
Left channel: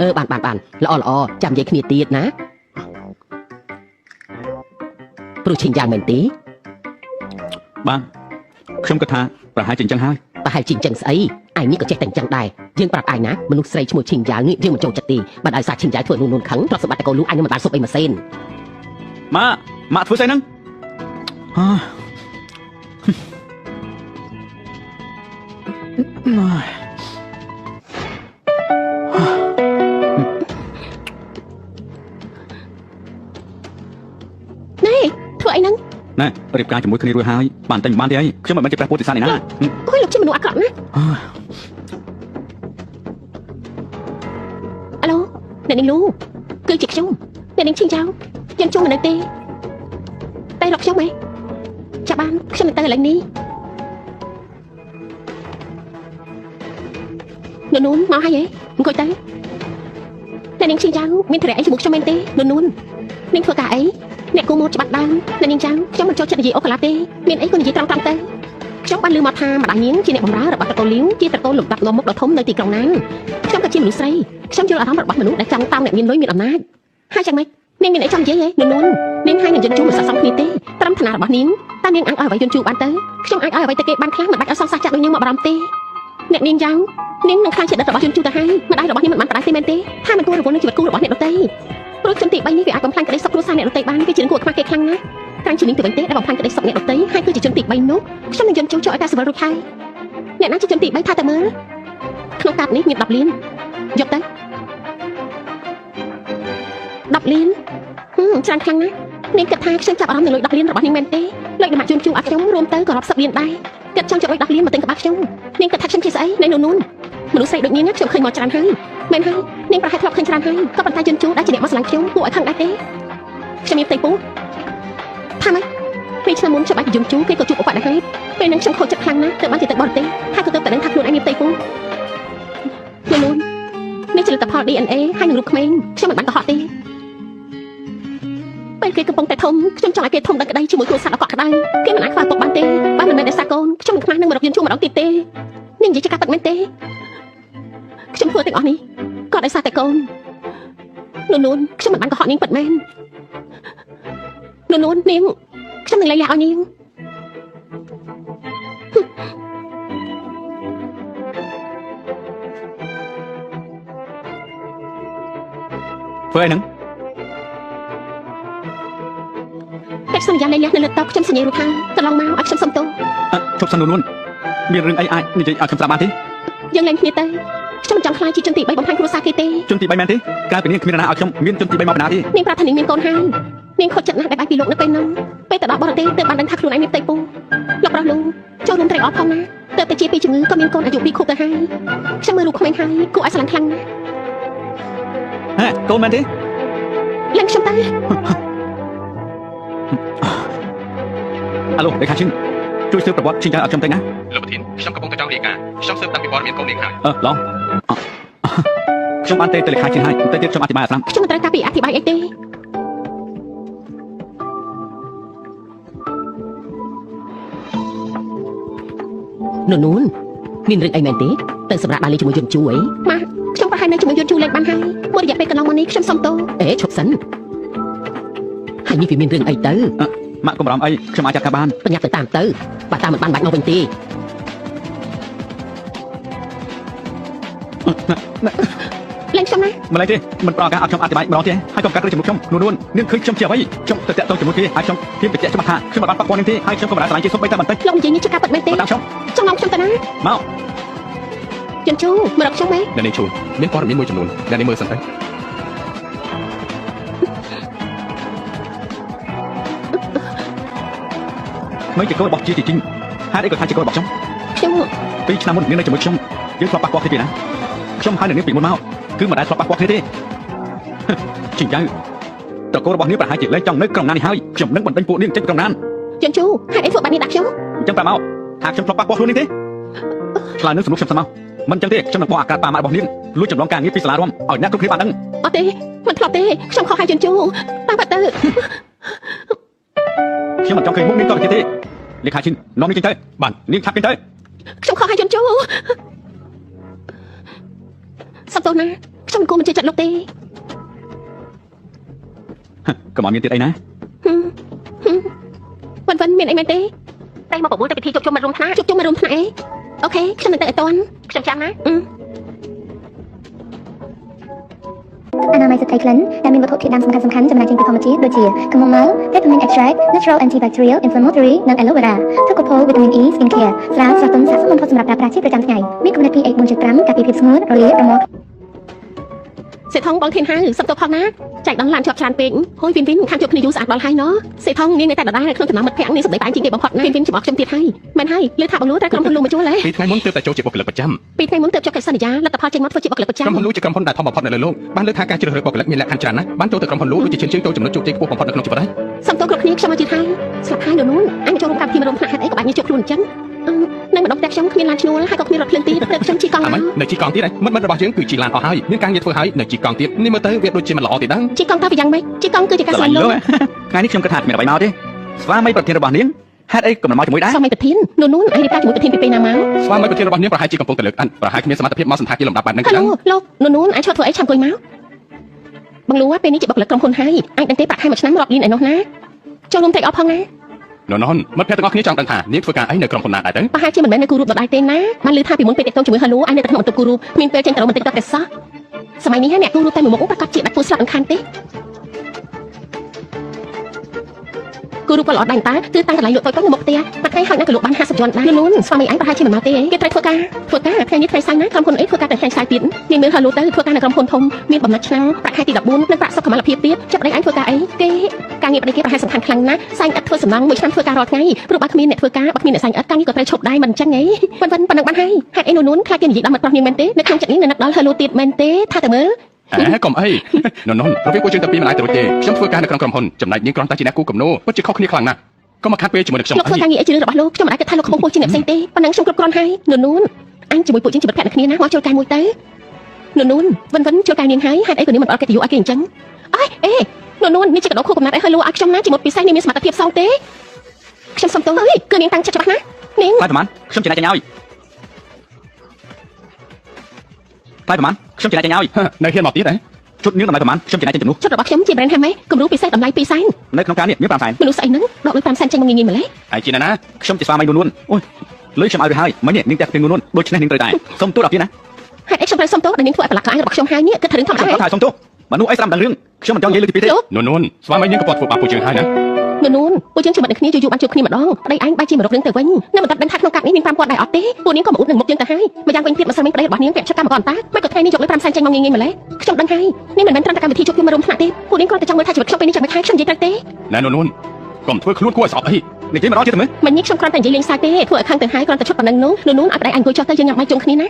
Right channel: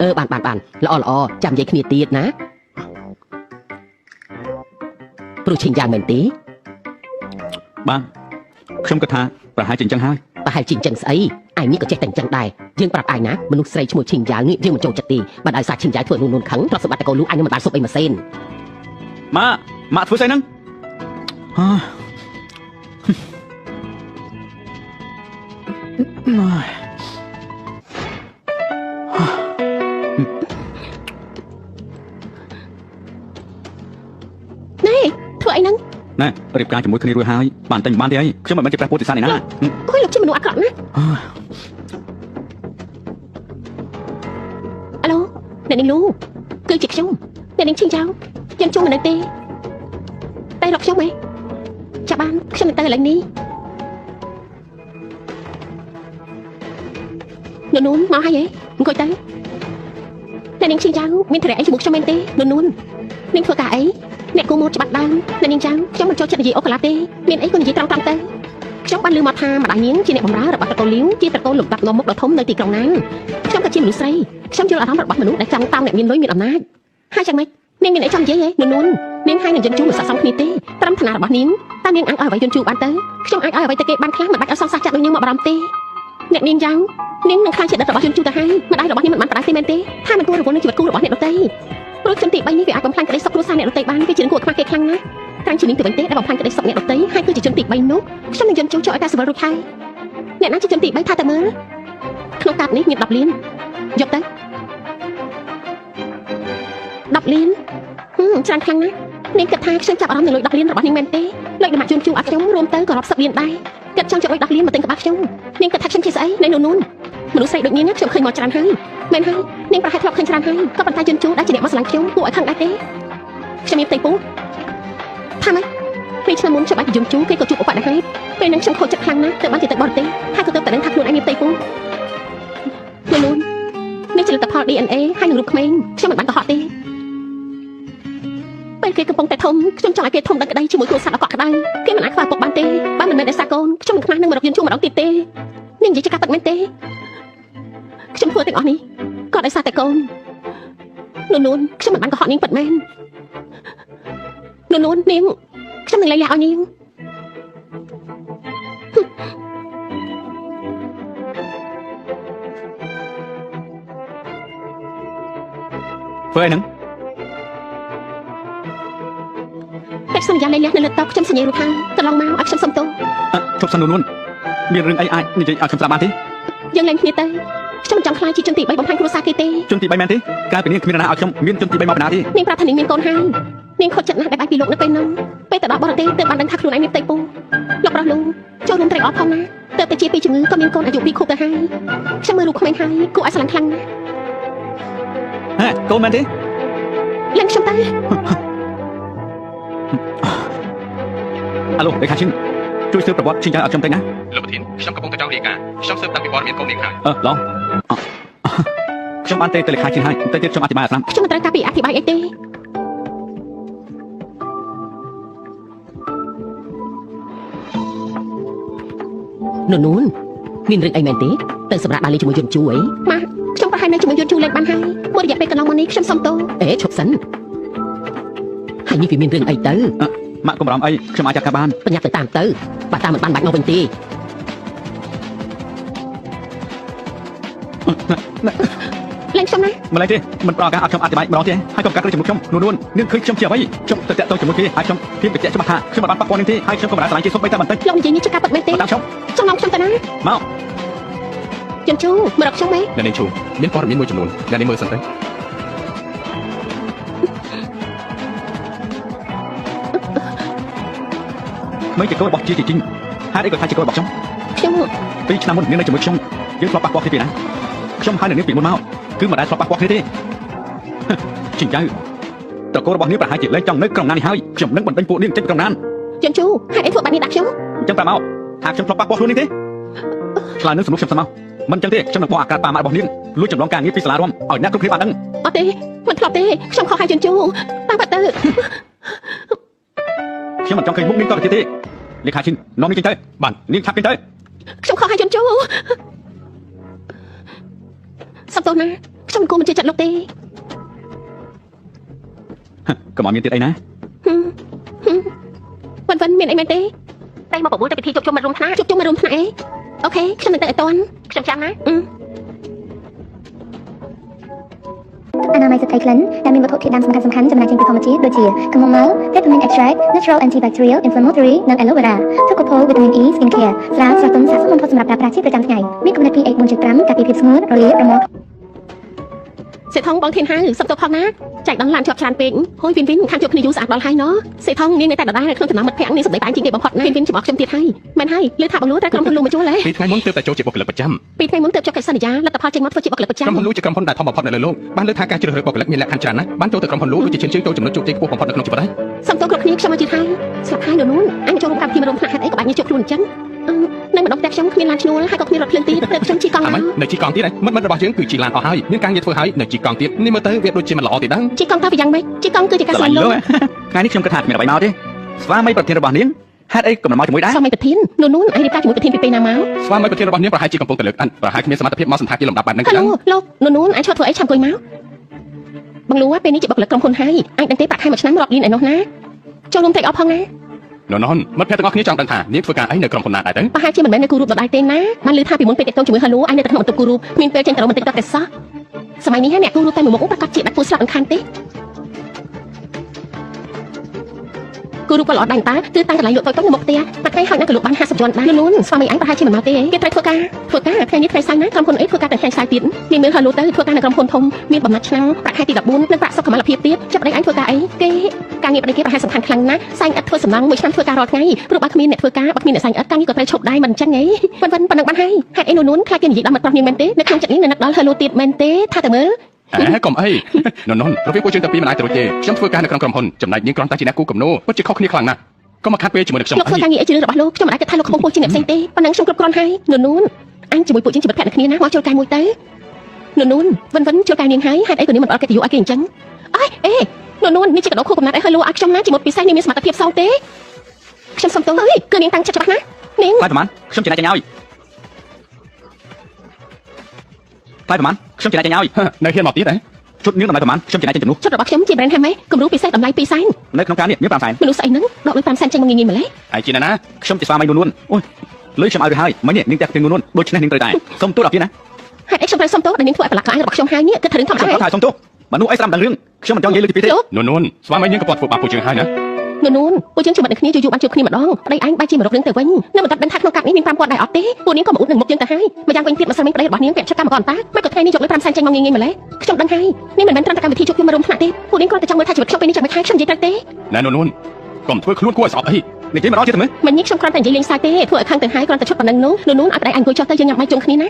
បានល្អចាំនិយាយគ្នាទៀតណាព្រោះឈិញចាំមែនទេ បានខ្ញុំគិតថាប្រហែលជាអញ្ចឹងហើយ ប្រហែលជាអញ្ចឹងស្អីអញនេះក៏ចេះតែអញ្ចឹងដែរយើងប្រាប់អញណាមនុស្សស្រីឈ្មោះឈិញយ៉ាងនេះយើងមិនចូលចិត្តទេបើដោយសារឈិញយ៉ាងធ្វើនួនខឹងទ្រព្យសម្បត្តិតែកូនលូអញនឹងមិនបានសុបអីម៉ាស៊ីន ម៉ាក់ធ្វើស្អីហ្នឹង យ ណែរៀបការជាមួយគ្នារួចហើយបានតែបានទេអីខ្ញុំមិនមែនជាព្រះពុទ្ធសាសនាណា អូយលោកជាមនុស្សអាក្រក់ណាអាឡូអ្នកនាងលូគឺជាខ្ញុំអ្នកនាងឈីងចៅយើងជួបមិននៅទេតែរកខ្ញុំហ៎ចាំបានខ្ញុំទៅឥឡូវនេះនួនមកហើយហ៎អង្គុយទៅអ្នកនាងឈីងចៅមានត្រែអីជាមួយខ្ញុំមែនទេនួននាងធ្វើការអីអ្នកគូមកច្បាស់បានអ្នកនាងចៅខ្ញុំមិនចូលចិត្តនិយាយអូកាឡាទេមានអីក៏និយាយត្រង់ៗទៅខ្ញុំបានឮមកថាម្ដាយនាងជាអ្នកបម្រើរបស់តកូលលាវជាតកូលលំដាប់ងមុខដ៏ធំនៅទីក្រុងណានខ្ញុំក៏ជាមនុស្សស្រីខ្ញុំយល់អារម្មណ៍របស់មនុស្សដែលចង់តោងអ្នកមានលុយមានអំណាចហើយយ៉ាងម៉េចនាងមានអីចង់និយាយហ៎នួននាងហើយនឹងយន់ជូមិនស័ក្តិសមគ្នាទេត្រឹមឋានៈរបស់នាងតើនាងអាចឲ្យអ្វីយន់ជូបានទៅខ្ញុំអាចឲ្យអ្វីទៅគេបានខ្លះមិនបាច់ឲ្យសងសាចាក់ដូចនាងមកបារម្ភទេអ្នកនាងចៅនាងនឹងខ្លាចជាដិតរបស់យន់ជូទៅហើយម្ដាយរបស់នាងមិនបានបដៅទេមែនទេហើយមិនគួររវល់នឹងជីវិតគូរបស់អ្នកដទៃព្រោះជនទី3នេះវាអាចបំផ្លាញក្តីសុខគ្រួសារអ្នកដទៃបានវាជាគួរខ្មាស់គេខ្លាំងណាស់ក្រែងជានាងទៅវិញទេដែលបំផ្លាញក្តីសុខអ្នកដទៃហើយគឺជាជនទី3នោះខ្ញុំនឹងយន់ជូចូលឲ្យតែសម្រាប់រួចហើយអ្នកណាជាជនទី3ថាតែមើលក្នុងកាតនេះមាន10លានយកទៅ10លានច្រើនខ្លាំងណាស់នាងគិតថាខ្ញុំចាប់អារម្មណ៍នឹងលុយ10លានរបស់នាងមែនទេលុយដំណាក់ជូនជូអាខ្ញុំរួមទៅក៏រាប់សិបលានដែរគិតចង់ជួយ10លានមកទិញកបាខ្ញុំនាងគិតថាខ្ញុំជាស្អីនៅនោះមនុស្សស្រីដូចនាងខ្ញុំឃើញមកច្រើនហើយមែនហើយនាងប្រហែលធ្លាប់ឃើញច្រើនហើយក៏ប៉ុន្តែជូនជូដែលជាអ្នកមកស្រឡាញ់ខ្ញុំគួរឲ្យខឹងដែរទេខ្ញុំមានផ្ទៃពោះថាម៉េចពេលឆ្នាំមុនខ្ញុំអាចជូនជូគេក៏ជួបឧបទ្ទហេតុពេលហ្នឹងខ្ញុំខូចចិត្តខ្លាំងណាស់ទៅបានជាទៅបរទេសហើយក៏ទៅតែដឹងថាខ្លួនឯងមានផ្ទៃពោះនោះនេះជាលទ្ធផល DNA ហើយនឹងរូបក្មេងខ្ញុំមិនបានកុហកទេពេលគេកំពុងតែធំខ្ញុំចង់ឲ្យគេធំដល់ក្តីជាមួយគ្រួសារដ៏កក់ក្ដៅគេមិនអាចខ្វះទុកបានទេបើមិនមែនដោយសារកូនខ្ញុំមិនខ្មាស់នឹងមករកយន្តជួម្ដងទៀតទេនាងនិយាយជាការពិតមែនទេខ្ញុំធ្វើទាំងអស់នេះក៏ដោយសារតែកូននួនខ្ញុំមិនបានកុហកនាងពិតមែននួននាងខ្ញុំនឹងលៃលាឲ្យនាងធ្វើអីហ្នឹងតែសន្យាលៃលានៅលើតុខ្ញុំសញ្ញារួចហើយកន្លងមកឲ្យខ្ញុំសុំទោសជប់សិននួនមានរឿងអីអាចនិយាយឲ្យខ្ញុំស្ដាប់បានទេយើងឡើងគ្នាទៅខ្ញុំចង់ខ្លាចជាជនទី3បំផាញ់គ្រួសារគេទេជនទី3មែនទេកាលពីនេះគ្មាននរណាឲ្យខ្ញុំមានជនទី3មកបណ្ណាទេនាងប្រាប់ថានាងមានកូនហើយនាងខុសចិត្តណាស់ដែលបែកពីលោកនៅពេលនោះពេលទៅដល់បរទេសទើបបានដឹងថាខ្លួនឯងមានផ្ទៃពោះលោកប្រាប់លោកចូលនឹងត្រេកអរផងណាទើបទៅជាពីជំងឺក៏មានកូនអាយុ2ខួបទៅហើយខ្ញុំមើលរូបក្មេងហើយគួរឲ្យស្រឡាញ់ខ្លាំងណាស់ហេកូនមែនទេឡើងខ្ញុំទៅអាឡូលេខាឈិនជួយស៊ើបប្រវត្តិឈិនចៅឲ្យខ្ញុំទៅណាលោកប្រធានខ្ញុំកំពុងតែចង់រាយការណ៍ខ្ញុំស៊ើបតាំងពីព័ត៌មានកូននាងហើយឡងខ្ញុំបានទៅលេខាឈិនហើយទៅទៀតខ្ញុំអធិប្បាយឲ្យស្ដាប់ខ្ញុំមិនត្រូវការពីអធិប្បាយអីទេនួនមានរឿងអីមែនទេទៅសម្រាប់បាលីជាមួយយន្តជួយម៉ាក់ខ្ញុំប្រហែលនៅជាមួយយន្តជួយលេងបានហើយមួយរយៈពេលកន្លងមកនេះខ្ញុំសុំទោសឈប់សិនហើយនេះវាមានរឿងអីទៅម៉ាក់កុំបារម្ភអីខ្ញុំអាចចាត់ការបានបញ្ញាទៅតាមទៅបើតាមមិនបានបាច់មកវិញទេលេងខ្ញុំណាមិនលេងទេមិនប្រកាសឲ្យខ្ញុំអធិប្បាយម្ដងទេហើយកុំកាត់លើជាមួយខ្ញុំនួននឹងឃើញខ្ញុំជាអ្វីខ្ញុំទៅតាក់ទងជាមួយគេហើយខ្ញុំទៀតបញ្ជាក់ច្បាស់ថាខ្ញុំមិនបានប៉ះពាល់នេះទេហើយខ្ញុំក៏មិនបានស្លាញ់ជាសុំបីតែបន្តិចខ្ញុំនិយាយនេះជាការពិតមែនទេខ្ញុំខ្ញុំទៅណាមកជន់ជូមករកខ្ញុំទេអ្នកនាងជូមានព័ត៌មានមួយចំនួនអ្នកនាងមើលសិនទៅមិនជាកូនរបស់ជីជីងហើយអីក៏ថាជាកូនរបស់ខ្ញុំពេលឆ្នាំមុនមាននៅជាមួយខ្ញុំយើងធ្លាប់ប៉ះពាល់គ្នាពីណាខ្ញុំហើយនឹងពីមុនមកគឺមិនដែលធ្លាប់ប៉ះពាល់គ្នាទេជីងចៅតកូលរបស់នាងប្រហែលជាលែងចង់នៅក្រុងណាននេះហើយខ្ញុំនឹងបណ្ដេញពួកនាងចេញពីក្រុងណានជន់ជូហេតុអីធ្វើបាត់នេះដាក់ខ្ញុំអញ្ចឹងប្រាប់មកថាខ្ញុំធ្លាប់ប៉ះពាល់ខ្លួននេះទេឆ្លើយនឹងសំណុំខ្ញុំស្មោះមិនអញ្ចឹងទេខ្ញុំនឹងបោះអាកាសប៉ាម៉ាក់របស់នាងលួចចម្លងការងារពីសាលារួមឲ្យអ្នកគ្រប់គ្នាបានដឹងអត់ទេមិនធ្លាប់ទេខ្ញុំខុសហើយជន់ជូតាមបាត់ទៅខ្ញុំមិនចង់ឃើញមុខនាងតទៅទេលេខាឈិននាំនាងចេញទៅបាទនាងឆាប់ចេញទៅខ្ញុំខុសហើយជន់ជូសុំទោសណាខ្ញុំគួរមិនជឿចិត្តលោកទេកុំឲ្យមានទៀតអីណាវិនមានអីមែនទេតែមកប្រមូលតែពិធីជួបជុំមករួមថ្នាក់ជួបជុំមករួមថ្នាក់អីអូខេខ្ញុំមិនទៅឲ្យតាន់ខ្ញុំចាំណាអនាម័យសត្វក្លិនដែលមានវត្ថុធាតុដើមសំខាន់ៗចំណែកចេញពីធម្មជាតិដូចជាកំងម៉ៅ Peppermint Extract Natural Antibacterial Inflammatory និង Aloe Vera ទឹកកកូ Vitamin E Skin Care ស្រាស្រស់ទន់ស័ក្តិសមបំផុតសម្រាប់ប្រើប្រាស់ជាប្រចាំថ្ងៃមានកម្រិត pH 4.5 ការពារភាពស្ងួតរលាកប្រមូល សេថងបងធានហើយសុំទៅផងណាចែកដល់ឡានជាប់ច្រើនពេកហួយវិនវិនខាងជួបគ្នាយូរស្អាតដល់ហើយណសេថងនាងនៅតែដដែលក្នុងចំណោមមិត្តភក្តិនាងសម្ដីតែជាងគេបំផុតណាវិនវិនចំអកខ្ញុំទៀតហើយមែនហើយលើថាបងលូត្រូវក្រុមហ៊ុនលូមកជួលហើយ ពីថ្ងៃមុនទើបតែចូលជាបុគ្គលិកប្រចាំ ពីថ្ងៃមុនទើបចុះកិច្ចសន្យាលទ្ធផលចេញមកធ្វើជាបុគ្គលិកប្រចាំ ក្រុមហ៊ុនលូជាក្រុមហ៊ុនដែលធំបំផុតនៅលើលោកបានលើកថាការជ្រើសរើសបុគ្គលិកមានលក្ខខណ្ឌច្រើនណាស់បានចូលទៅក្រុមហ៊ុនលូដូចជាឈានជើងចូលចំណុចជោគជ័យខ្ពស់បំផុតនៅក្នុងជីវិតហើយ សុំទោសគ្រប់គ្នាខ្ញុំមកជិះហើយស្លាប់ហើយដល់នោះអញចូលរួមកម្មវិធីមករំផ្នែកហេតុអីក៏បាច់ញើសជុកខ្លួនអញ្ចឹងនៅម្ដងតែខ្ញុំគ្មានឡានឈ្នួលហើយក៏គ្មានរថភ្លើងទីព្រឹកខ្ញុំជិះកង់ អាម៉េចនៅជីកង់ទៀតហើយមិត្តរបស់យើងគឺជីឡានអស់ហើយមានការងារធ្វើហើយនៅជីកង់ទៀតនេះមើលទៅវាដូចជាមិនល្អទេដែរ ជិះកង់ទៅវាយ៉ាងម៉េចជិះកង់គឺជាការ ស្រ សា ឡា ញ ញ់ ់ លើ លោក ថ្ងៃនេះខ្ញុំគិតថាគ្មានអ្វីមកទេស្វាមីប្រធានរបស់នាងហេតុអីក៏មិនមកជាមួយដែរ ស្វាមីប្រធាននោះអញរៀបការជាមួយប្រធានពីពេលណាមក ស្វាមីប្រធានរបស់នាងប្រហែលជាកំពុងតែលើកអានប្រហែលគ្មានសមត្ថភាពមកសន្តាគារលំដាប់បែបហ្នឹង ហេ ខ្លាំង ឡូលោកនោះអញឈប់ធ្វើអីឆាំអង្គុយមកបងលូពេលនេះជាបុគ្គលិកក្រុមហ៊ុនហើយអញដឹងទេប្រាក់ខែមួយឆ្នាំរាប់លានឯនោះណាចូលរួម take off ផងណា នោះនមិត្តភក្តិទាំងអស់គ្នាចង់ដឹងថានាងធ្វើការអីនៅក្រុមហ៊ុនណាដែរទៅ ប្រហែលជាមិនមែននៅគូរូបដដែលទេណាបានឮថាពីមុនពេលតេតងជាមួយហៅលូអញនៅតែក្នុងអន្តរគូរូបមានពេលចេញទៅរកបន្តិចទៅតែសោះសម័យនេះអ្នកគូរូបតែមួយមុខប្រកាសជាបាច់ពួរស្លាប់រំខានទេគូរូបក៏ល្អដែរតាគឺតាំងកន្លែងលក់តូចៗនៅមុខផ្ទះតែថ្ងៃហើយនៅក៏លក់បាន50ជាន់ដែរលូនស្វាមីអញប្រហែលជាមិនមកទេគេត្រូវធ្វើការថ្ងៃនេះថ្ងៃសៅរ៍ណាក្រុមហ៊ុនអីធ្វើការតែថ្ងៃសៅរ៍ទៀតមានមើលហៅលូទៅធ្វើការនៅក្រុមហ៊ុនធំមានបំណុលឆ្នាំប្រាក់ខែទី14និងប្រាក់សុខុមាលភាពទៀតចាប់ប្តីអញធ្វើការអីគេការងារប្តីគេប្រហែលសំខាន់ខ្លាំងណាស់សែងឥតធ្វើសំណងមួយឆ្នាំធ្វើការរាល់ថ្ងៃព្រោះបើគ្មានអ្នកធ្វើការបើគ្មានអ្នកសែងឥតការងារក៏ត្រូវឈប់ដែរមិនអញ្ចឹងហីប៉ុណ្ណឹងបានហើយហេតុអីនោះខ្លាចគេនិយាយដល់មិត្តប្រុសនាងមែនទេនៅក្នុងចិត្តនេះនៅនឹកដល់ហៅលូទៀតមែនទេថាទៅមើល កុំអីនោះប្រវេពួកយើងតែពីរមិនអាចទៅទេខ្ញុំធ្វើការនៅក្នុងក្រុមហ៊ុនចំណែកនាងគ្រាន់តែជាអ្នកគូកំណោពិតជាខុសគ្នាខ្លាំងណាស់កុំមកខាត់ពេលជាមួយនឹងខ្ញុំ លោកធ្វើការងារអីជារឿងរបស់លោកខ្ញុំមិនអាចគិតថាលោកខ្ពស់ជាងអ្នកផ្សេងទេប៉ុណ្ណឹងខ្ញុំគ្រប់គ្រាន់ហើយនោះអញជាមួយពួកយើងជាមិត្តភក្តិគ្នាណាមកចូលការមួយទៅនោះវិនចូលការនាងហើយហេតុអីក៏នាងមិនអត់កិត្តិយសឲ្យគេអញ្ចឹងអេនោះនេះជាកដោខូកំណាត់អីឲ្យលោកឲ្យខ្ញុំណាជាមួយពិសេសនាងមានសមត្ថភាពសោទេខ្ញុំសុំទោសគឺនាងតាំងចិត្តច្បាស់ណានាង ថ្លៃប្រហែលខ្ញុំចំណាយចេញឲ្យថ្លៃប្រហែលខ្ញុំចំណាយចេញឲ្យ នៅហ៊ានមកទៀតហ៎ ជុតនាងតម្លៃប្រហែលខ្ញុំចំណាយចេញជំនួស ចិត្តរបស់ខ្ញុំជា brand handmade គំរូពិសេសតម្លៃ2សែន នៅក្នុងការនេះមាន5សែន មនុស្សស្អីហ្នឹងដកលុយ5សែនចេញមកងាយៗម្លេះ ហើយជាណាខ្ញុំជាស្វាមីនួនអូយលុយខ្ញុំឲ្យទៅហើយមិញនាងតែនាងនួនដូច្នេះនាងត្រូវតែសុំទោសដល់ទៀតណា ហេតុអីខ្ញុំត្រូវសុំទោសដែលនាងធ្វើឲ្យប្រឡាក់ខ្លាញ់របស់ខ្ញុំហើយនេះគឺថារឿងធម្មតា ខ្ញុំតែសុំទោសមនុស្សអីស្ដាប់ដល់រឿងខ្ញុំមិនចង់និយាយលើទីពីទេ នោះស្វាមីនាងក៏គាត់ធ្វើបាបពួកយើងហើយណា នោះពួកយើងជាមួយគ្នាយូរបានជួបគ្នាម្ដងប្តីអញបែរជាមករករឿងទៅវិញនៅមិនដឹងថាក្នុងកាប់នេះមាន5ពាន់ដែរអត់ទេពួកនាងក៏មកអ៊ុតនឹងមុខយើងទៅហើយម្យ៉ាងវិញទៀតបើសិនមានប្តីរបស់នាងពាក់ចិត្តកម្មករតាមិនក៏ថ្ងៃនេះយកលុយ5សែនចេញមកងាយៗម្លេះខ្ញុំដឹងហើយនេះមិនមែនត្រឹមតែកម្មវិធីជួបគ្នាមករំថ្នាក់ទេពួកនាងគ្រាន់តែចង់មើលថាជីវិតខ្ញុំពេលនេះចាំមិនខានខ្ញុំនិយាយត្រូវទេ ណែនោះកុំធ្វើខ្លួនគួរឲ្យស្អប់អី និយាយម្ដងទៀតមើល មិននេះខ្ញុំគ្រាន់តែនិយាយលេងសើចទេធ្វើឲ្យខាងទៅហើយគ្រាន់តែឈប់ប៉ុណ្ណឹងនោះឲ្យប្តីអញអង្គុយចុះទៅយើងញ៉ាំបាយជុំគ្នាណា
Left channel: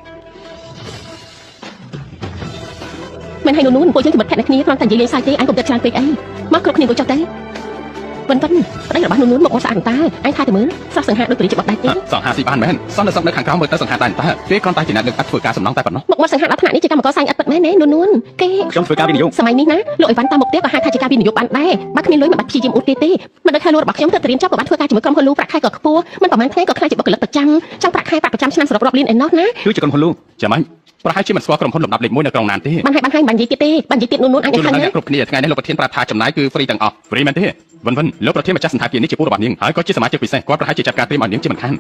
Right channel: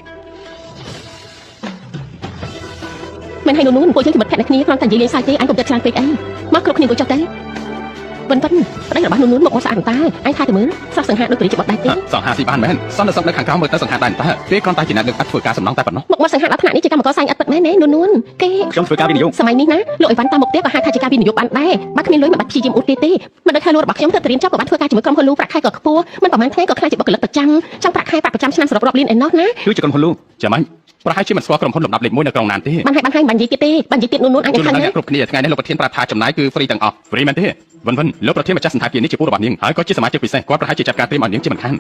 មិនឲ្យពួកយើងជាមិត្តភក្តិគ្នាគ្រាន់តែនិយាយលេងសើចទេអញកុំចិត្តច្រើនពេកអីមកគ្រប់គ្នាអង្គុយចុះទៅប៉ុន្តែប្តីរបស់នោះមកមកស្អាតតាអញថាទៅមើលស្រស់សង្ហាដូចព្រះជាបបដៃទេស ង្ហាស៊ីបានមែនសន្តិសុខនៅខាងក្រោមមើលទៅសង្ហាតែតាគេគ្រាន់តែជាអ្នកលើកអាត់ធ្វើការសំណងតែប៉ុណ្ណោះ មកសង្ហាដល់ថ្នាក់នេះជាកម្មករសាញ់អត់ពិតមែនទេនួនគេ ខ្ញុំធ្វើការវិនិយោគ សម័យនេះណាលោកអីវ៉ាន់តាមមុខផ្ទះក៏ហៅថាជាការវិនិយោគបានដែរបើគ្មានលុយមិនបាច់ព្យាយាមអ៊ុតគេទេមិនដឹងថាលោករបស់ខ្ញុំទៅត្រៀមចប់ក៏បានធ្វើការជាមួយក្រុមហ៊ុនលូប្រាក់ខែក៏ខ្ពស់មិនប្រហែលថ្ងៃក៏ខ្លាចជាបុគ្គលិកប្រចាំចង់ប្រាក់ខែប្រចាំឆ្នាំសរុបរាប់លានឯណោះណា គឺជាក្រុមហ៊ុនលូ ចាំមិនប្រហែលជាមិនស្គាល់ក្រុមហ៊ុនលំដាប់លេខ1នៅក្រុងណានទេ បានហើយមិននិយាយទៀតទេបាននិយាយទៀតនួនអញ ខ្ញុំ ខាង នឹង ណា គ្រប់គ្នាថ្ងៃនេះលោកប្រធានប្រាប់ថាចំណាយគឺហ្វ្រីទាំងអស់ហ្វ្រីមែនទេវិនលោកប្រធានម្ចាស់សន្តាគារនេះជាពូរបស់នាងហើយក៏ជាសមាជិកពិសេសគាត់ប្រហែលជាចាត់ការព្រៀមឲ្យនាងជាមិនខាន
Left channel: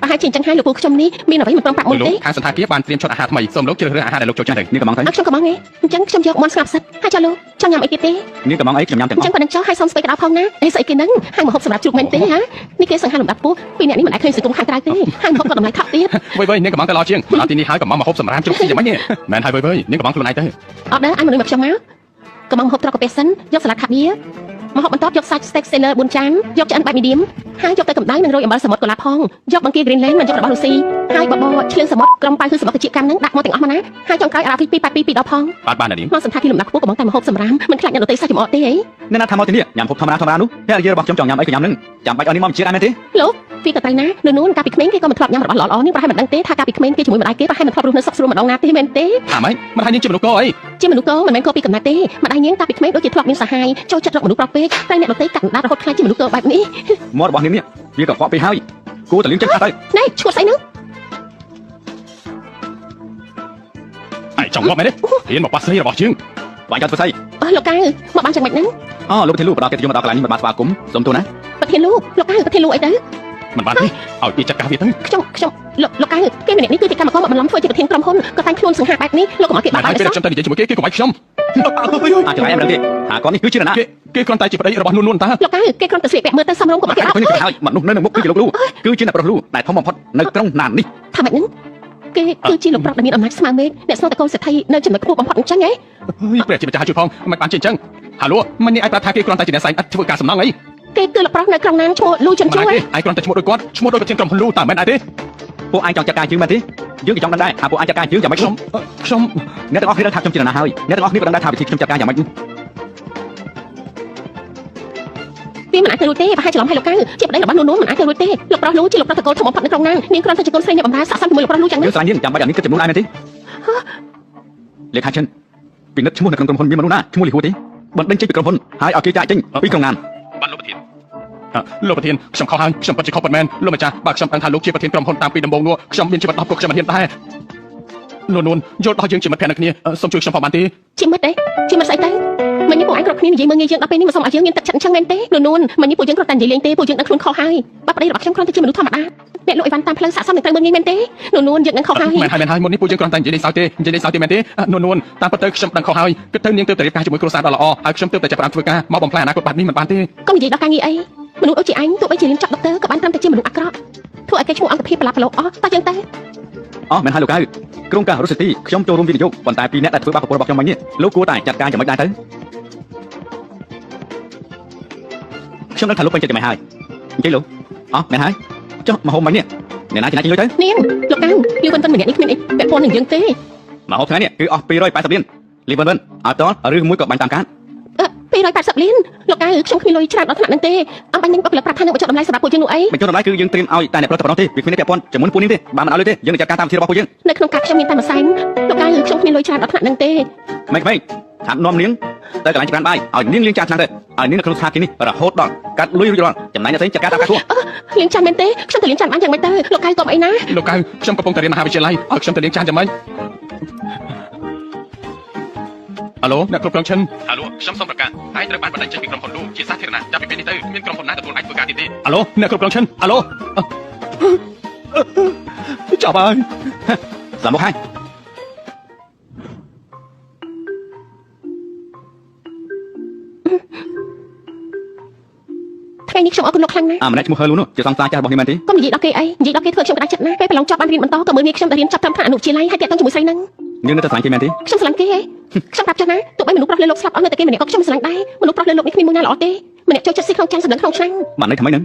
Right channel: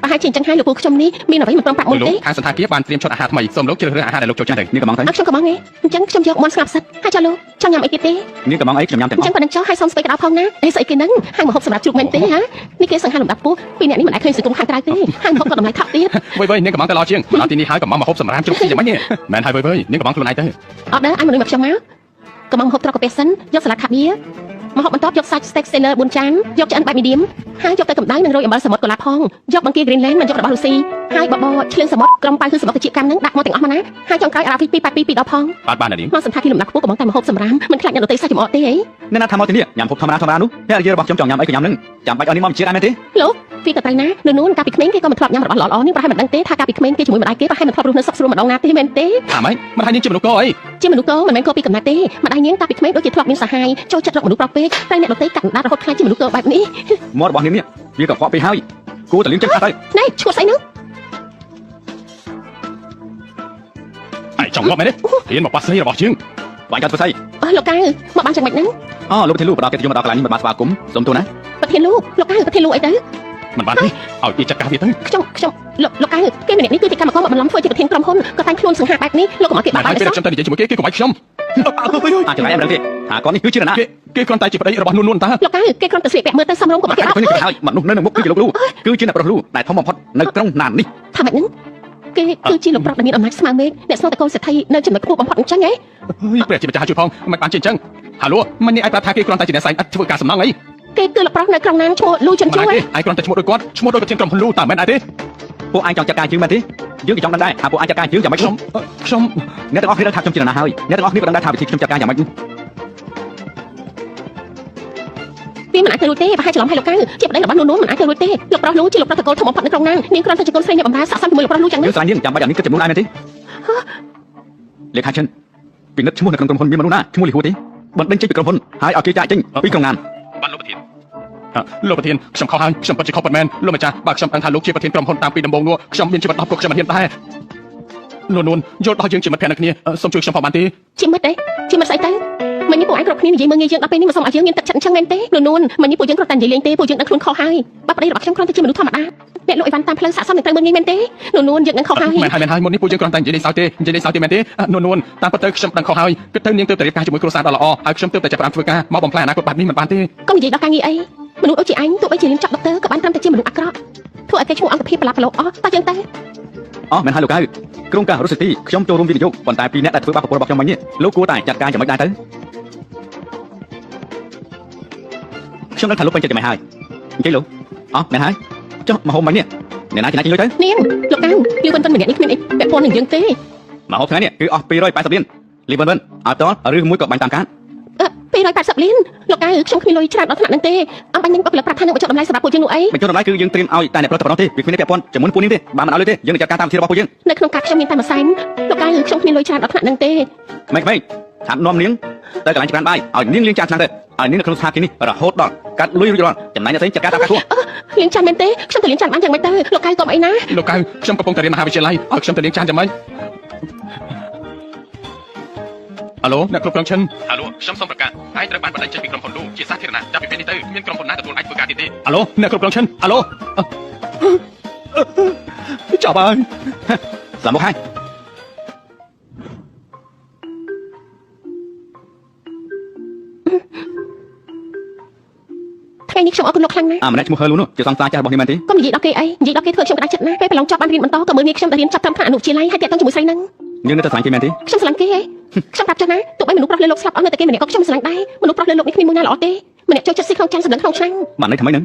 ប្រហែលជាអញ្ចឹងហើយលោកពូខ្ញុំនេះមានអ្វីមិនព្រមប្រាប់មុនទេ ខាងសន្តាគារបានត្រៀមឈុតអាហារថ្មីសូមលោកជ្រើសរើសអាហារដែលលោកចូលចិត្ត នាងកំងទៅ ខ្ញុំក៏មកទេអញ្ចឹងខ្ញុំយកមកស្ងាត់សិតហើយចាលោកចង់ញ៉ាំអីទៀតទេ នាងកំងអីខ្ញុំញ៉ាំទាំង អញ្ អ ចឹង ស់ ប៉ុណ្ណឹងចុះហើយសុំស្បែកក្តៅផងណាអីស្អីគេហ្នឹងហាងម្ហូបសម្រាប់ជ្រូកមែនទេហ៎នេះគេសង្ហាលំដាប់ពោះពីអ្នកនេះមិនអាចឃើញសង្គមខាងក្រៅទេហាងម្ហូបក៏តម្លៃថោកទៀត វិញនាងកំងតែល្អជាងមកទីនេះហើយកំងមកហូបសម្រាប់ជុំគ្នាយ៉ាងម៉េចនេះមែនហើយវិញនាងកំងខ្លួនឯងទៅ អត់ដែរអញមនុស្សមកខ្ញុំមកកំងហូបត្រកកាពេសិនយកសាឡាត់ខាបៀមកហូបបន្ទាប់យកសាច់ steak sailor 4ចានយកឆ្អិនបែប medium ហើយយកទៅកម្ដៅនឹងរោយអំបិលសមុទ្រកូឡាផងយកបង្គា Greenland មកយករបស់រុស្ស៊ីហើយបបរឈឿនសមុទ្រក្រុមប៉ៅគឺសមុទ្រជាកម្មហ្នឹងដាក់មកទាំងអស់មកណាហើយចុងក្រោយអារ៉ាហ្វី282ដល់ផង បាននាង មកសន្តាគារលំដាប់ខ្ពស់កំងតែមកហូបសម្រាមមិនខ្លាចអ្នកដទៃសាច់ចំអកទេហី អ្នកណាថាមកទីនេះញ៉ាំហូបធម្មតានោះអ្នកនិយាយរបស់ខ្ញុំចង់ញ៉ាំអីក៏ញ៉ាំនឹងចាំបាច់ឲ្យនេះមកជាដែរមែនទេ លោកពីទៅណានួនកាលពីក្មេងគេក៏មិនធ្លាប់ញ៉ាំរបស់ល្អៗនេះប្រហែលមិនដឹងទេថាកាលពីក្មេងគេជាមួយម្ដាយគេប្រហែលមិនធ្លាប់រស់នៅសុខស្រួលម្ដងណាទេមែនទេ ថាម៉េចមិនហើយនាងជាមនុស្សកអី ជាមនុស្សកមិនមែនកោពីកំណត់ទេម្ដាយញៀងកាលពីក្មេងដូចជាធ្លាប់មានសហាយចូលចិត្តរកមនុស្សប្រុសពេកតែអ្នកដទៃកាត់កណ្ដាលរហូតខ្លាចជាមនុស្សកបែបនេះ មករបស់នាងនេះវាក៏ខ្វក់ពេកហើយគួរតែលៀងចិត្តកាត់ទៅ ណែឈួតស្អីហ្នឹង ឯងចង់មកមែនទេរៀនមកប៉ាស្រីរបស់ជាង បាយកាត់ធ្វើស្អី លោកកៅមកបានយ៉ាងម៉េចហ្នឹង អូលោកប្រធានលោកបដាគេយកមកដល់កន្លែងនេះមិនបានស្វាគមន៍សុំទោសណា ប្រធានលោកកៅប្រធានលោកអីទៅ មិនបានទេឲ្យគេចាត់ការវាទៅ ខ្ញុំលោកកៅគេម្នាក់នេះគឺជាកម្មករមកបន្លំធ្វើជាប្រធានក្រុមហ៊ុនក៏តែខ្លួនសង្ហាបែបនេះលោកកុំឲ្យគេបាក់ ហើ បា យ ក់ ពេល ទេ ខ្ញុំទៅនិយាយជាមួយគេកុំឲ្យខ្ញុំ អាចចម្លែកមិនដឹងទេថាគាត់នេះគឺជានរណា គេគ្រាន់តែជាប្តីរបស់នួនតា លោកកៅគេគ្រាន់តែស្លៀកពាក់មើលទៅសមរម្យក៏គេអត់ ឃើញគេហើយមនុស្សនៅមុខគឺជាលោកលូគឺជាអ្នកប្រលូដែលធំបំផុតនៅក្នុងណាននេះ ថាម៉េចហ្នឹង គេគឺជាលោកប្រុសដែលមានអំណាចស្មើមេឃអ្នកស្នូតែកូនសេដ្ឋីនៅចំណុចខ្ពស់បំផុតអញ្ចឹងហ៎ ព្រះជាម្ចាស់ជួយផងមិនបានជាអញ្ចឹងហាឡូមិននេះឯងប្រាប់ថាគេគ្រាន់តែជាអ្នកស្រីឥតធ្វើការសំណងអី គេគឺលោកប្រុសនៅក្រុងណាងឈ្មោះលូជុនជួ ឯ យ ងគ្រាន់តែឈ្មោះដូចគាត់ឈ្មោះដូចប្រធានក្រុមហ៊ុនលូតែមិនដែរទេ ពួកឯងចង់ចាត់ការយើងមែនទេយើងក៏ចង់ដឹងដែរថាពួកឯងចាត់ការយើងយ៉ាងម៉េច ខ្ញុំ អ្នកទាំងអស់គ្នាដឹងថាខ្ញុំជានរណាហើយអ្នកទាំងអស់គ្នាក៏ដឹងដែរថាវិធីខ្ញុំចាត់ការយ៉ាងម៉េច វាមិនអាចទៅរួចទេប្រហែលច្រឡំឲ្យលោកកៅជាប្តីរបស់នោះមិនអាចទៅរួចទេលោកប្រុសលូជាលោកប្រុសតកូលធំបំផុតនៅក្រុងណាងនាងគ្រាន់តែជាកូនស្រីអ្នកបម្រើស័ក្តិសមជាមួយលោកប្រុសលូចឹង យើងស្រាយយើងចាំបាច់អានេះគិតជាមុនឯងមែនទេលេខាចិនពីនិតឈ្មោះនៅក្នុងក្រុមហ៊ុនមានមនុស្សណាឈ្មោះលីហួរទេបណ្ដឹងចេញពីក្រុមហ៊ុនហើយឲ្យគេចាក់ចេញពីក្រុមណាន បានលោកប្រធានលោកប្រធានខ្ញុំខុសហើយខ្ញុំពិតជាខុសពិតមែនលោកម្ចាស់បើខ្ញុំដឹងថាលោកជាប្រធានក្រុមហ៊ុនតាំងពីដំបូងនោះខ្ញុំមានជីវិត10ពួកខ្ញុំមិនហ៊ានដែរនួនយល់ដល់យើងជាមិត្តភក្តិនៅគ្នាសូមជួយខ្ញុំផងបានទេ ជាមិត្តទេជាមិត្តស្អីទៅមិននេះពួកឯងគ្រប់គ្នានិយាយមើងងាយយើងដល់ពេលនេះមិនសូមឲ្យយើងមានទឹកចិត្តអញ្ចឹងមែនទេនួនមិននេះពួកយើងគ្រាន់តែនិយាយលេងទេពួកយើងដឹងខ្លួនខុសហើយបើប្តីរបស់ខ្ញុំគ្រាន់តែជាមនុស្សធម្មតាអ្នកលក់អីវ៉ាន់តាមផ្លូវស័ក្តិសមនឹងត្រូវមើងងាយមែនទេនួនយើងដឹងខុសហើយ មែនហើយមុននេះពួកយើងគ្រាន់តែនិយាយលេងសើចទេនិយាយលេងសើចទេមែនទេនួនតាមពិតទៅខ្ញុំដឹងខុសហើយគឺទៅនាងទៅតែរៀបការជាមួយគ្រួសារដ៏ល្អហើយខ្ញុំទៅតែចាប់ផ្ដើមធ្វើការមកបំផ្លាញអនាគតបាត់នេះមិនបានទេ កុំនិយាយដល់ការងារអីមនុស្សដូចជាអញទោះបីជារៀនចប់ដុកទ័រក៏បានត្រឹមតែជាមនុស្សអាក្រក់ធ្វើឲ្យគេឈ្មោះអង្គភាពប្រឡាប់ប្រឡូសអស់តោះចឹងទៅ អូមែនហើយលោកកៅក្រុមការរស់ស៊ីទីខ្ញុំចូលរួមវិនិយោគប៉ុន្តែពីអ្នកដែលធ្វើបាបប្រពន្ធរបស់ខ្ញុំមិញនេះលោកគួរតែចាត់ការយ៉ាងម៉េចដែរទៅខ្ញុំនឹងថាលោកពេញចិត្តយ៉ាងម៉េចហើយអញ្ចឹងលោកអូមែនហើយចុះមកហូបមិញនេះអ្នកណាជាអ្នកលុយទៅ នាងលោកកៅយើងមិនទាន់ម្នាក់នេះគ្មានអីពាក់ព័ន្ធនឹងយើងទេ មកហូបថ្ងៃនេះគឺអស់280លានលីវិនអត់តឬមួយក៏បាញ់តាមការ 280លានលោកកៅខ្ញុំគ្មានលុយច្រើនដល់ថ្នាក់ហ្នឹងទេអំបញ្ញបុគ្គលិកប្រាប់ថានឹងបញ្ចុះតម្លៃសម្រាប់ពួកយើងនោះអី បញ្ចុះតម្លៃគឺយើងត្រៀមឲ្យតែអ្នកប្រតិបត្តិទេវាគ្មានពាក់ព័ន្ធជាមួយពួកនេះទេបើមិនឲ្យលុយទេយើងនឹងចាត់ការតាមវិធីរបស់ពួកយើង នៅក្នុងការខ្ញុំមានតែមួយសែនលោកកៅខ្ញុំគ្មានលុយច្រើនដល់ថ្នាក់ហ្នឹងទេ ម៉េចតាមនាំនាងទៅកន្លែងច្រានបាយឲ្យនាងលាងចានឆ្នាំទៅឲ្យនាងនៅក្នុងស្ថានភាពនេះរហូតដល់កាត់លុយរួចរាល់ចំណែកអ្នកផ្សេងចាត់ការតាមការខ្លួន លាងចានមែនទេខ្ញុំទៅលាងចានបានយ៉ាងម៉េចទៅលោកកៅកុំអីណា លោកកៅខ្ញុំកំពុងតែរៀនមហាវិទ្យាល័យឲ្យខ្ញុំទៅលាងចានយ៉ាងម៉េចអាឡូអ្នកគ្រប់គ្រងឈិនអាឡូខ្ញុំសូមប្រកាសហើយត្រូវបានបណ្ដឹងចេញពីក្រុមហ៊ុនលូជាសាធារណៈចាប់ពីពេលនេះទៅមានក្រុមហ៊ុនណាទទួលអាចធ្វើការទៀតទេអាឡូអ្នកគ្រប់គ្រងឈិនអាឡូចប់ហើយ ស្លាប់មកហើយ ថ្ងៃនេះខ្ញុំអរគុណលោកខ្លាំងណាស់ ម្នាក់ឈ្មោះហឺលូនោះជាសង្សារចាស់របស់នេះមែនទេ កុំនិយាយដល់គេអីនិយាយដល់គេធ្វើខ្ញុំក្តារចិត្តណាស់ពេលប្រឡងចប់បានរៀនបន្តក៏មើលងាយខ្ញុំទៅរៀនចប់ត្រឹមថ្នាក់អនុវិទ្យាល័យហើយតែទៅជាមួយស្រីហ្នឹង យើងនៅតែស្រឡាញ់គេមែនទេ ខ្ញុំស្រឡាញ់គេហ៎ខ្ញុំប្រាប់ចឹងណាទោះបីមនុស្សប្រុសលើលោកស្លាប់អស់នៅតែគេម្នាក់ក៏ខ្ញុំស្រឡាញ់ដែរមនុស្សប្រុសលើលោកនេះគ្មានមួយណាល្អទេម្នាក់ចូលចិត្តស៊ីក្នុងចានសម្លឹងក្នុងឆ្នាំ បានន័យថាម៉េចហ្នឹង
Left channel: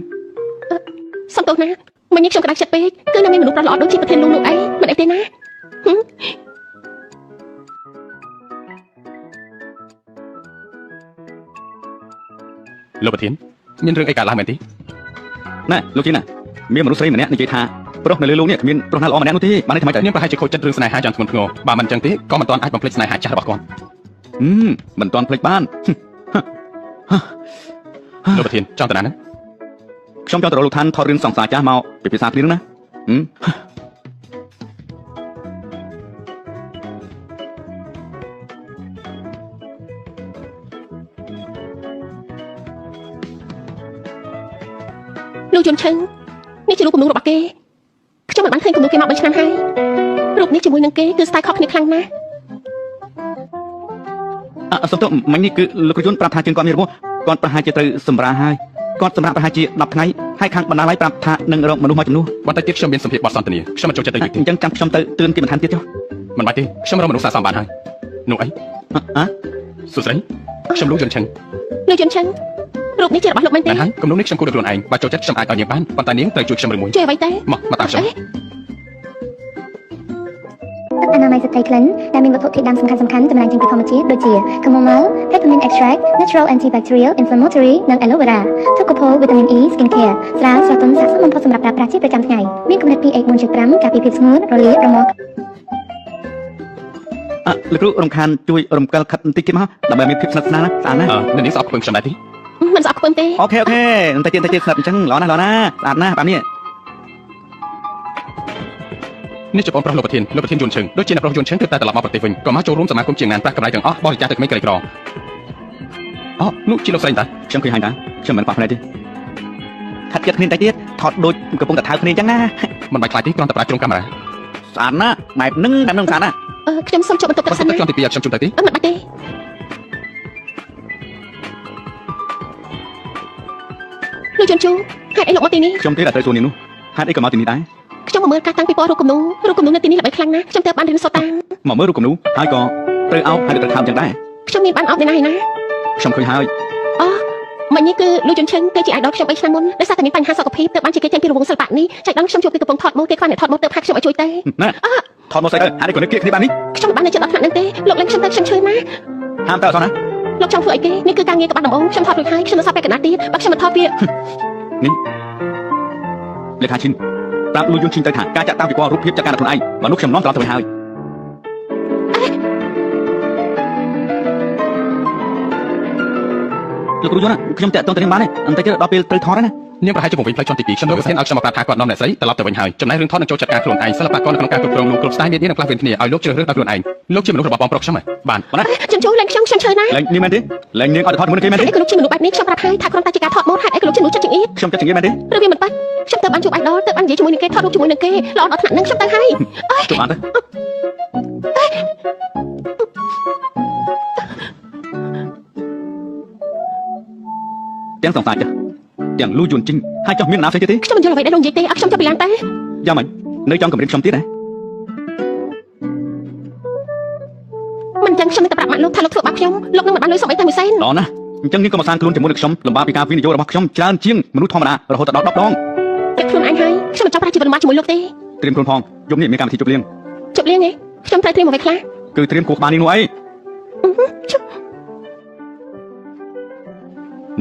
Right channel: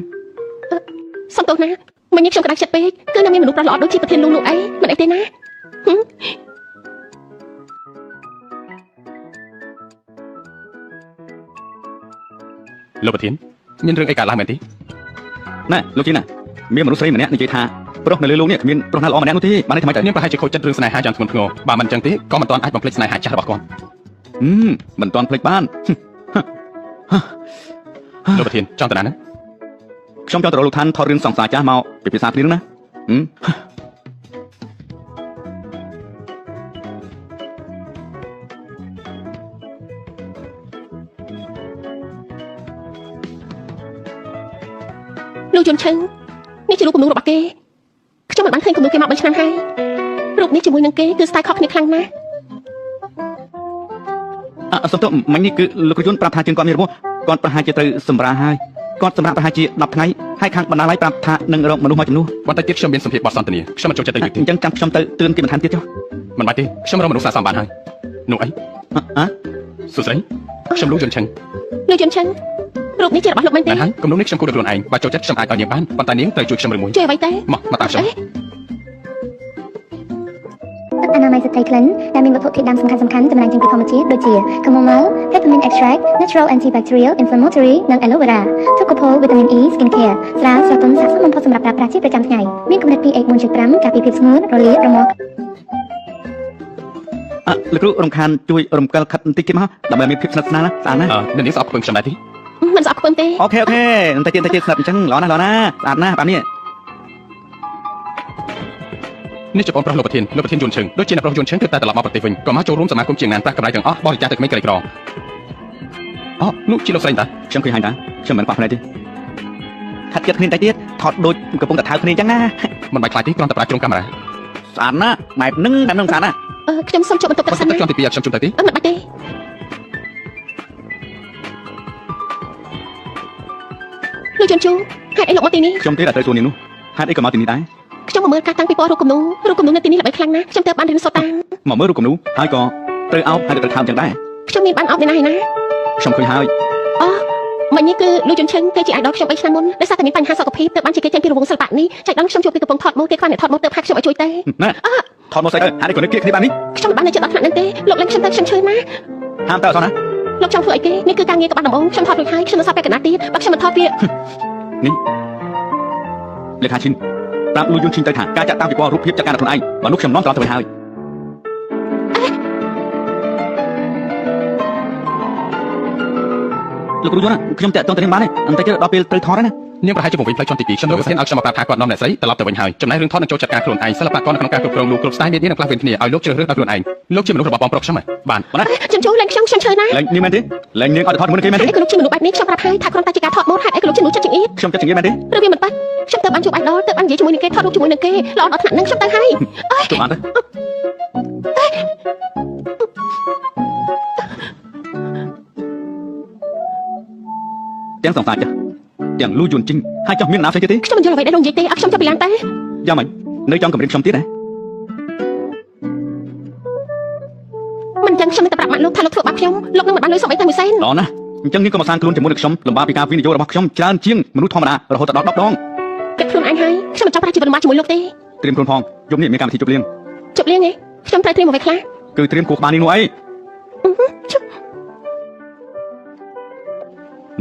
សំទោសណាមិញនេះខ្ញុំក្តារចិត្តពេកគឺនៅមានមនុស្សប្រុសល្អដូចជាប្រធានលូនោះអីមិនអីទេណា លោកប្រធានមានរឿងអីកើតឡើងមែនទេ ណែលោកជីណាមានមនុស្សស្រីម្នាក់និយាយថាប្រុសនៅលើលោកនេះគ្មានប្រុសណាល្អម្នាក់នោះទេបានន័យថាម៉េច នាងប្រហែលជាខូចចិត្តរឿងស្នេហាយ៉ាងធ្ងន់ធ្ងរបើមិនអញ្ចឹងទេក៏មិនទាន់អាចបំភ្លេចស្នេហាចាស់របស់គាត់ មិនទាន់ភ្លេចបាន លោកប្រធានចង់ទៅណា ខ្ញុំចង់ទៅរកលោកឋានថតរឿងសង្សារចាស់មកពិភាក្សាគ្នាណា លោកជុនឆឹងនេះជារូបគំនូររបស់គេខ្ញុំមិនបានឃើញគំនូរគេមក3ឆ្នាំហើយរូបនេះជាមួយនឹងគេគឺស្ទាយខុសគ្នាខ្លាំងណាស់ សុំទោសមិញនេះគឺលោកយុនប្រាប់ថាជាងគាត់មានរបួសគាត់ប្រហែលជាត្រូវសម្រាលហើយគាត់សម្រាប់ប្រហែលជា10ថ្ងៃហើយខាងបណ្ដាលឲ្យប្រាប់ថានឹងរកមនុស្សមកជំនួស បន្តិចទៀតខ្ញុំមានសម្ភារបទសន្ទនាខ្ញុំមិនចូលចិត្តទេ អញ្ចឹងចាំខ្ញុំទៅទឿនគេបន្ថែមទៀតចុះ មិនបាច់ទេខ្ញុំរកមនុស្សសាសមបានហើយនោះអីសួស្ដីខ្ញុំលោកជុនឆឹង លោកជុនឆឹងរូបនេះជារបស់លោកមែនទេ មែនហើយគំនុំនេះខ្ញុំគួរតែខ្លួនឯងបើចូលចិត្តខ្ញុំអាចឲ្យនាងបានប៉ុន្តែនាងត្រូវជួយខ្ញុំរឿងមួយ ជួយអ្វីទៅ មកតាមខ្ញុំ អនាម័យស្ត្រីក្លិនដែលមានវត្ថុធាតុដើមសំខាន់ៗចម្រាញ់ចេញពីធម្មជាតិដូចជា chamomile, peppermint extract, natural antibacterial, inflammatory និង aloe vera, Tocopol vitamin E skin care ស្រាលស្រទន់ស័ក្តិសមបំផុតសម្រាប់ប្រើប្រាស់ជាប្រចាំថ្ងៃមានកម្រិត pH 4.5 ការពារភាពស្ងួតរលាករមាស់ លោកគ្រូរំខានជួយរំកិលខិតបន្តិចទៀតមកដើម្បីមានភាពស្និទ្ធស្នាលស្អាតណាស់ នាងស្អប់ខ្ពើមខ្ញុំដែរទេ មិនស្អប់ខ្ពើមទេ អូខេបន្តិចទៀតស្ដាប់អញ្ចឹងល្អណាស់ស្អាតណាស់បែបនេះ នេះជាបងប្រុសលោកប្រធានយួនឈឹងដូចជាអ្នកប្រុសយួនឈឹងគឺតែត្រឡប់មកប្រទេសវិញក៏មកចូលរួមសមាគមជាណានប្រាក់កម្រៃទាំងអស់បរិច្ចាគទៅក្មេងក្រីក្រអូនោះជាលោកស្រីតា ខ្ញុំឃើញហើយណាខ្ញុំមិនខ្វះផ្នែកទេថាត់ចិត្តគ្នាតិចទៀតថតដូចកំពុងតែថើគ្នាអញ្ចឹងណា មិនបាច់ខ្លាចទេគ្រាន់តែប្រើជុំកាមេរ៉ា ស្អាតណាស់បែបហ្នឹងតែនឹងស្អាតណាស់ ខ្ញុំសូមជួបបន្ទប់ទឹកសិន ខ្ញុំទី2ខ្ញុំជុំទៅទេ មិនបាច់ទេលោកជុនជូហេតុអីលោកមកទីនេះ ខ្ញុំទេតែទៅសួរនេះនោះហេតុអីក៏មកទីនេះដែរ ខ្ញុំមើលការតាំងពីពណ៌រូបគំនូរនៅទីនេះល្បីខ្លាំងណាស់ខ្ញុំទើបបានរៀនសូត្រតាម មកមើលរូបគំនូហើយក៏ត្រូវអោបហើយត្រូវខាបយ៉ាងដែរ ខ្ញុំមានបានអោបឯណា ខ្ញុំឃើញហើយ អូមិញនេះគឺលោកយុនឈិនគេជា idol ខ្ញុំ3ឆ្នាំមុនដោយសារតែមានបញ្ហាសុខភាពទើបបានជាគេចេញពីរង្វង់សិល្បៈនេះចៃដន្យខ្ញុំជួបពីកំពុងថតម៉ូដគេខ្វះអ្នកថតម៉ូដទើបហៅខ្ញុំឲ្យជួយទេ ណែថតមកស្អីទៅហើយក៏នឹកគ្នាបាននេះ ខ្ញុំមិនបាននៅចិត្តអត់ថ្នាក់ហ្នឹងទេលោកលេងខ្ញុំទៅខ្ញុំឈឺណាស់ ហាមទៅអត់ណា លោកចង់ធ្វើអីគេនេះគឺការងារក្បាត់ដំបងខ្ញុំថតរួចហើយខ្ញុំមិនសាប់ពេលកណ្ដាលទៀតបើខ្ញុំមិនថតវា នេះលេខាឈិនប្រាប់លួយយន្តឈិនទៅថាការចាក់តាមពីពណ៌រូបភាពចាក់ការខ្លួនឯងបើនោះខ្ញុំនាំត្រឡប់ទៅវិញហើយលោកគ្រូយន្តខ្ញុំតាក់ទងទៅនឹងបានទេអន្តិចទៅដល់ពេលត្រូវថតហើយណា នាងប្រហែលជាពង្រីកផ្លូវចំទី2ខ្ញុំនៅកសិនឲ្យខ្ញុំមកប្រាប់ថាគាត់នាំអ្នកស្រីត្រឡប់ទៅវិញហើយចំណែករឿងថតនឹងចូលចាត់ការខ្លួនឯងសិល្បករនៅក្នុងការគ្រប់គ្រងលោកគ្រប់ស្ទាយមាននឹងខ្លះវិញគ្នាឲ្យលោកជ្រើសរើសដោយខ្លួនឯងលោកជាមនុស្សរបស់បងប្រុសខ្ញុំបាទ ខ្ញុំចូលលេងខ្ញុំឈឺណាស់ លេងនេះមែនទេលេងនាងអត់ថតមួយគេមែនទេ អីក៏លោកជាមនុស្សបែបនេះខ្ញុំប្រាប់ហើយថាគ្រាន់តែជាការថតម៉ូដហេតុអីក៏លោកជាមនុស្សចិត្តចង្អៀត ខ្ញុំចិត្តជាងមែនទេ ឬវាមិនប៉ះខ្ញុំទៅបានជួប idol ទៅបាននិយាយជាមួយនឹងគេថតរូបជាមួយនឹងគេល្អដល់ថ្នាក់ហ្នឹងខ្ញុំទៅហើយ ជួបបានទៅទាំងសង្សារចាទាំងលួយយន្តជីងហើយចង់មានណាផ្សេងទៀតទេ ខ្ញុំមិនយល់អ្វីដែលលោកនិយាយទេអត់ខ្ញុំចង់ពីឡើងតែ យ៉ាងម៉េចនៅចង់កម្រិតខ្ញុំទៀតណា មិនចឹងខ្ញុំទៅប្រាប់ម៉ាក់លោកថាលោកធ្វើបាបខ្ញុំលោកនឹងមិនបានលុយសុំអីតែមួយសែន ល្អណាស់អញ្ចឹងនេះក៏មកសាងខ្លួនជាមួយនឹងខ្ញុំលំបាកពីការវិនិយោគរបស់ខ្ញុំច្រើនជាងមនុស្សធម្មតារហូតដល់10ដង តែខ្លួនឯងហើយខ្ញុំមិនចង់ប្រាជីវិតរបស់ជាមួយលោកទេ ត្រៀមខ្លួនផងយប់នេះមានកម្មវិធីជប់លៀង ជប់លៀងនេះខ្ញុំត្រូវត្រៀមអ្វីខ្លះ គឺត្រៀមគូក្បាលនេះនោះអី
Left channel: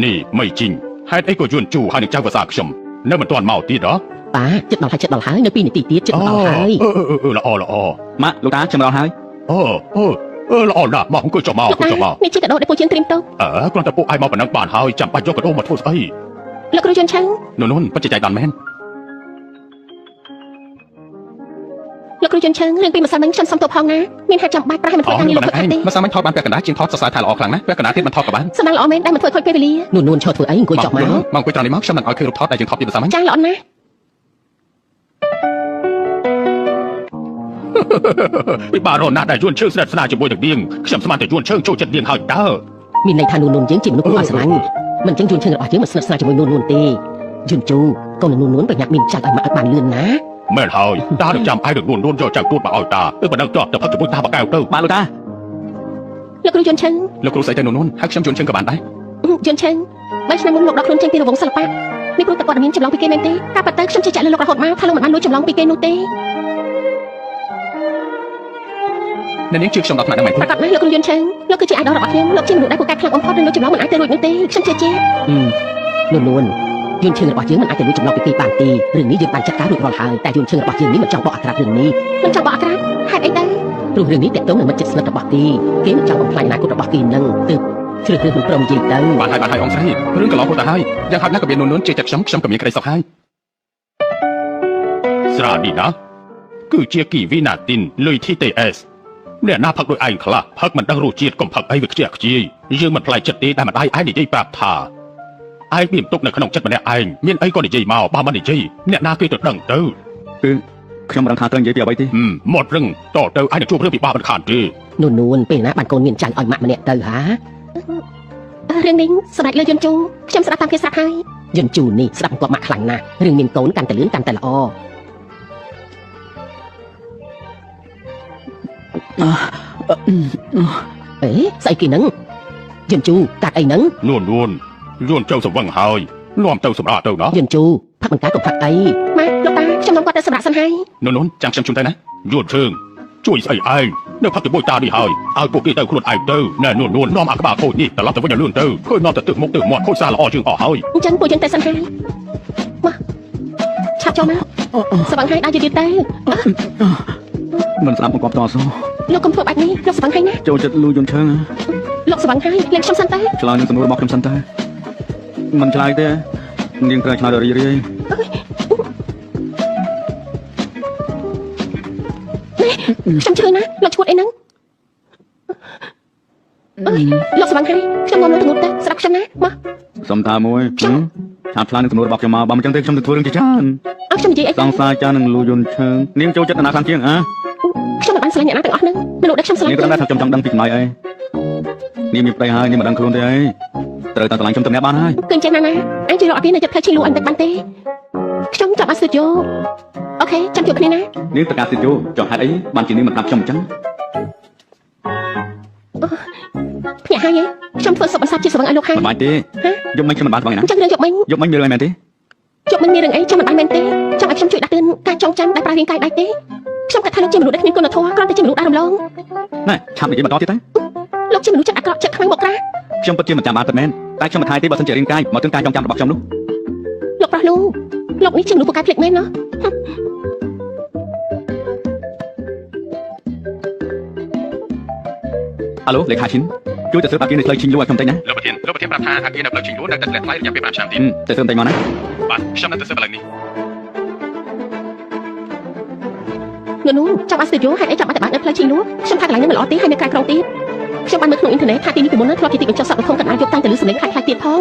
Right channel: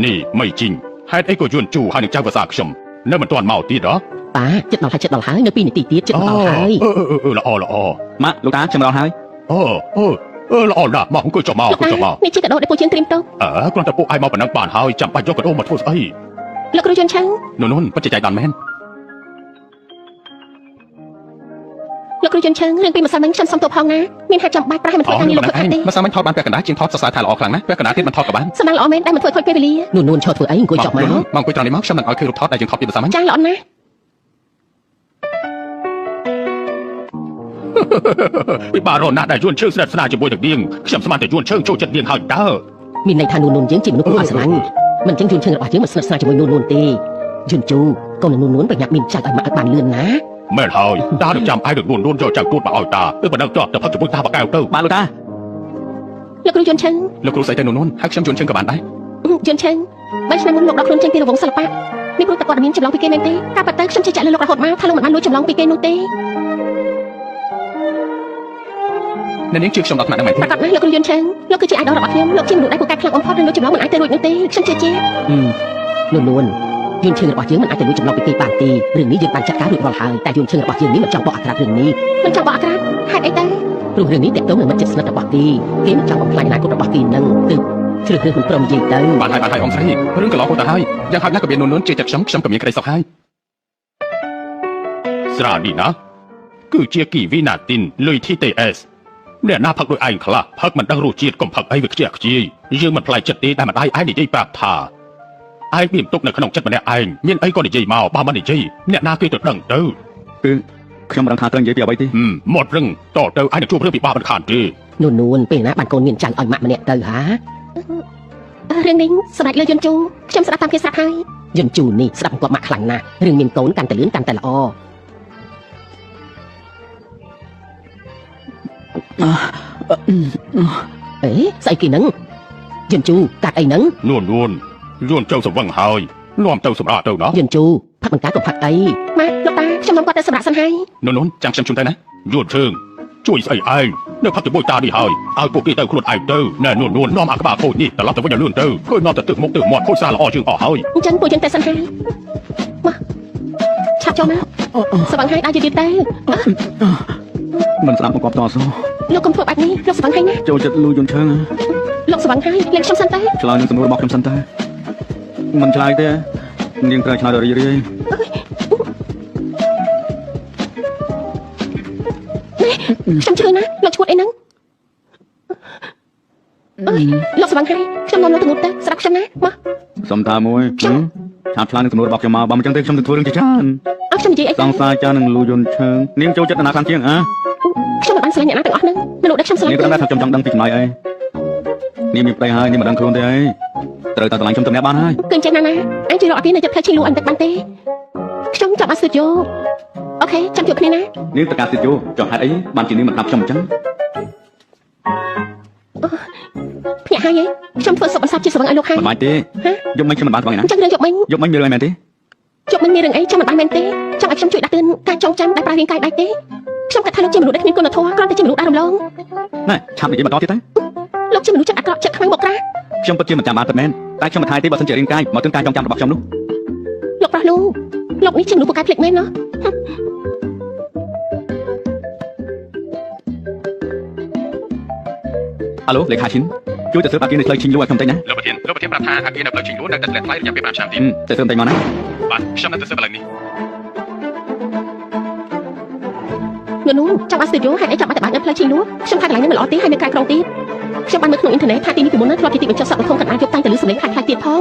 នេះមិនជីងហេតុអីក៏យួនជូហើយនឹងចៅភាសាខ្ញុំនៅមិនទាន់មកទៀតហ៎ តាចិត្តដល់ហើយនៅ2នាទីទៀតចិត្តដល់ហើយ ល្អល្អ ម៉ាក់លោកតាខ្ញុំដល់ហើយ ល្អណាស់មកអង្គុយចុះមកអង្គុយចុះមក នេះជាកដោដែលពូជាងត្រៀមទៅ គ្រាន់តែពួកឯងមកប៉ុណ្ណឹងបានហើយចាំបាច់យកកដោមកធ្វើស្អី លោកគ្រូយន្តឆាំង នោះពិតជាចៃដន្យមែន លោកគ្រូយន្តឆាំងរឿងពីម្សិលមិញខ្ញុំសុំទោសផងណាមានហេតុចាំបាច់ប្រហែលមិនធ្វើការងារលោកគាត់ទេ មិនសាមញ្ញថតបានពាក់កណ្ដាលជាងថតសរសើរថាល្អខ្លាំងណាស់ពាក់កណ្ដាលទៀតមិនថតក៏បាន សម្រាប់ល្អមែនដែលមិនធ្វើខូចពេលវេលានួនឈរធ្វើអីអង្គុយចុះមក មកអង្គុយត្រង់នេះមកខ្ញុំមិនឲ្យឃើញរូបថតដែលយើងថតពីភាសាមិន ចាល្អណាស់ ពីបារណាស់ដែលយួនឈើស្និទ្ធស្នាលជាមួយនឹងនាងខ្ញុំស្មានតែយួនឈើចូលចិត្តនាងហើយតើ មានន័យថានួនយើងជាមនុស្សអត់ស្រឡាញ់មិនចឹងយន្តឈើរបស់យើងមិនស្និទ្ធស្នាលជាមួយនួនទេយន្តជូកូននួនប្រញាប់មានចាច់ឲ្យមកឲ្យបានលឿនណា មែនហើយតានឹងចាំឯនឹងនួនយកចាំទួតមកឲ្យតាទៅបណ្ដឹងតទៅផឹកជាមួយតាបកៅទៅ បាទលោកតា លោកគ្រូយន្តឆាំង លោកគ្រូស្អីទៅនួនហើយខ្ញុំយួនឈើក៏បានដែរ យន្តឆាំងបើឆ្នាំមុនលោកដល់ខ្លួនចេញពីរង្វង់សិល្បៈនេះព្រោះតែព័ត៌មានចម្លងពីគេមែនទេការប៉ັດទៅខ្ញុំជឿជាក់លើលោករហូតមកថាលោកមិនបានលួចចម្លងពីគេនោះទេ នាងជឿខ្ញុំដល់ថ្នាក់ហ្នឹងមែនទេ ប្រកាសណាស់លោកគ្រូយន្តឆាំងលោកគឺជា idol របស់ខ្ញុំលោកជាមនុស្សដែលពូកែខ្លាំងបំផុតនិងលួចចម្លងមិនអាចទៅរួចនោះទេខ្ញុំជឿជាក់នួនយន្តឈើរបស់យើងមិនអាចទៅលួចចម្លងពីគេបានទេរឿងនេះយើងបានចាត់ការរួចរាល់ហើយតែយន្តឈើរបស់យើងនេះមិនចង់បកអក្សររឿងនេះមិនចង់បកអក្សរហេតុអីទៅព្រោះរឿងនេះតកតងនឹងមិត្តជិតស្និទ្ធរបស់គេគេមិនចង់បំផ្លាញអនាគតរបស់គេនឹងទើបជ្រើសរើសមិនព្រមនិយាយទៅ បានហើយអង្គស្រីរឿងកន្លងទៅហើយយ៉ាងហោចណាស់ក៏មាននួនជឿចិត្តខ្ញុំក៏មានក្តីសុខហើយស្រានេះណាគឺជាគីវីណាទីនលុយ TTS អ្នកណាផឹកដោយឯងខ្លះផឹកមិនដឹងរសជាតិកុំផឹកអីវាខ្ជះខ្ជាយយើងមិនផ្លែចិត្តទេតែម្ដាយឯងនិយាយប្រាប់ថាឯងមានទុកនៅក្នុងចិត្តម្នាក់ឯងមានអីក៏និយាយមកបើមិននិយាយអ្នកណាគេទៅដឹងទៅ គឺខ្ញុំមិនដឹងថាត្រូវនិយាយពីអ្វីទេ មករឹងតទៅឯងជួបរឿងពិបាកមិនខានទេ នួនពេលណាបានកូនមានចាញ់ឲ្យម៉ាក់ម្នាក់ទៅហារឿងនេះស្ដេចលើយន្តជូខ្ញុំស្ដាប់តាមគេស្រាប់ហើយយន្តជូនេះស្ដាប់គាត់ម៉ាក់ខ្លាំងណាស់រឿងមានកូនកាន់តែលឿនកាន់តែល្អអេស្អីគេហ្នឹងយន្តជូកាត់អីហ្នឹង នួនយួនចៅសម្វឹងហើយនាំទៅសម្រាប់ទៅណា យន្តជូផឹកមិនកាត់ក៏ផឹកអីម៉ាក់លោកតាខ្ញុំគាត់តែសម្រាប់សិនហើយ នួនចាំខ្ញុំជូនទៅណាយួនជើងជួយស្អីឯងនៅផឹកជាមួយតានេះហើយឲ្យពួកគេទៅខ្លួនឯងទៅណែនួននាំអាក្បាលខូចនេះត្រឡប់ទៅវិញឲ្យលឿនទៅឃើញនាំទៅទឹកមុខទៅមាត់ខូចសារល្អជាងអស់ហើយ អញ្ចឹងពួកយើងទៅសិនហើយមកឆាប់ចូលមកស្វឹងហើយដើរយឺតទៅ មិនស្ដាប់មកគាត់តស៊ូ លោកកុំធ្វើបែបនេះលោកស្វឹងហើយណា ចូលចិត្តលួយយន្តឈើ លោកស្វឹងហើយលេងខ្ញុំសិនទៅ ឆ្លើយនឹងសំណួររបស់ខ្ញុំសិនទៅមិនឆ្លើយទេនាងត្រូវឆ្លើយដល់រីរាយ ខ្ញុំឈឺណាលោកឈួតអីហ្នឹងលោកស្វឹងហើយខ្ញុំមកទៅទៅស្រាប់ខ្ញុំណាមក សុំថាមួយឆាប់ឆ្លើយនឹងសំណួររបស់ខ្ញុំមកបើមិនចឹងទេខ្ញុំនឹងធ្វើរឿងជាច្រើន អត់ខ្ញុំនិយាយអី សង្សារចានឹងលួយយន្តឈើនាងចូលចិត្តអាណាខាងជាងហ៎ ខ្ញុំមិនបានស្រឡាញ់អ្នកណាទាំងអស់ហ្នឹងលោកដែលខ្ញុំស្រឡាញ់ នាងគ្រាន់តែខ្ញុំចង់ដឹងពីចម្លើយអីនាងមានប្តីហើយនាងមិនដឹងខ្លួនទេត្រូវតែឆ្លើយខ្ញុំទៅអ្នកបានហើយ គឺអញ្ចឹងណាអញជួយរកអត់ទេនៅចិត្តផ្ទៃឈីលូអញតែបានទេខ្ញុំចាប់បានស្ទើរយក អូខេចាំជួបគ្នាណា នាងតកាស្ទូឌីយោចុះហេតុអីបានជានាងមកប្រាប់ខ្ញុំអញ្ចឹង ភ្នាក់ហើយខ្ញុំធ្វើសុបអសជាស្វឹងឲ្យលោកហើយ សប្បាយទេយកមិញខ្ញុំមិនបានបងណា អញ្ចឹងរឿងយកមិញ យកមិញមានរឿងអីមែនទេ យកមិញមានរឿងអីចាំមិនបានមែនទេចាំឲ្យខ្ញុំជួយដាក់ទឿនការចងចាំដែលប្រើរាងកាយដាច់ទេខ្ញុំគិតថាលោកជាមនុស្សដែលគ្មានគុណធម៌គ្រាន់តែជាមនុស្សដែលរំលង ណែឆាប់និយាយបន្តទៀតទៅ លោកជាមនុស្សចិត្តអាក្រក់ចិត្តខ្លាំងមកក្រាស់ ខ្ញុំពិតជាមិនចាំបានពិតមែនតែខ្ញុំមិនថ្ងៃទេបើសិនជារាងកាយមកទិនការចងចាំរបស់ខ្ញុំនោះ លោកប្រាស់លោកនេះជាមនុស្សពូកែភ្លេចមែនណា អាឡូលេខាឈិនជួយទៅស្រាប់អាគីនៅផ្លូវឈិនយូរឲ្យខ្ញុំតិចណា លោកប្រធានប្រាប់ថាអាគីនៅផ្លូវឈិញយួរនៅតែថ្លៃរយៈពេល5ឆ្នាំទៀត ទៅស្រាប់តិចមកណា បាទខ្ញុំនៅទៅសិបឥឡូវនេះ នោះចាំអាស្ទូឌីយោហេតុអីចាំតែបាននៅផ្លូវឈីនោះខ្ញុំថាកន្លែងនេះមិនល្អទេហើយនៅក្រៅក្រុងទៀតខ្ញុំបានមើលក្នុងអ៊ីនធឺណិតថាទីនេះពីមុនហ្នឹងធ្លាប់ជាទីបញ្ចុះសត្វនៅក្នុងកណ្ដាលយប់តាំងតែលឺសំឡេងខ្លាំងៗទៀតផង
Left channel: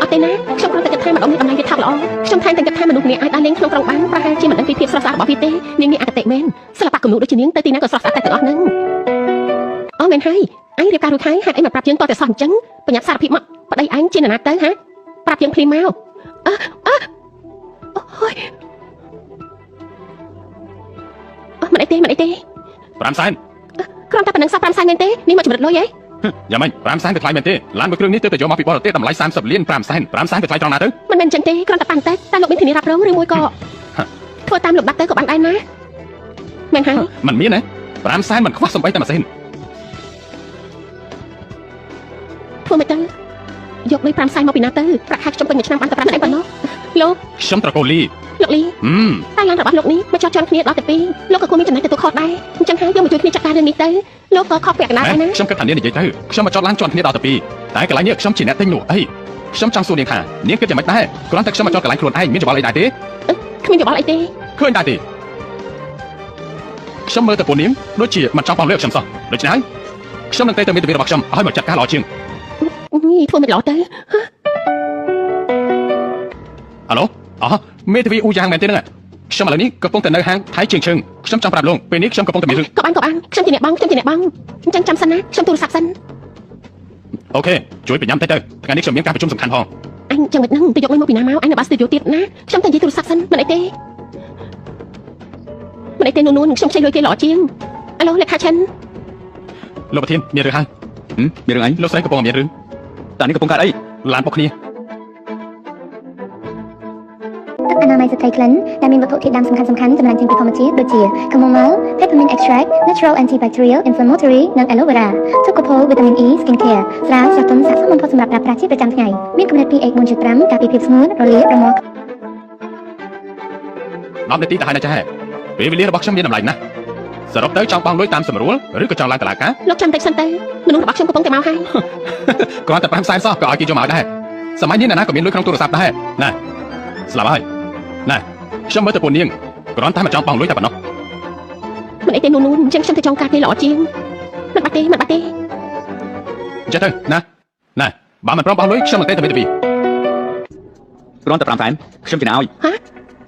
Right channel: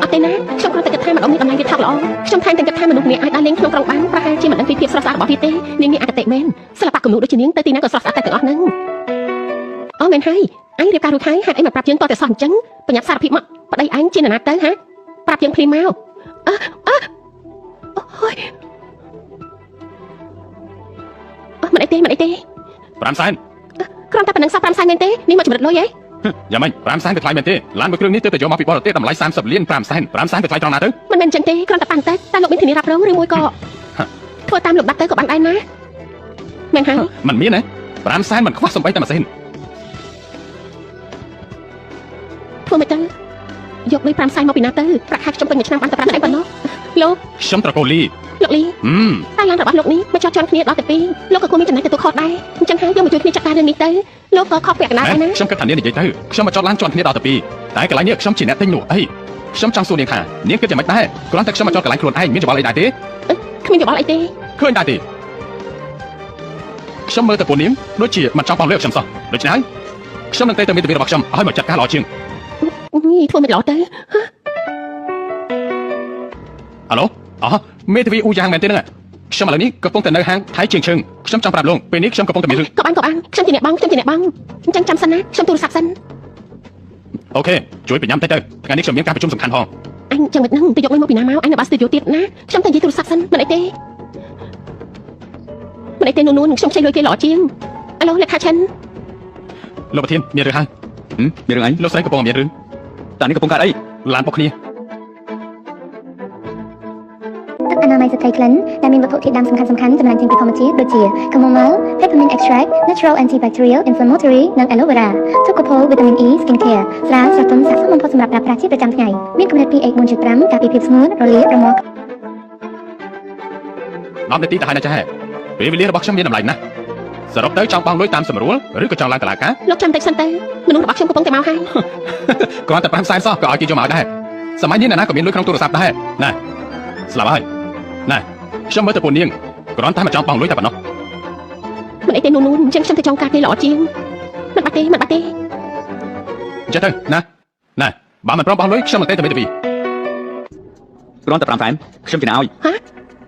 អត់ទេណាខ្ញុំគ្រាន់តែគិតថាម្ដងនេះតម្លៃវាថោកល្អខ្ញុំថែមទាំងគិតថាមនុស្សម្នាក់អាចដើរលេងក្នុងក្រុងបានប្រហែលជាមិនដឹងពីភាពស្រស់ស្អាតរបស់វាទេនាងនេះអកតេមែនសិល្បៈគំនូរដូចជានាងទៅទីណាក៏ស្រស់ស្អាតតែទាំងអស់ហ្នឹងអូមែនហើយអញរៀបការរួចហើយហេតុអីមិនប្រាប់យើងតតែសោះអញ្ចឹងបញ្ញាសារភាពមកប្តីអញជានរណាទៅហ៎ប្រាប់យើងភ្លាមមកអូយមិនអីទេ 5សែន គ្រាន់តែប៉ុណ្្នឹងសោះ5សែនមែនទេនេះមកជំរិតលុយហ៎ យ៉ាងម៉េច5សែនទៅថ្លៃមែនទេឡានមួយគ្រឿងនេះទើបតែយកមកពីបរទេសតម្លៃ30លាន5សែន5សែនទៅថ្លៃត្រង់ណាទៅ មិនមែនអញ្ចឹងទេគ្រាន់តែប៉ាំងតែលោកមានធានារ៉ាប់រងឬមួយក៏ធ្វើតាមលោកដាក់ទៅក៏បានដែរណាមែនហើយ មិនមានទេ5សែនមិនខ្វះសំបីតែម៉ាស៊ីន ធ្វើមិនទៅយកលុយ5សែនមកពីណាទៅប្រាក់ខែខ្ញុំពេញមួយឆ្នាំបានតែ5នាក់ប៉ុណ្ណោះលោក ខ្ញុំត្រកូលលី លោកលីតែឡានរបស់លោកនេះមកចោះជាន់គ្នាដល់តែ2លោកក៏គួរមានចំណេះទទួលខុសដែរអញ្ចឹងហើយយើងមកជួយគ្នាចាត់ការរឿងនេះទៅលោកក៏ខុសពាក់កណ្ដាលដែរណា ខ្ញុំគិតថានាងនិយាយទៅខ្ញុំមកចោតឡានជាន់គ្នាដល់តែ2តែកន្លែងនេះខ្ញុំជាអ្នកទិញនោះអីខ្ញុំចង់សួរនាងថានាងគិតយ៉ាងម៉េចដែរគ្រាន់តែខ្ញុំមកចោតកន្លែងខ្លួនឯងមានច្បល់អីដែរទេ គ្មានយោបល់អីទេ ឃើញដែរទេខ្ញុំមើលតែពួកនាងដូចជាមិនចង់បងលុយខ្ញុំសោះដូច្នេះខ្ញុំនឹងទៅមេធាវីរបស់ខ្ញុំឲ្យមកចាត់ការល្អជាង ធ្វើមិនល្អទៅ អាឡូមេធាវីអ៊ូយ៉ាងមែនទេហ្នឹងខ្ញុំឥឡូវនេះកំពុងតែនៅហាងថៃជាងឈឹងខ្ញុំចង់ប្រាប់លោកពេលនេះខ្ញុំកំពុងតែមានរឿង ក៏បានខ្ញុំជាអ្នកបងអញ្ចឹងចាំសិនណាខ្ញុំទូរស័ព្ទសិន អូខេជួយប្រញាំទៅថ្ងៃនេះខ្ញុំមានការប្រជុំសំខាន់ផង អញចាំមិនដឹងទៅយកលុយមកពីណាមកអញនៅបាស្ទូឌីយោទៀតណាខ្ញុំតែនិយាយទូរស័ព្ទសិនមិនអីទេនួនខ្ញុំខ្ចីលុយគេល្អជាងអាឡូលេខាឈិន លោកប្រធានមានរឿងហើយ មានរឿងអី លោកស្រីកំពុងមានរឿង តានេះកំពុងកើតអី ឡានពួកគ្នា ទឹកអនាម័យស្ត្រីក្លិនដែលមានវត្ថុធាតុដើមសំខាន់ៗចំណែកចេញពីធម្មជាតិដូចជា chamomile, peppermint extract, natural antibacterial, inflammatory និង aloe vera ទុកកូលវីតាមីន E skin care ស្រាស្រទន់ស័ក្តិសមបំផុតសម្រាប់ប្រើប្រាស់ជាប្រចាំថ្ងៃមានកម្រិត pH 4.5 ការពារភាពស្ងួតរលាករមាស់ 10នាទីទៅហើយណាចាពេលវេលារបស់ខ្ញុំមានតម្លៃណាស់សរុបទៅចង់បងលុយតាមស្រួលឬក៏ចង់ឡើងតឡាការ លោកចាំតិចសិនទៅមនុស្សរបស់ខ្ញុំកំពុងតែមកហើយ គ្រាន់តែ5សែនសោះក៏ឲ្យគេយកមកដែរសម័យនេះណាក៏មានលុយក្នុងទូរស័ព្ទដែរណាស្លាប់ហើយណាខ្ញុំមើលទៅពួកនាងគ្រាន់តែមកចង់បងលុយតែប៉ុណ្ណោះ មិនអីទេនួនអញ្ចឹងខ្ញុំទៅចង់ការគេល្អជាងមិនបាត់ទេ អញ្ចឹងទៅណាបើមិនប្របងលុយខ្ញុំទៅមេធាវី គ្រាន់តែ5សែនខ្ញុំជិះឲ្យ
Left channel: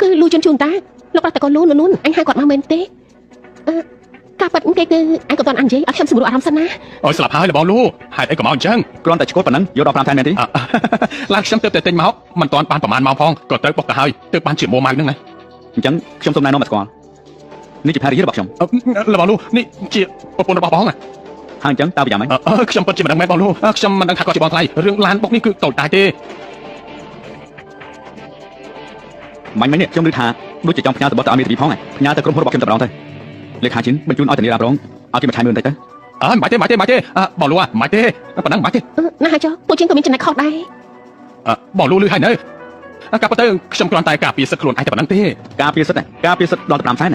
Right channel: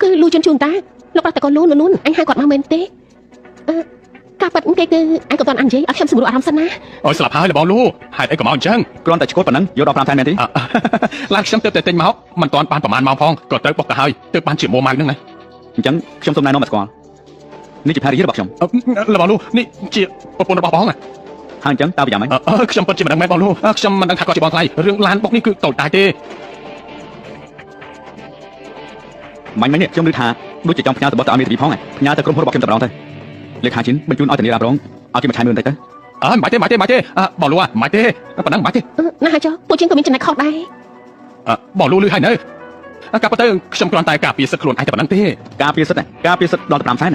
គឺលូជូនតាលោកប្រាប់តែកូននួនអញហៅគាត់មកមែនទេការប៉ັດគេគឺអញក៏តន់អញនិយាយឲ្យខ្ញុំសម្រួលអារម្មណ៍សិនណា អូយស្លាប់ហើយលបងលូហេតុអីក៏មកអញ្ចឹង គ្រាន់តែឈ្គល់ប៉ុណ្ណឹងយកដល់5សែនមែនទេ ឡានខ្ញុំទៅតែទិញមកមិនតាន់បានប្រហែលម៉ោងផងក៏ទៅពុកទៅហើយទៅបានជាមួម៉ៅហ្នឹងណា អញ្ចឹងខ្ញុំសូមណែនាំមកស្គាល់នេះជាភរិយារបស់ខ្ញុំ លបងលូនេះជាប្រពន្ធរបស់បងណា ហើយអញ្ចឹងតើវាយ៉ាងម៉េច ខ្ញុំពិតជាមិនដឹងមែនបងលូខ្ញុំមិនដឹងថាគាត់ជាបងថ្លៃរឿងឡានបុកនេះគឺតូចតាចទេ មិញនេះខ្ញុំឮថាដូចជាចង់ផ្ញើទៅបទទៅឲ្យមេធាវីផងផ្ញើទៅក្រុមហ៊ុនរបស់ខ្ញុំតែម្ដងទៅលេខាឈិនបញ្ជូនឲ្យតានីរ៉ាប់រងឲ្យគេមកឆាយមើលបន្តិចទៅមិនទេបងលូមិនទេប៉ុណ្ណឹងមិនទេ ណាហើយចុះពួកជាងក៏មានចំណុចខុសដែរ បងលូលឺហើយនៅកាប់ទៅខ្ញុំគ្រាន់តែការពារសិទ្ធិខ្លួនឯងតែប៉ុណ្ណឹងទេ ការពារសិទ្ធិដល់5សែន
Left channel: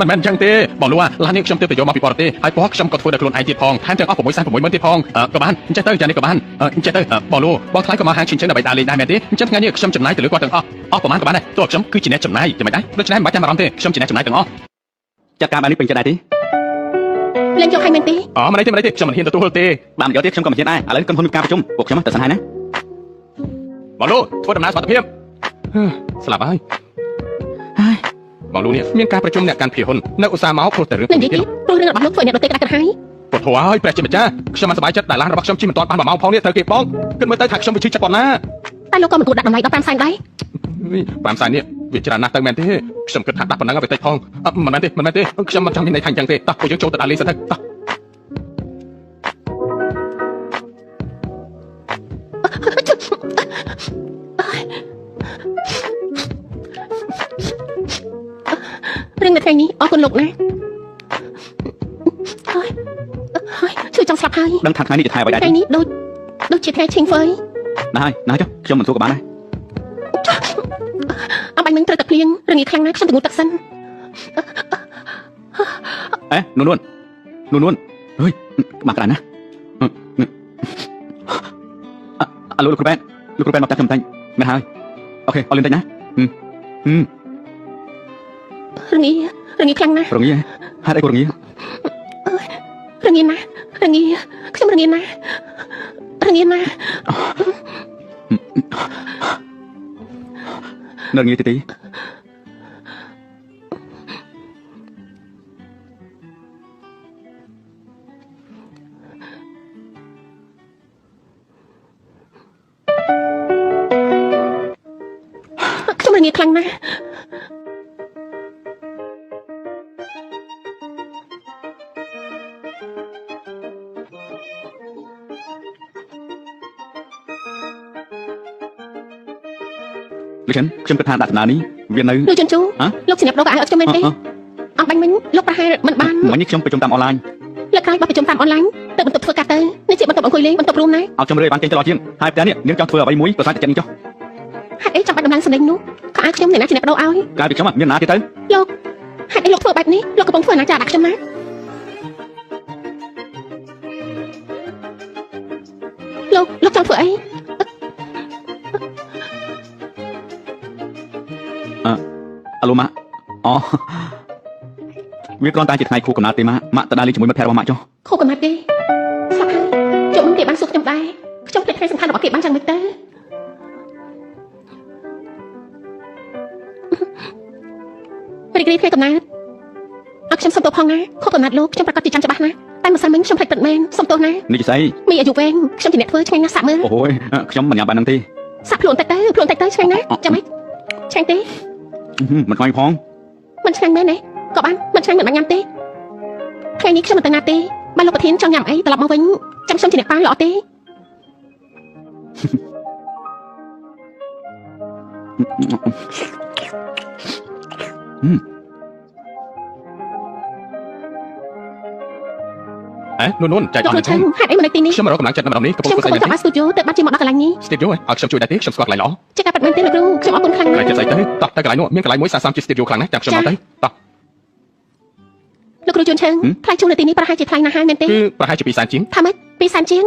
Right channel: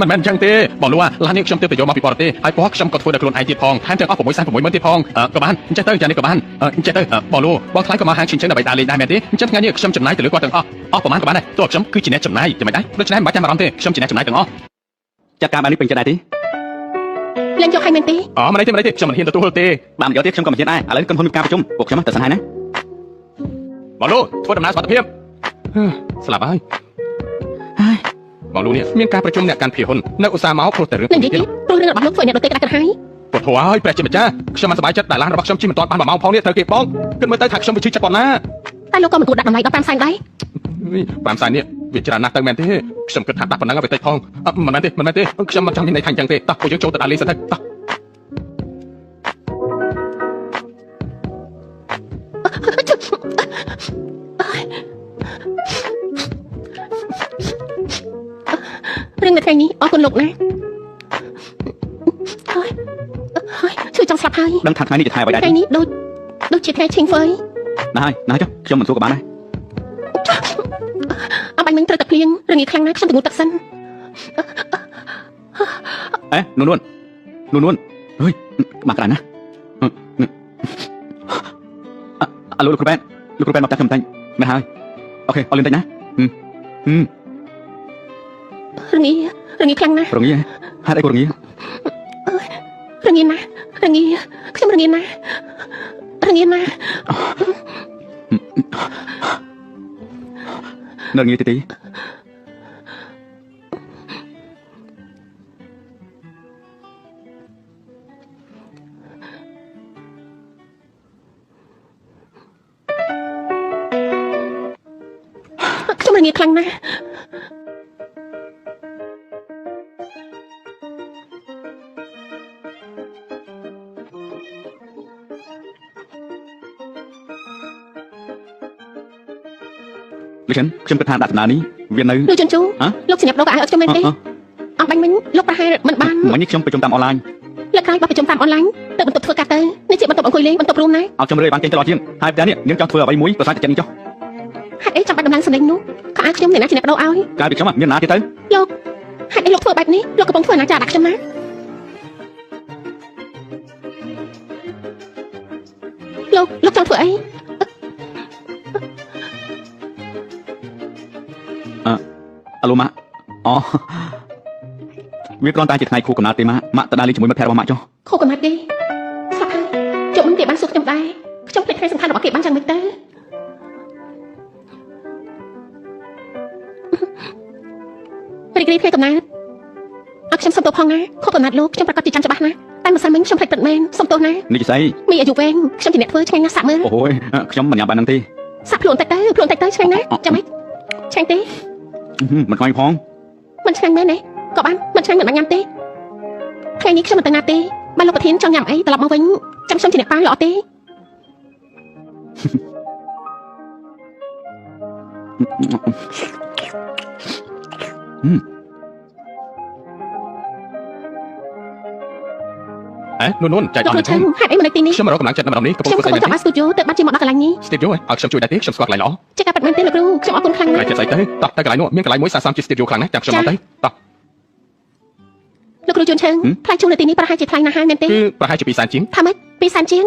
មិនមែនអញ្ចឹងទេបងលូឡាននេះខ្ញុំទៅយកមកពីបរទេសហើយពណ៌ខ្ញុំក៏ធ្វើដល់ខ្លួនឯងទៀតផងថែមទាំងអស់660,000ទៀតផងក៏បានអញ្ចឹងទៅចានេះក៏បានអញ្ចឹងទៅបងលូបងថ្លៃក៏មកហាងឈិនដើម្បីដើរលេងដែរមែនទេអញ្ចឹងថ្ងៃនេះខ្ញុំចំណាយទៅលើគាត់ទាំងអស់ប្រហែលក៏បានដែរទោះខ្ញុំគឺជាអ្នកចំណាយយ៉ាងម៉េចដែរដូច្នេះមិនបាច់ចាំអារម្មណ៍ទេខ្ញុំជាអ្នកចំណាយទាំងអស់ ចាត់ការបាននេះពេញចិត្តដែរទេ លេងយកឲ្យមែនទេមិនទេខ្ញុំមិនហ៊ានទទួលទេ បានយកទៀតខ្ញុំក៏មិនហ៊ានដែរឥឡូវក្រុមហ៊ុនមានការប្រជុំពួកខ្ញុំទៅសង្ហែណា បងលូធ្វើដំណើរសុខភាពស្លាប់ហើយបងលូនេះមានការប្រជុំអ្នកកាន់ភាហ៊ុននៅឧស្សាហ៍មកព្រោះតែរឿង និយាយទៀតព្រោះរឿងរបស់ខ្ញុំធ្វើអ្នកដទៃក្រាស់ក្រហាយ ពុទ្ធហើយព្រះជាម្ចាស់ខ្ញុំមិនសប្បាយចិត្តដែលឡានរបស់ខ្ញុំជិះមិនទាន់បាន1ម៉ោងផងនេះត្រូវគេផងគិតមើលទៅថាខ្ញុំវាជឿចិត្តប៉ុណ្ណា តែលោកក៏មិនគួរដាក់តម្លៃដល់5សែនដែរ 5 សាយនេះវាច្រើនណាស់ទៅមែនទេខ្ញុំគិតថាដាក់ប៉ុណ្ណឹងឲ្យទៅផងមិនមែនទេខ្ញុំមិនចង់មានន័យថាអញ្ចឹងទេតោះពួកយើងចូលទៅដាក់លេងសិនទៅតោះ រឿងនៅថ្ងៃនេះអរគុណលោកណាជួយចង់ស្លាប់ហើយ ដឹងថាថ្ងៃនេះជាថ្ងៃអ្វីដែរ ថ្ងៃនេះដូចជាថ្ងៃឈិងហ្វយ ណាស់ហើយចុះខ្ញុំមិនសួរក៏បានដែរ អបាញ់នឹងត្រូវតែភ្លៀងរងាខ្លាំងណាស់ខ្ញុំទៅងូតទឹកសិន អេនួនអើយមកក្រានណាអឡូលោកគ្រូបែនមកតាខ្ញុំតាំងមែនហើយអូខេអរលឿនតិចណារងាខ្លាំងណាស់ រងាហេតុអីក៏រងា រងាណាស់ខ្ញុំរងាណាស់ នៅរងាទី ខ្ញុំរងាខ្លាំងណាស់ លោកខ្ញុំគិតថាដាក់ដំណើរនេះវានៅ លោកជន់ជូលោកសញ្ញាបដោកអាយអត់ខ្ញុំមែនទេអបាញ់មិញលោកប្រហែលមិនបាន ថ្ងៃនេះខ្ញុំប្រជុំតាមអនឡាញ លើកក្រោយបោះប្រជុំតាមអនឡាញទៅបន្ទប់ធ្វើការទៅនេះជាបន្ទប់អង្គុយលេងបន្ទប់រួមណា អត់ខ្ញុំលើបានចេញទៅដល់ជាងហើយផ្ទះនេះនាងចង់ធ្វើអ្វីមួយប្រសាទចិត្តនេះចុះ ហេតុអីចាំបាច់ដំណើរសម្លេងនោះខោអាវខ្ញុំអ្នកណាជាអ្នកបដោឲ្យ ការពីខ្ញុំមានណាទៀតទៅ លោកហេតុអីលោកធ្វើបែបនេះលោកកំពុងធ្វើអនាចារដាក់ខ្ញុំណាលោកចង់ធ្វើអី អឡូម៉ាអូវាគ្រាន់តែជាថ្ងៃខួបកំណើតទេម៉ាក់ទៅដើរលេងជាមួយមិត្តភក្តិរបស់ម៉ាក់ចុះ ខូកំណាត់ទេស្លាប់ហើយជុំគេបានសួរខ្ញុំដែរខ្ញុំភ្លេចថ្ងៃសំខាន់របស់គេបានយ៉ាងម៉េចទៅរីករាយថ្ងៃកំណើតអត់ខ្ញុំសុំទោសផងណាខូកំណាត់លោកខ្ញុំប្រកាសជាចាំច្បាស់ណាតែម្សិលមិញខ្ញុំភ្លេចទឹកមែនសុំទោសណា នេះជាស្អី មានអាយុវែងខ្ញុំជាអ្នកធ្វើឆ្ងាញ់ណាស់សាក់មើល អូយខ្ញុំមិនញ៉ាំបានហ្នឹងទេ សាក់ខ្លួនតិចទៅឆ្ងាញ់ណាស់ចាំម៉េចឆ្ងាញ់ទេ មិនខ្លាញ់ផង មិនឆ្ងាញ់មែនទេក៏បានមិនឆ្ងាញ់មិនបានញ៉ាំទេថ្ងៃនេះខ្ញុំមិនទៅណាទេបើលោកប្រធានចង់ញ៉ាំអីត្រឡប់មកវិញចាំខ្ញុំជាអ្នកប៉ាល្អទេ អេនួនចែកអស់ ខ្ញុំហេតុអីមកនៅទីនេះ ខ្ញុំរកកម្លាំងចិត្តនៅម្ដងនេះកំពុង ខ្ញុំ ធ្វើ ក៏ ស្អី ចង់មកស្ទូឌីយោទៅបាត់ជាមកដល់កន្លែងនេះ ស្ទីឌីយោអត់ខ្ញុំជួយដែរទេខ្ញុំស្គាល់កន្លែងល្អ ជាការប៉ັດមែនទេលោកគ្រូខ្ញុំអរគុណខ្លាំងណា កន្លែង ស់ ចិត្តស្អីទៅតោះតែកន្លែងនោះមានកន្លែងមួយសាសំជាស្ទីឌីយោខ្លាំងណាស់ចាំខ្ញុំមកទៅតោះ លោកគ្រូជួនឆើងថ្លៃជួលនៅទីនេះប្រហែលជាថ្លៃណាស់ហើយមែនទេ គឺប្រហែលជា2សែនជាង ថាម៉េច2សែនជាង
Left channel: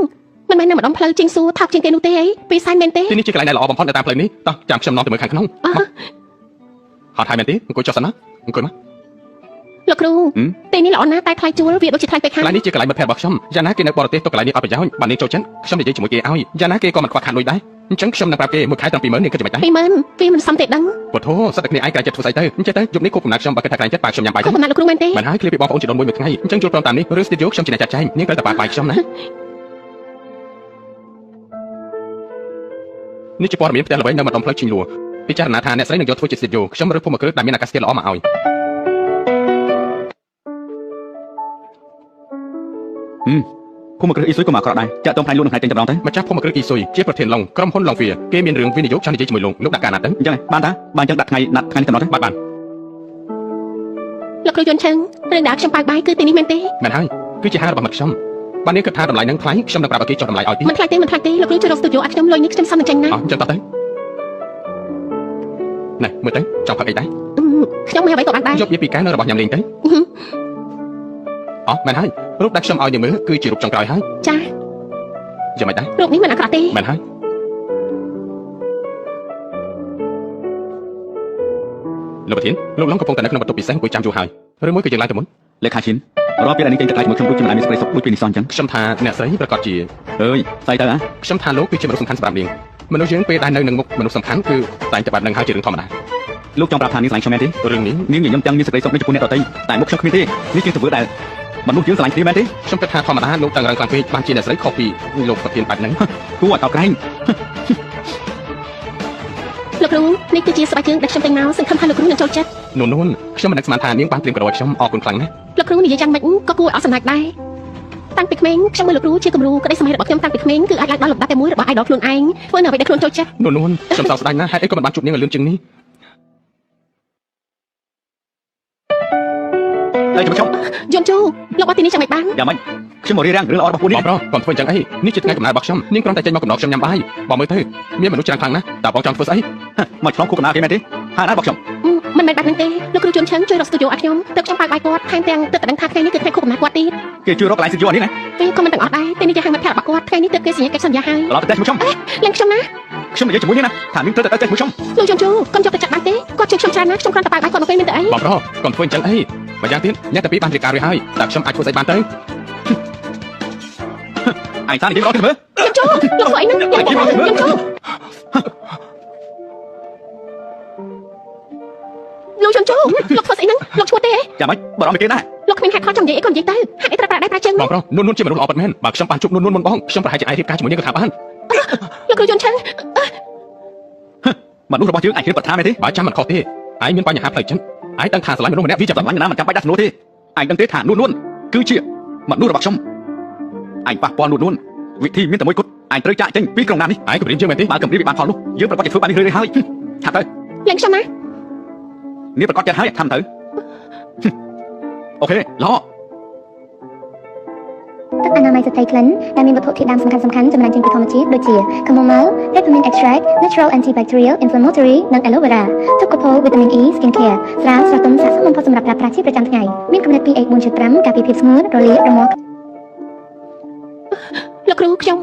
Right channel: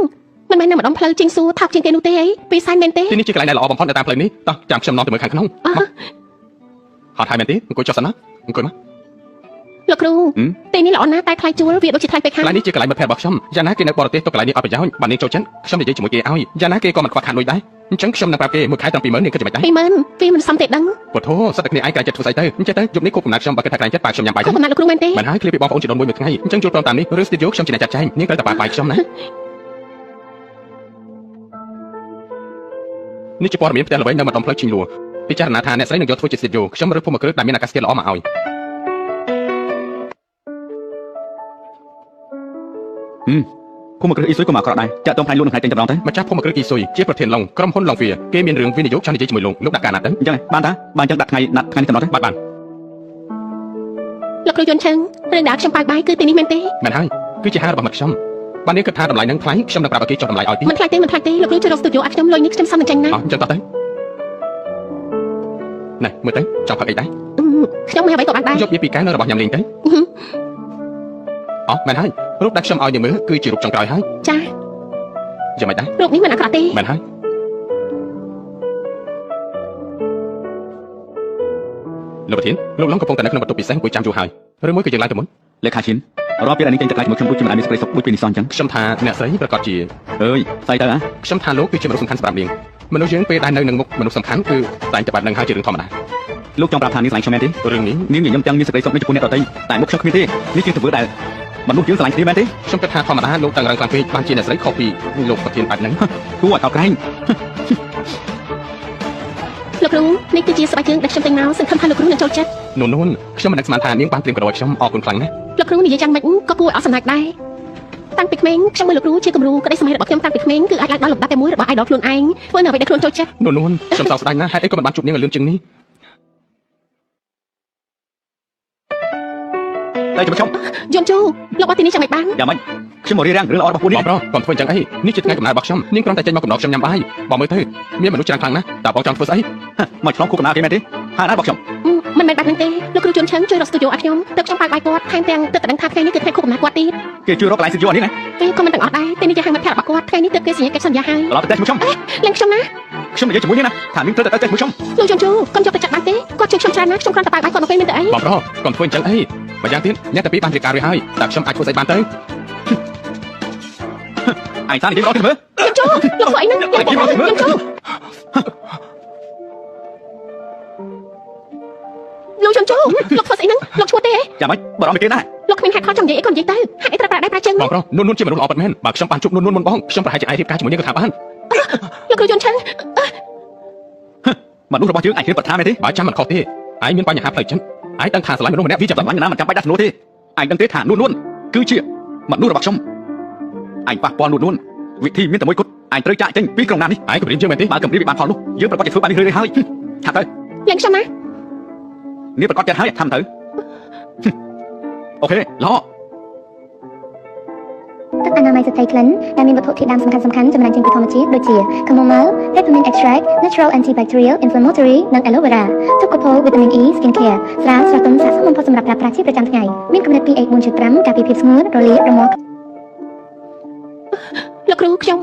មិនមែននៅម្ដងផ្លូវជាងសួរថោកជាងគេនោះទេអី2សែនមែនទេ ទីនេះជាកន្លែងដែលល្អបំផុតនៅតាមផ្លូវនេះតោះចាំខ្ញុំនាំទៅមើលខាងក្នុងហត់ហើយមែនទេអង្គុយចុះសិនណាអង្គុយមក លោកគ្រូទីនេះល្អណាស់តែថ្លៃជួលវាដូចជាថ្លៃពេក កន្លែងនេះជាកន្លែងមិត្តភក្តិរបស់ខ្ញុំយ៉ាងណាគេនៅបរទេសទៅកន្លែងនេះអត់ប្រយោជន៍បាននាងចូលចិត្តខ្ញុំនិយាយជាមួយគេឲ្យយ៉ាងណាគេក៏មិនខ្វះខាតលុយដែរអញ្ចឹងខ្ញុំនឹងប្រាប់គេមួយខែតាំងពីមើលនេះគេจะមិនដែរ 20000វាមិនសមទេដឹង ពុទ្ធោសិតតែគ្នាឯងកន្លែងចិត្តធ្វើស្អីទៅអញ្ចឹងទៅយប់នេះគប់កំណាត់ខ្ញុំបើគេថាកន្លែងចិត្តប៉ាខ្ញុំញ៉ាំបាយ ខុសកំណត់លោកគ្រូមែនទេ មិនហើយឃ្លៀបពីបងប្អូនជាដនមួយថ្ងៃអញ្ចឹងចូលព្រមតាមនេះឬស្ទីឌីយោខ្ញុំជាអ្នកចាត់ចែងនាងត្រូវតែប៉ាបាយខ្ញុំណានេះជាព័ត៌មានផ្ទះល្បីនៅម្ដុំផ្លូវជីងលួពិចារណាថាអ្នកស្រីនឹងយកធ្វើជាស្ទីឌីយោខ្ញុំរើសភូមិគ្រឹះដែលមានអាកាសធាតុល្អមកឲ្យ ភូមិគ្រឹះអ៊ីស៊ុយក៏មកក្រក់ដែរចាក់តងផ្នែកលូនក្នុងថ្ងៃចេញទៅដល់ទៅ ម្ចាស់ភូមិគ្រឹះអ៊ីស៊ុយជាប្រធានឡុងក្រុមហ៊ុនឡុងវាគេមានរឿងវិនិយោគចង់និយាយជាមួយលោកដាក់ការណាត់ទៅ អញ្ចឹងបានតាបានអញ្ចឹងដាក់ថ្ងៃនេះទៅដល់ទៅ បាទ លោកគ្រូជួនឆើងរឿងដែលខ្ញុំប៉ាបាយគឺទីនេះមែនទេ មែនហើយគឺជាហេតុរបស់មិត្តខ្ញុំបាននេះគិតថាតម្លៃនឹងថ្លៃខ្ញុំនឹងប្រាប់ឲ្យគេចុះតម្លៃឲ្យទី មិនថ្លៃទេលោកគ្រូជួយរកស្ទូឌីយោឲ្យខ្ញុំលុយនេះខ្ញុំសំនឹងចេញណា អញ្ចឹងតោះទៅណែមើលទៅចង់ផឹកអីដែរ ខ្ញុំមិនអ្វីក៏បានដែរ យកវាពីកែនៅរបស់ញ៉ាំលេងទៅអោះមែនហើយរូបដែលខ្ញុំឲ្យនាងមើលគឺជារូបចុងក្រោយហើយ ចា យ៉ាងម៉េចដែរ រូបនេះមិនអាក្រក់ទេ មែនហើយលោកប្រធានលោកឡុងកំពុងតែនៅក្នុងបន្ទប់ពិសេសអង្គុយចាំយូរហើយឬមួយគឺយើងឡើងទៅមុន លេខាឈិនរាល់ពេលដែលនេះចេញទៅក្រៅជាមួយខ្ញុំដូចជាមិនអាចមានសេចក្តីសុខដូចពេលនេះសោះអញ្ចឹង ខ្ញុំថាអ្នកស្រីប្រកាសជា អើយស្អីទៅហ៎ ខ្ញុំថាលោកគឺជាមនុស្សសំខាន់សម្រាប់នាងមនុស្សយើងពេលដែលនៅនឹងមុខមនុស្សសំខាន់គឺតែតែបាត់នឹងហើយជារឿងធម្មតា លោកចង់ប្រាប់ថានាងស្រឡាញ់ខ្ញុំមែនទេ រឿងនេះ នាងនិយាយទាំងមានសេចក្តីសុខដូចជាអ្នកដទៃតែមុខខ្ញុំគ្មានទេនេះជាទង្វើដែលមនុស្សយើងស្រឡាញ់គ្នាមែនទេ ខ្ញុំគិតថាធម្មតាលោកតាំងរងខ្លាំងពេកបានជាអ្នកស្រីខុសពីលោកប្រធានបែបហ្នឹង គួរឲ្យកោតក្រែង លោកគ្រូនេះ គឺជាស្បែកជើងដែលខ្ញុំតែងមកសង្ឃឹមថាលោកគ្រូនឹងចូលចិត្ត នោះខ្ញុំមិននឹកស្មានថានាងបានត្រៀមក្រោយខ្ញុំអរគុណខ្លាំងណាស់ លោកគ្រូនិយាយយ៉ាងម៉េចក៏គួរឲ្យសម្រេចដែរតាំងពីក្មេងខ្ញុំមើលលោកគ្រូជាគំរូក្តីសម័យរបស់ខ្ញុំតាំងពីក្មេងគឺអាចឡើងដល់លំដាប់តែមួយរបស់ idol ខ្លួនឯងធ្វើនៅអ្វីដែលខ្លួនចូលចិត្ត នោះខ្ញុំសោកស្ដាយណាស់ហេតុអីក៏មិនបានជួបនាងឲ្យលឿនជាងនេះ ហើយចាំខ្ញុំ យំជូលោកមកទីនេះចាំមិនបាន យ៉ាងម៉េចខ្ញុំមករៀបរៀងរឿងល្អរបស់ពួកនេះ បងប្រុសកុំធ្វើអញ្ចឹងអីនេះជាថ្ងៃកំណើតរបស់ខ្ញុំនាងគ្រាន់តែចេញមកកំណត់ខ្ញុំញ៉ាំបាយបងមើលទៅមានមនុស្សច្រើនខ្លាំងណាស់តើបងចង់ធ្វើស្អី មកឆ្លងគូកំណើតទេមែនទេហានអត់របស់ខ្ញុំ មិនមែនបែបហ្នឹងទេលោកគ្រូជួនឆឹងជួយរកស្ទូឌីយោឲ្យខ្ញុំទើបខ្ញុំបើកបាយគាត់ថែមទាំងទើបតែដឹងថាថ្ងៃនេះគឺថ្ងៃខួបកំណើតគាត់ទៀត គេជួយរកកន្លែងស្ទូឌីយោនេះណា គេក៏មិនដឹងអត់ដែរពេលនេះគេហៅមិត្តភក្តិរបស់គាត់ថ្ងៃនេះទើបគេសញ្ញាកិច្ចសន្យាហើយ ឡោះទៅតែខ្ញុំ លេងខ្ញុំណា ខ្ញុំនិយាយជាមួយនេះណាថានាងត្រូវតែជាមួយខ្ញុំ លោកយំជូកុំយកទៅចាក់បានទេគាត់ជួយខ្ញុំច្រើនណាស់ខ្ញុំគ្រាន់តែបើកបាយគាត់មកពេលនេះទៅអី បងប្រុសកុំធ្វើអញ្ចឹងអីបើយ៉ាងទៀតអ្នកតែពីបានរៀបការរួចហើយតើខ្ញុំអាចធ្វើស្អីបានទៅ ឯងតាមនិយាយល្អទៅមើល យំជូលោកធ្វើអីហ្នឹងយំជូលោកយំជូលោកធ្វើស្អីហ្នឹងលោកឈួតទេ យ៉ាងម៉េចបារម្ភទៅទៀតណា លោកគ្មានហេតុផលចង់និយាយអីក៏និយាយទៅហេតុអីត្រូវប្រាដៃប្រាជើង បងប្រុសនួនជាមនុស្សល្អពិតមែនបើខ្ញុំបានជួបនួនមុនបងខ្ញុំប្រហែលជាអាចរៀបការជាមួយនាងក៏ថាបាន លោកគ្រូយន្តឆឹង មនុស្សរបស់យើងអាចគិតគាត់ថាមែនទេ បើចាំមិនខុសទេឯងមានបញ្ហាផ្លូវចិត្តឯងដឹងថាស្រឡាញ់មនុស្សម្នាក់វាចាប់ ស្រឡាញ់ណាមិនចាំបាច់ដាក់ស្នូលទេឯងដឹងទេថានួនគឺជាមនុស្សរបស់ខ្ញុំឯងប៉ះពាល់នួនវិធីមានតែមួយគត់ឯងត្រូវចាក់ចេញពីក្រុមណានេះ ឯងគំរាមយើងមែនទេ បានគម្រាមពីបានផលនោះយើងប្រកាសជាធ្វើបាននេះហើយថាទៅ លេងខ្ញុំណា នេះប្រកាសចិត្តហើយថាទៅអូខេឡោ ទឹកអនាម័យស្ត្រីក្លិនដែលមានវត្ថុធាតុដើមសំខាន់ៗចម្រាញ់ចេញពីធម្មជាតិដូចជា chamomile, peppermint extract, natural antibacterial, inflammatory និង aloe vera ទឹកកកផូ vitamin E skin care ស្រាលស្រទន់ស័ក្តិសមបំផុតសម្រាប់ប្រើប្រាស់ជាប្រចាំថ្ងៃមានកម្រិត pH 4.5 ការពារភាពស្ងួតរលាករមាស់ លោកគ្រូខ្ញុំ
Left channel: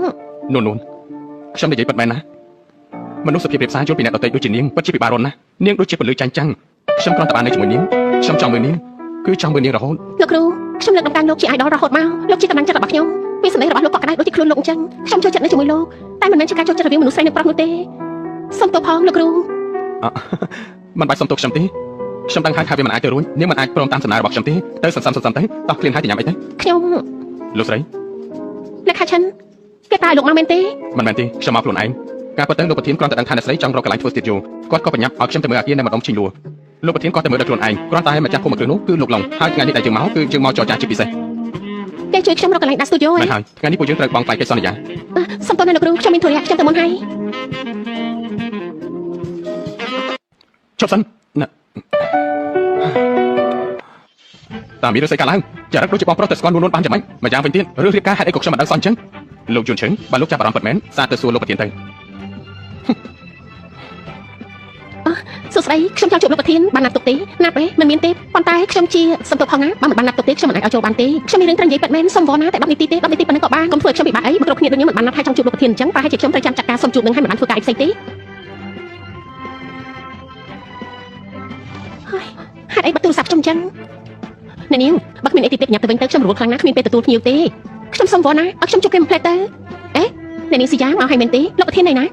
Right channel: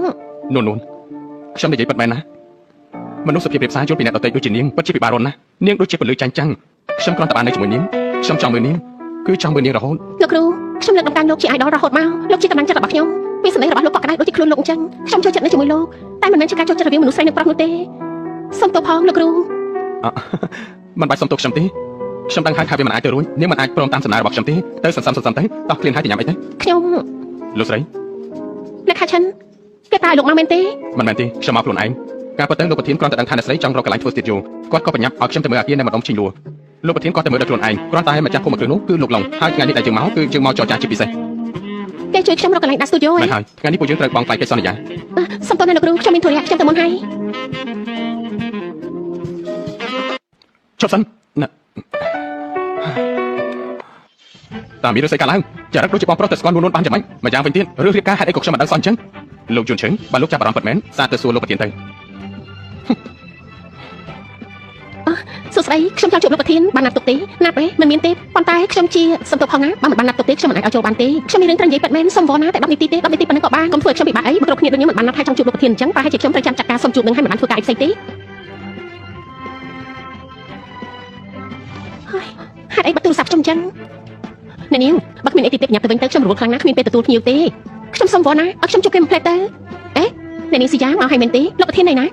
នួនខ្ញុំនិយាយពិតមែនណាមនុស្សសុភាពរៀបសារជួបពីអ្នកដទៃដូចជានាងពិតជាពិបាករស់ណាស់នាងដូចជាពលឺចាញ់ចាំងខ្ញុំគ្រាន់តែបាននៅជាមួយនាងខ្ញុំចង់មើលនាងគឺចង់មើលនាងរហូត លោកគ្រូខ្ញុំលើកដំណើរលោកជា idol រហូតមកលោកជាកម្លាំងចិត្តរបស់ខ្ញុំពីសម្លេងរបស់លោកក៏ក្តៅដូចជាខ្លួនលោកអញ្ចឹងខ្ញុំចូលចិត្តនៅជាមួយលោកតែមិនមែនជាការចូលចិត្តរវាងមនុស្សស្រីនិងប្រុសនោះទេសូមទោសផងលោកគ្រូ មិនបាច់សុំទោសខ្ញុំទេខ្ញុំដឹងហើយថាវាមិនអាចទៅរួចនាងមិនអាចព្រមតាមសំណើរបស់ខ្ញុំទេទៅសន្សំទៅតោះគ្លៀនហើយទៅញ៉ាំអីទៅ ខ្ញុំ លោកស្រី អ្នកខាឆិនគេតើលោកមកមែនទេ មិនមែនទេខ្ញុំមកខ្លួនឯងការពិតទៅលោកប្រធានគ្រាន់តែដឹងថាអ្នកស្រីចង់រកកន្លែងធ្វើស្ទូឌីយោគាត់ក៏បញ្ញាប់ឲ្យខ្ញុំទៅមើលអាគារនៅម្ដុំឈីលួលោកប្រធានគាត់ទៅមើលដោយខ្លួនឯងគ្រាន់តែម្ចាស់ភូមិគ្រឹះនោះគឺលោកឡុងហើយថ្ងៃនេះដែលយើងមកគឺយើងមកចរចាជាពិសេស គេជួយខ្ញុំរកកន្លែងដាក់ស្ទូឌីយោ ហើយថ្ងៃនេះពួកយើងត្រូវបង់ថ្លៃកិច្ចសន្យា សូមទោសណាលោកគ្រូខ្ញុំមានធុរៈខ្ញុំទៅមកហើយ ចុះសិនណាតាមមានរឿងស្អីកើតឡើងចារឹកដូចជាបងប្រុសទៅស្គាល់នួនបានយ៉ាងម៉េចម្យ៉ាងវិញទៀតរឿងរៀបការហេតុអីក៏ខ្ញុំមិនដឹងសោះអញ្ចឹងលោកជួនឈឹងបើលោកចាប់អារម្មណ៍ពិតមែនសាកទៅសួរលោកប្រធានទៅ សួស្ដីខ្ញុំចង់ជួបលោកប្រធានបានណាត់ទុកទេណាត់ទេមិនមានទេប៉ុន្តែខ្ញុំជាសំទោសផងណាបើមិនបានណាត់ទុកទេខ្ញុំមិនអាចឲ្យចូលបានទេខ្ញុំមានរឿងត្រូវនិយាយពិតមែនសុំវល់ណាតែ10នាទីទេ10នាទីប៉ុណ្ណឹងក៏បានកុំធ្វើឲ្យខ្ញុំពិបាកអីមកគ្រប់គ្នាដូចខ្ញុំមិនបានណាត់ថាចង់ជួបលោកប្រធានអញ្ចឹងប្រហែលជាខ្ញុំត្រូវចាំចាត់ការសុំជួបនឹងហើយមិនបានធ្វើការអីផ្សេងទេហេតុអីបើទូរស័ព្ទខ្ញុំអញ្ចឹងអ្នកនាងបើគ្មានអីទីទេញ៉ាំទៅវិញទៅខ្ញុំរត់ខ្លាំងណាស់គ្មានពេលទទួលភ្ញៀវទេខ្ញុំសុំវល់ណាឲ្យខ្ញុំជួបគេមួយផ្លែទៅអេអ្នកនាងស៊ីយ៉ាមកហើយមែនទេលោកប្រធានណៃណ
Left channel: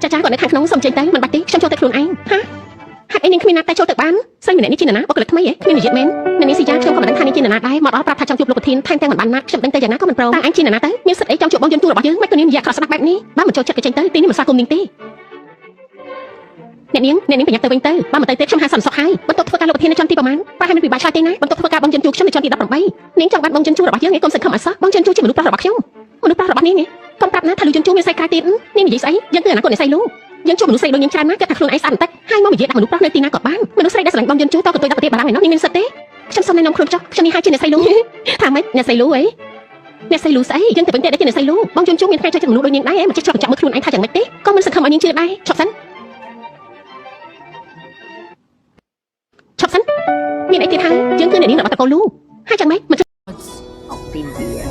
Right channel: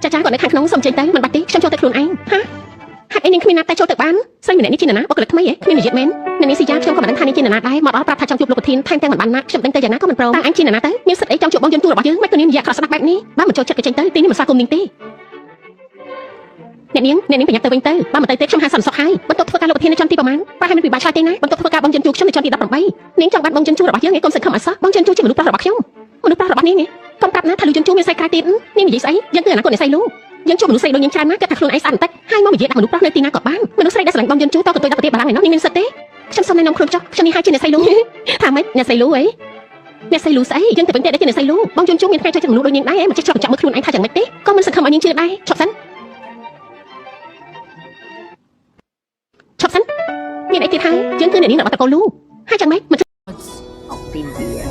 ាចាចាគាត់នៅខាងក្នុងសុំចេញទៅមិនបាច់ទេខ្ញុំចូលទៅខ្លួនឯងហាហេតុអីនាងគ្មានណាតែចូលទៅបានស្រីម្នាក់នេះជានរណាបុគ្គលិកថ្មីហ៎គ្មាននិយាយមែនអ្នកនាងស៊ីយ៉ាខ្ញុំក៏មិនដឹងថានាងជានរណាដែរមកដល់ប្រាប់ថាចង់ជួបលោកប្រធានថែមទាំងមិនបានណាខ្ញុំដឹងទៅយ៉ាងណាក៏មិនព្រមតែឯងជានរណាទៅមានសិទ្ធិអីចង់ជួបបងយន្តជួបរបស់យើងមិនក៏នាងនិយាយក្រស្ដាប់បែបនេះបើមិនចូលចិត្តក៏ចេញទៅទីនេះមិនស្វាគមន៍នាងទេអ្នកនាងប្រញាប់ទៅវិញទៅបើមិនទៅទេខ្ញុំហៅសន្តិសុខហើយបន្ទប់ធ្វើការលោកប្រធាននៅចន្ទទីប្រហែលប្រហែលមិនពិបាកឆ្លើយទេណាបន្ទប់ធ្វើការបងយន្តជួបខ្ញុំនៅចន្ទទី18នាងចង់បាត់បងយន្តជួបរបស់យើងឯងកុំសឹកខំអត់សោះបងយន្តជួបជាមនុស្សប្រុសរបស់ខ្ញុំមនុស្សប្រុសរបស់នាងនេះកុំប្រាប់ណាថាលោកយន្តជួបមានស្អីក្រៅទៀតនាងនិយាយស្អីយើងគឺអនាគតអ្នកស្អីនោះយើងជួបមនុស្សស្រីដូចយើងច្រើនណាស់គេថាខ្លួនឯងស្អាតបន្តិចហើយមកនិយាយដាក់មនុស្សប្រុសនៅទីណាក៏បានមនុស្សស្រីដែលស្រឡាញ់បងយន្តជួបតើក៏ទៅដល់ប្រទេសបារាំងឯណោះនាងមានសិទ្ធិទេខ្ញុំសុំណែនាំខ្លួនចុះខ្ញុំនេះហើយជាអ្នកស្រីលូថាម៉េចអ្នកស្រីលូអីអ្នកស្រីលូស្អីយើងទៅវិញទៅជាអ្នកស្រីលូបងយន្តជួបមានថ្ងៃចូលចិត្តមនុស្សដូចនាងដែរមិនចេះជាប់ចាប់មើលខ្លួនឯងថាយ៉ាងម៉េចទេក៏មិនសង្ឃឹមឲ្យនាងជឿដែរឈប់សិនមានអីទៀតហើយយើងគឺអ្នកនាងរបស់តកូលូហើយយ៉ាងម៉េចមិន học phim gì vậy?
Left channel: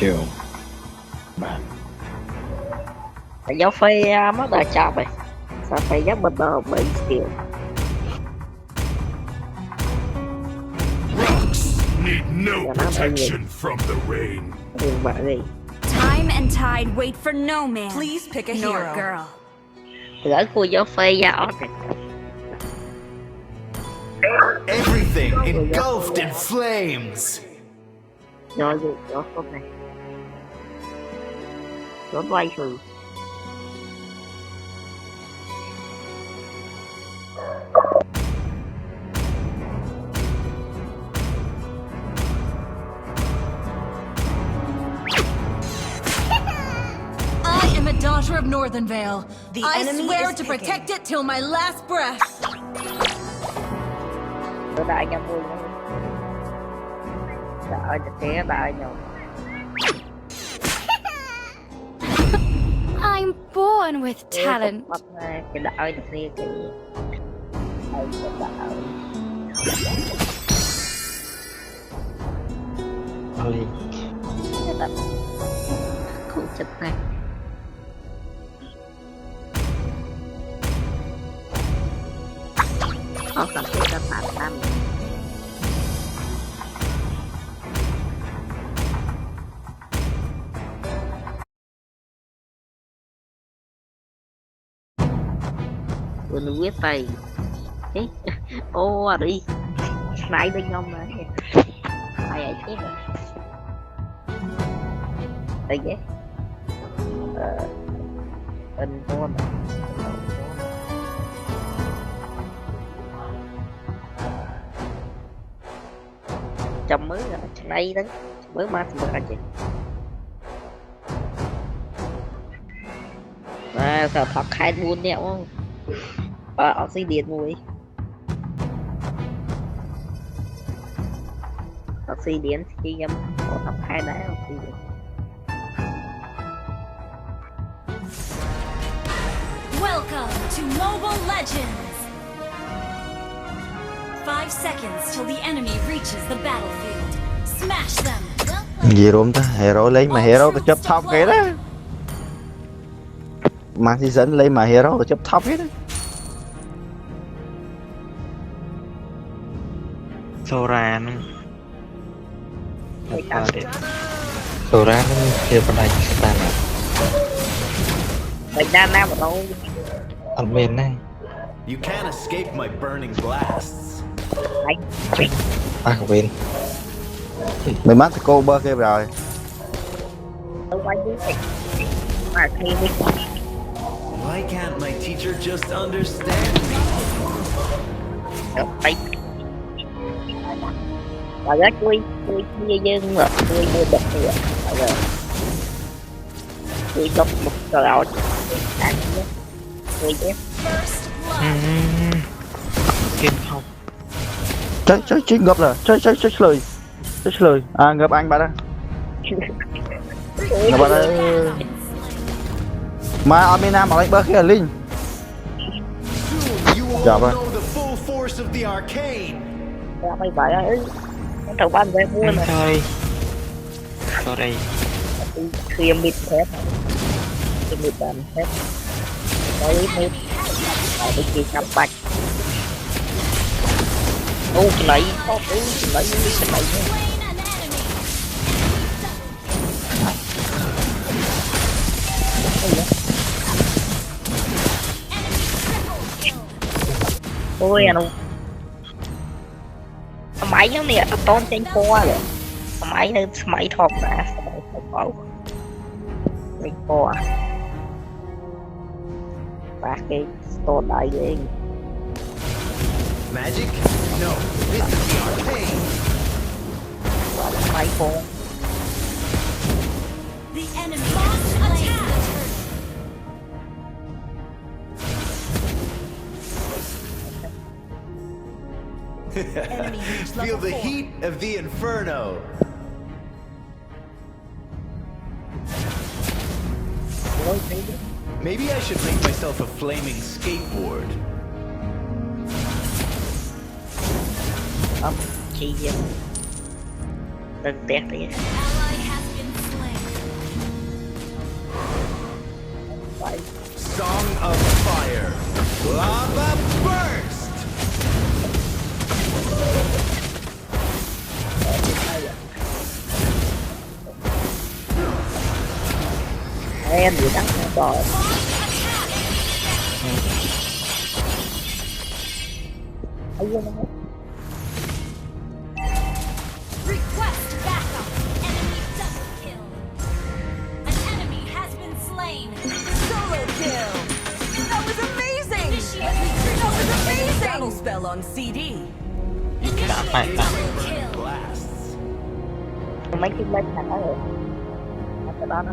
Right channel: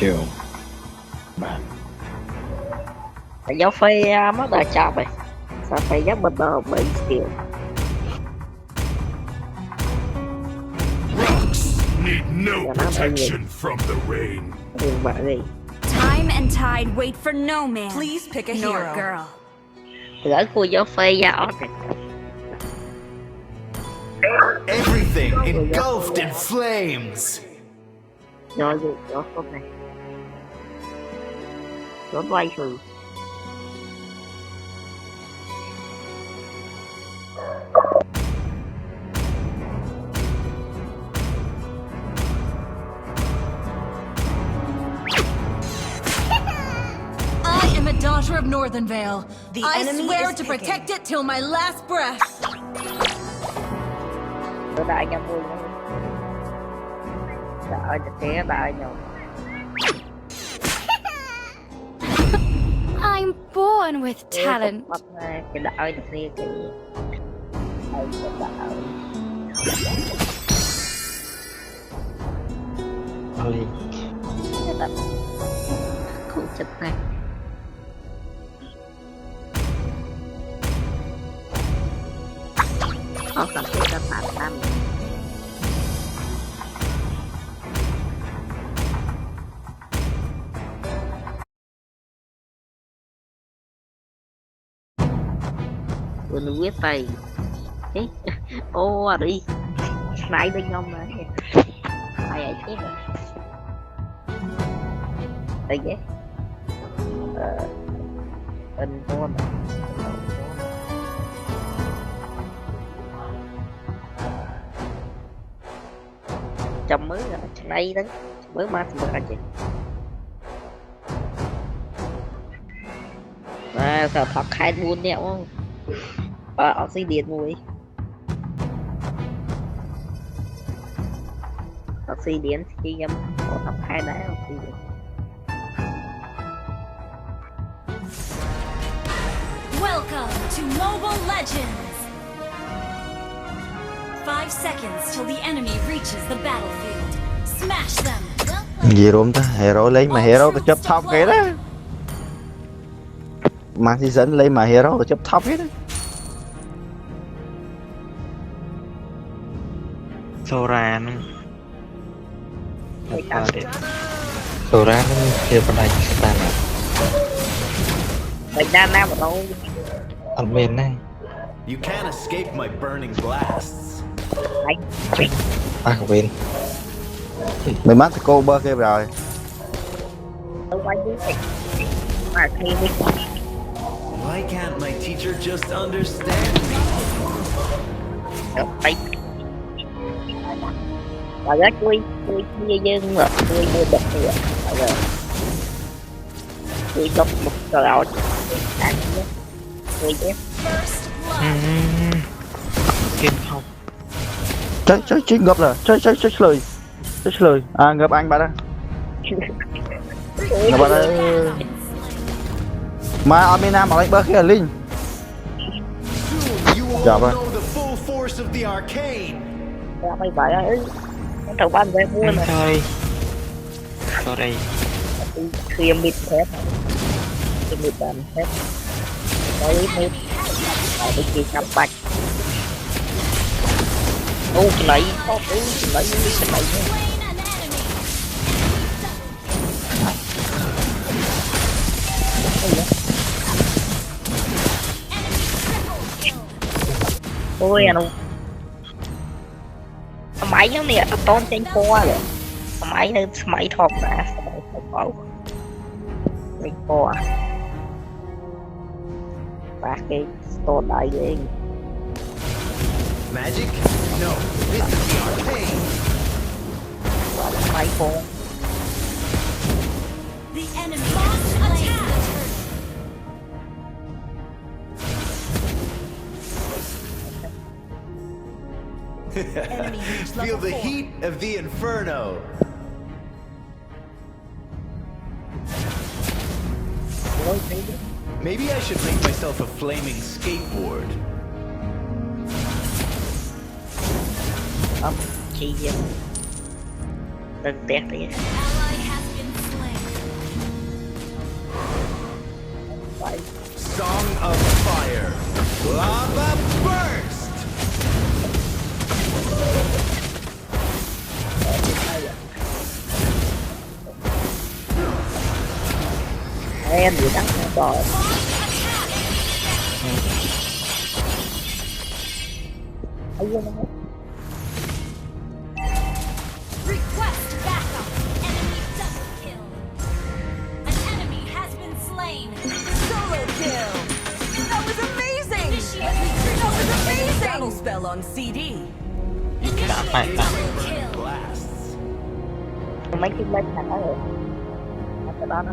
Điều bạn Tại giáo phi mất đời chọc rồi. Sao phải giáo bật bờ bởi kiểu Need no protection from the rain. đường bạ gì. Time and tide wait for no man. Please pick a nor hero. girl. Gửi khu giáo phi ra ọt này. Everything engulfed in flames. Rồi tốt này. Trốn quay thử. I am a daughter of Northern Vale. The I enemy swear is to picking. protect it till my last breath. Tôi đại nhau vui. Đợi cho té đợi nhau. I'm born with talent. Cái đợi được kia kìa. Đợi. Ôi, Không chết này. Không cần phải cho phạt tâm. Quên quyết tay. Ô đi. Nãy bên ông mà. Ai ấy chết rồi. Đây ghé. Bên con. Trong mới là đây đó. Mới mà thì được chị. À, sao thật khai buôn đéo không? Oxygen mùi. Oxygen thì em có tập khai đá oxygen. Welcome to Mobile Legends. 5 seconds till the enemy reaches the battlefield. Smash them. gì rôm ta, hero lấy mà hero có chấp top cái đó. Mang season lấy mà hero có chấp top cái đó. Sora nó Sora nó kia bên này stan à Mình đang nam ở đâu? ở bên này You can't escape my burning blasts. à bên Mày mắc cô bơ kia rồi. Đâu quay dưới này. Mà khi đi. Why can't my teacher just understand me? Đây. Và rất vui dân rồi, vui bật rồi. Vui đọc một rồi. Vui chứ. kim không Chơi ngập rồi, chơi lời. À ngập anh bạn đó. Ngập bạn đó. Mà Amina mà đánh bơ kia là Linh. You won't Dạ vâng. know the full force of the arcane. Ra mày bảo ơi. Thằng ban về mua này. thôi sau đây Khi em mịt hết. Khi mịt bàn hết. Đấy mịt. Ở đây kia cắm bạch. Ô cái này có cái này. Ôi anh máy giống nè, tôn trên khoa rồi. Máy nên máy thọp ra, máy thọp bảo. Trên khoa. Và cái tôn đại ghê. Magic? No, this is the arcane. Và máy khoa. The enemy lost attack. Feel the heat of the inferno. Maybe I should make myself a flaming skateboard. Chi vậy? Đừng tét đi. Ally has been slain. Song of fire. Lava burst. Em gì đắng rồi. Ấy CD. You can't Initiate fight double kill. blasts. mấy cái lên là nó rồi cái đó nó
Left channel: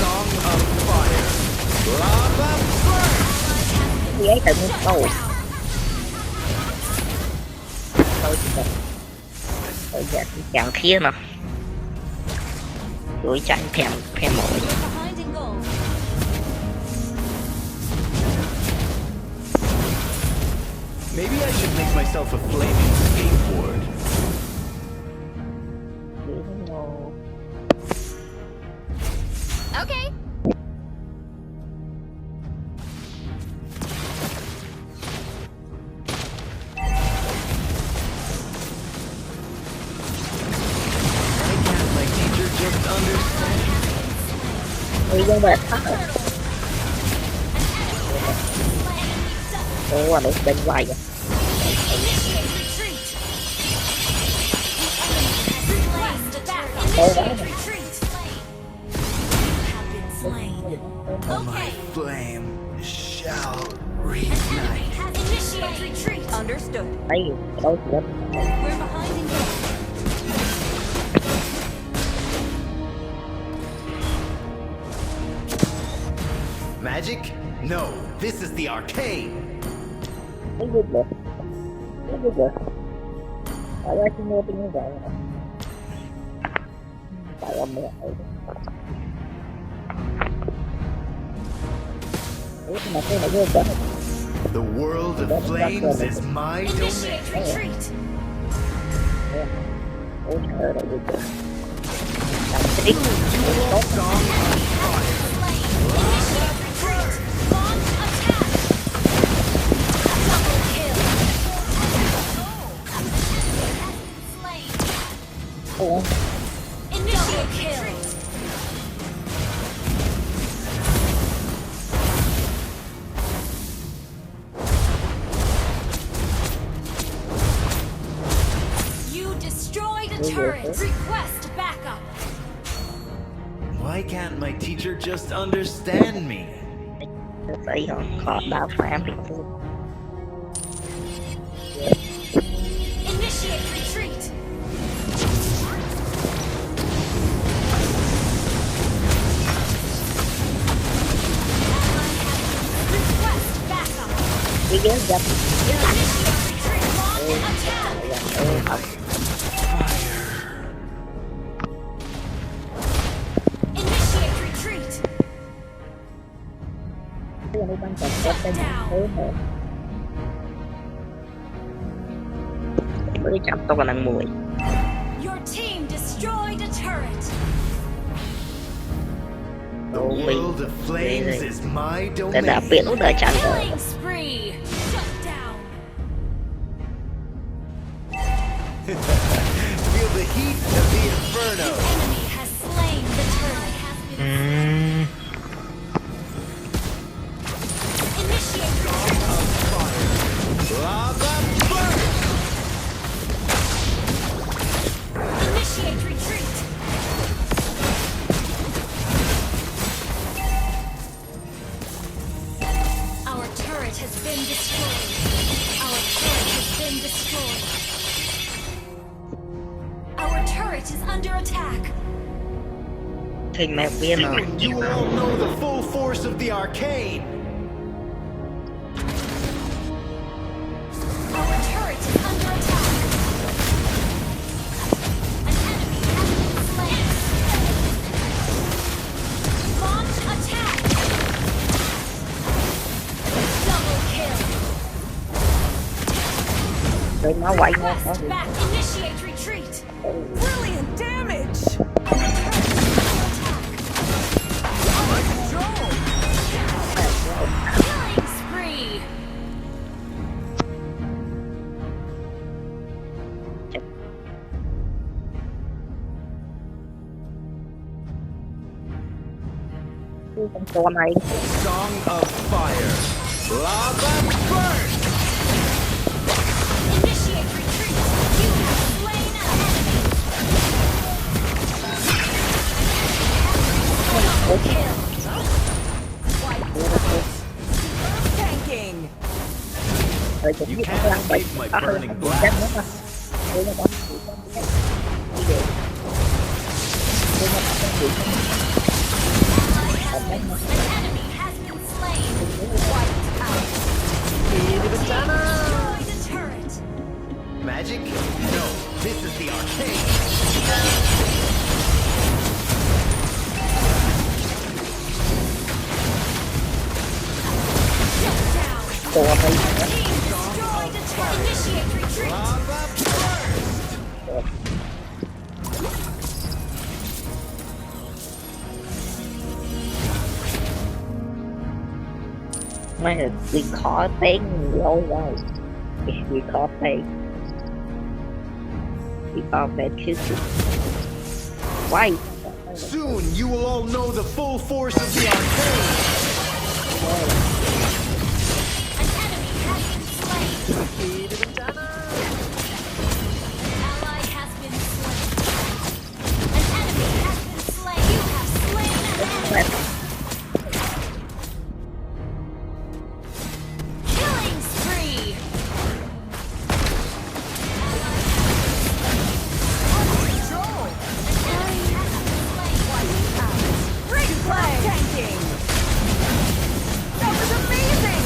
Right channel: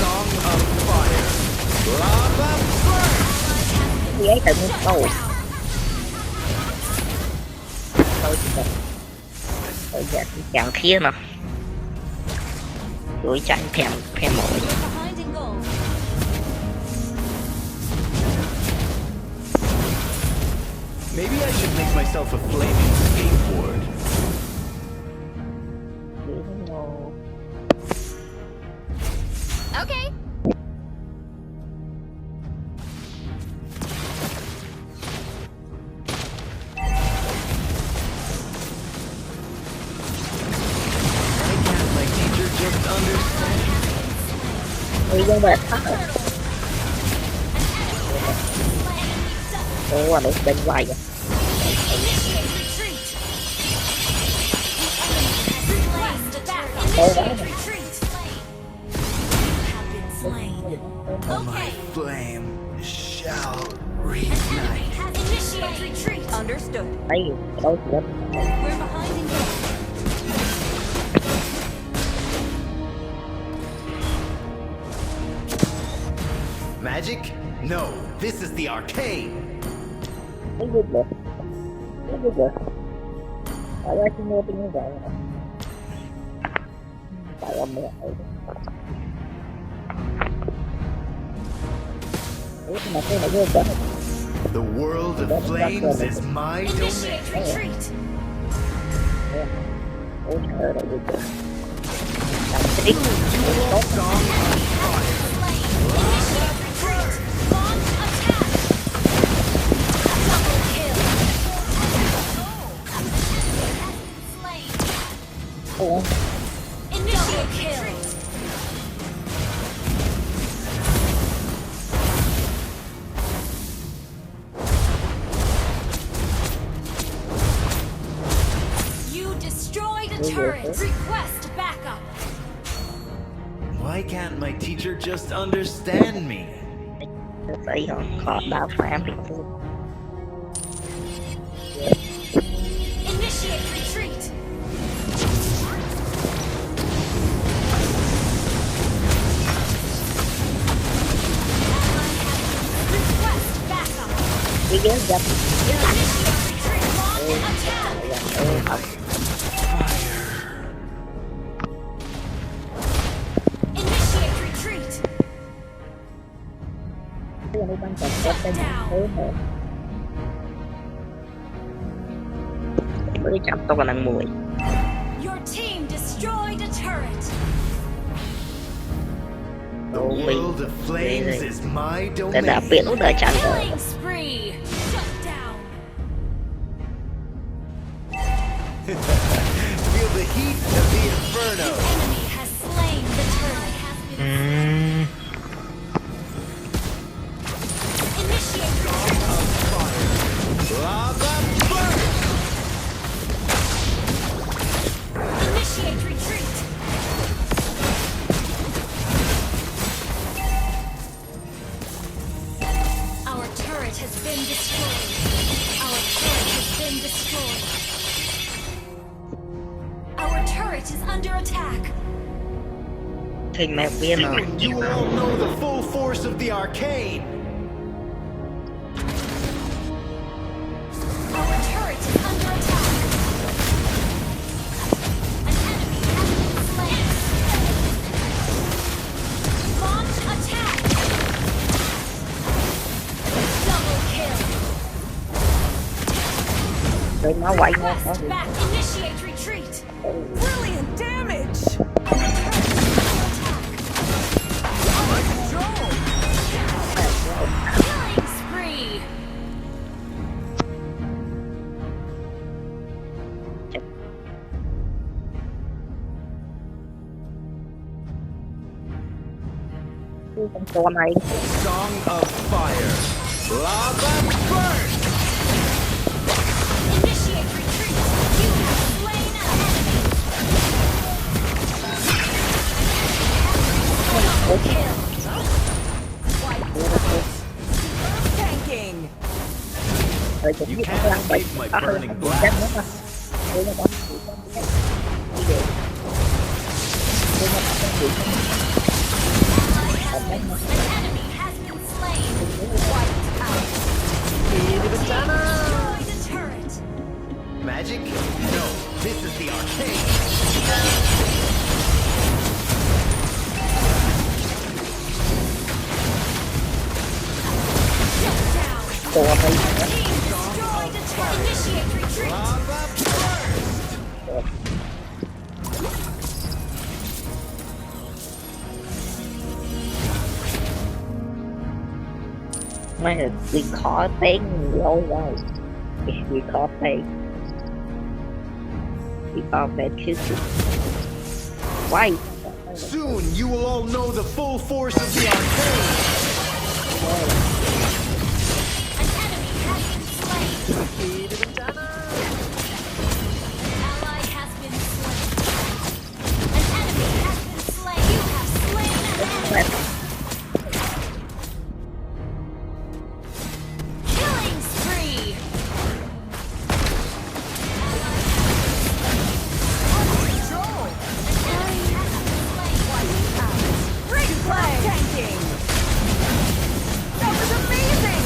Song of fire. Lava burn. cái ấy tự nhiên cầu tôi giờ chẳng kia nè chuỗi tranh phèm phèm mỏi You're behind in gold. Maybe I should make myself a flaming skateboard. Okay. Why can't my teacher just understand? người dân về thắt rồi ủa để bên ngoài vậy Initiate retreat. The enemy has slain the back. Initiate retreat. You have been slain. My Okay. flame shall reignite. Initiate retreat. Understood. thấy đôi chuyện We're behind in gold. Magic? No, this is the arcade. thấy vui được thấy vui được tại ra khi mua như vậy tại ông mẹ ơi mà cái này vô chở The world of flames is my domain. Initiate retreat. ôi trời ơi vô chở làm cái đít tốt Song of fire. Initiate retreat. Launch attack. Double kill. Slain. ủa Initiate kill. You destroyed a turret. Request backup. Why can't my teacher just understand me? phải không khó đào phá thì Initiate retreat. Request backup. cái ghế dập Initiate retreat. Launch attack. học Initiate retreat. cái này ban chặt có cái thế mà mới chặt tôi còn đang mùi Your team destroyed a turret. The Oh, wait. world of flames is my cái đã domain. biển nó đợi chặt rồi Killing spree. Shut down. Feel the heat of the inferno. Enemy has slain the turret. Initiate retreat. Lava burn. Initiate retreat. Our turret has been destroyed. Our turret has been destroyed. Our turret is under attack. thì mẹ viên rồi You all know the full force of the arcane. Our turret is under attack. An enemy has been slain. Launch attack. Double kill. rồi nó quậy nó Request back. Initiate retreat. Brilliant damage. Killing spree. con chó này Song of fire. Lava burn. Initiate retreat. You have slain an enemy. You can't escape my burning blast. An enemy has been slain. Wiped out. Destroy the turret. Magic? No, this is the arcade. Shut down. Destroy the turret. Initiate retreat. Lava burst! Mấy người bị khó tiếng lâu rồi. Bị khó tiếng. Bị khó tiếng chứ. Why? Soon you will all know the full force of the arcade. An enemy has been slain. Ally has been slain. An enemy has been slain. You have slain an enemy. Killing spree. Control. An enemy has been slain. Wiped out. Replay. Tanking. That was amazing.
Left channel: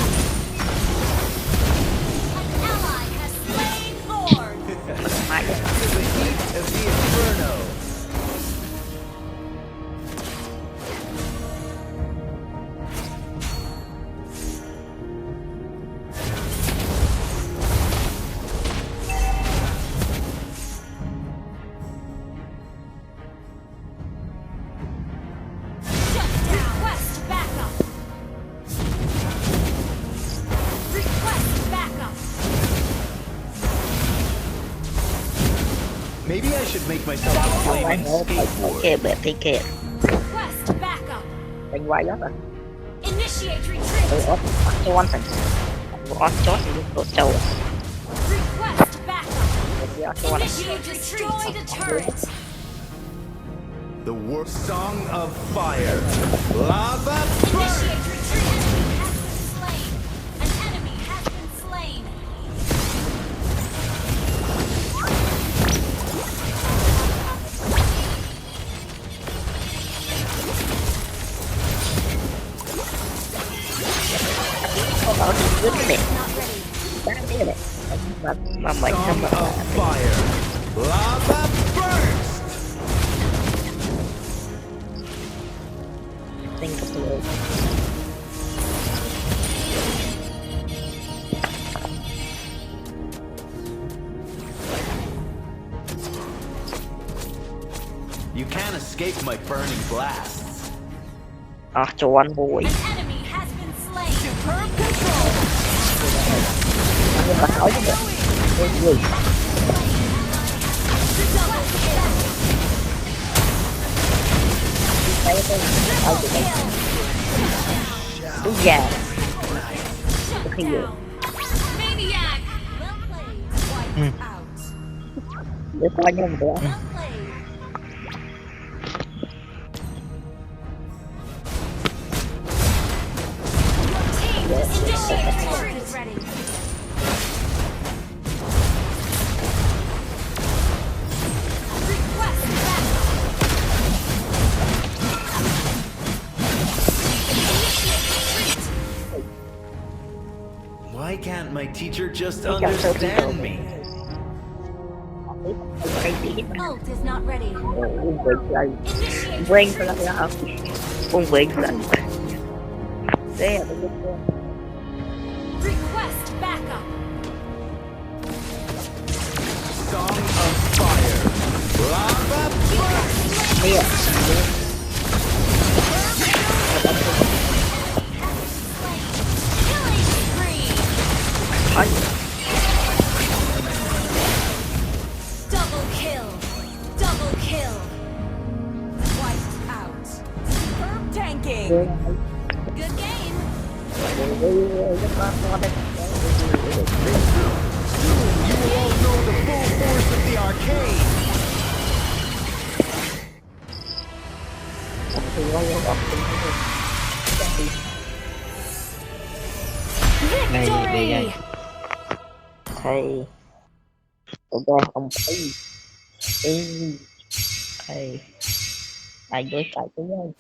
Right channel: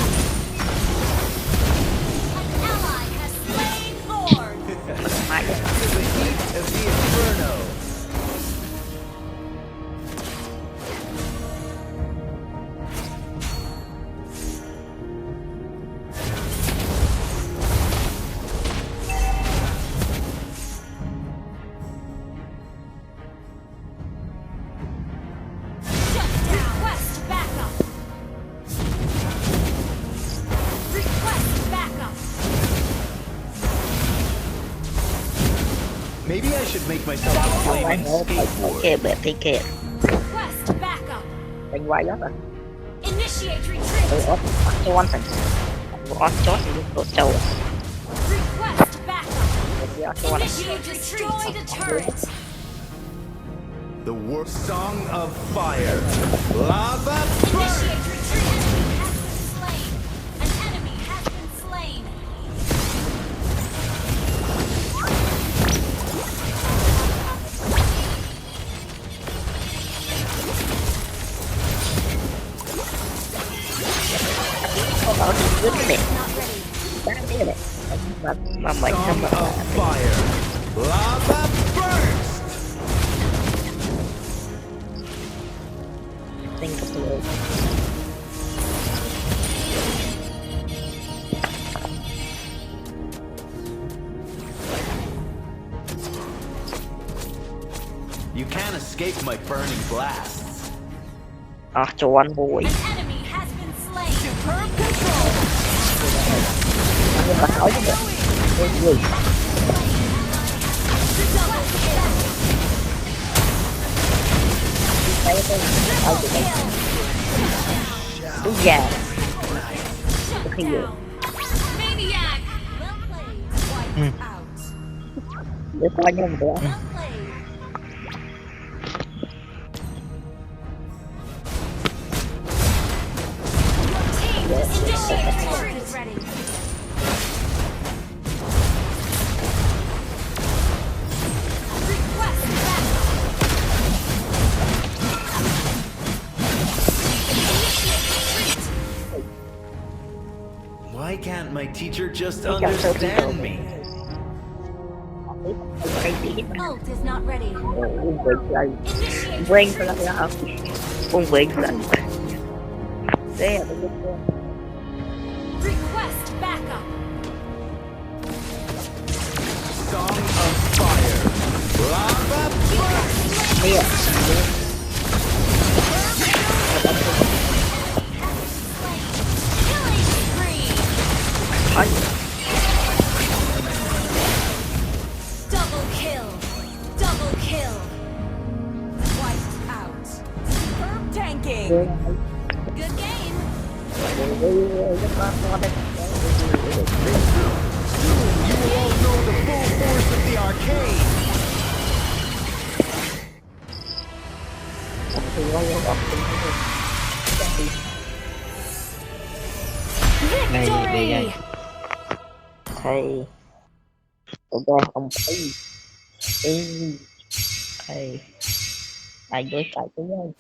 An ally has slain Lord. To the heat of the inferno. Shut down. Request backup. Request backup. Maybe I should make myself a flaming skateboard. Kìa bẹp thì kìa. Request backup. Đánh quay đó rồi. Initiate retreat. Ủa, cho anh thành. Ủa, chốt thì đột trâu. Request backup. Ủa, cho anh. Initiate destroy the turret. The war song of fire. Lava burst! Initiate retreat. An enemy has been slain. An enemy has been slain. Có bảo thì cứ cái đẹp. Not ready. Đáng thế này. Mà mày Song không mà. of fire. Lava burst! Think of the world. You can't escape my burning blasts. Cho anh vui. An enemy has been slain. Superb control. Nhưng mà hỏi chứ được. Ôi vui. Double kill. Thấy cái hỏi tụi mày. Đúng già. Shut Khi vừa. down. Maniac. Well played. Wiped out. Để coi nhau một bữa. Well played. Team, initiate retreat. Ready. Request backup. Initiate retreat. Why can't my teacher just understand me? Ult is not ready. Uống về chơi. Initiate Quen thôi là hả? Uống về chơi. Thế là tôi biết. request backup. Song of fire. Lava burst! Thế à? Killing spree. Hỏi. Double kill. Double kill. Wiped out. Superb tanking. Good game. You will all know the full force of the arcade. Này để Victory. dạy hay ông ấy hay anh đối cãi với nhau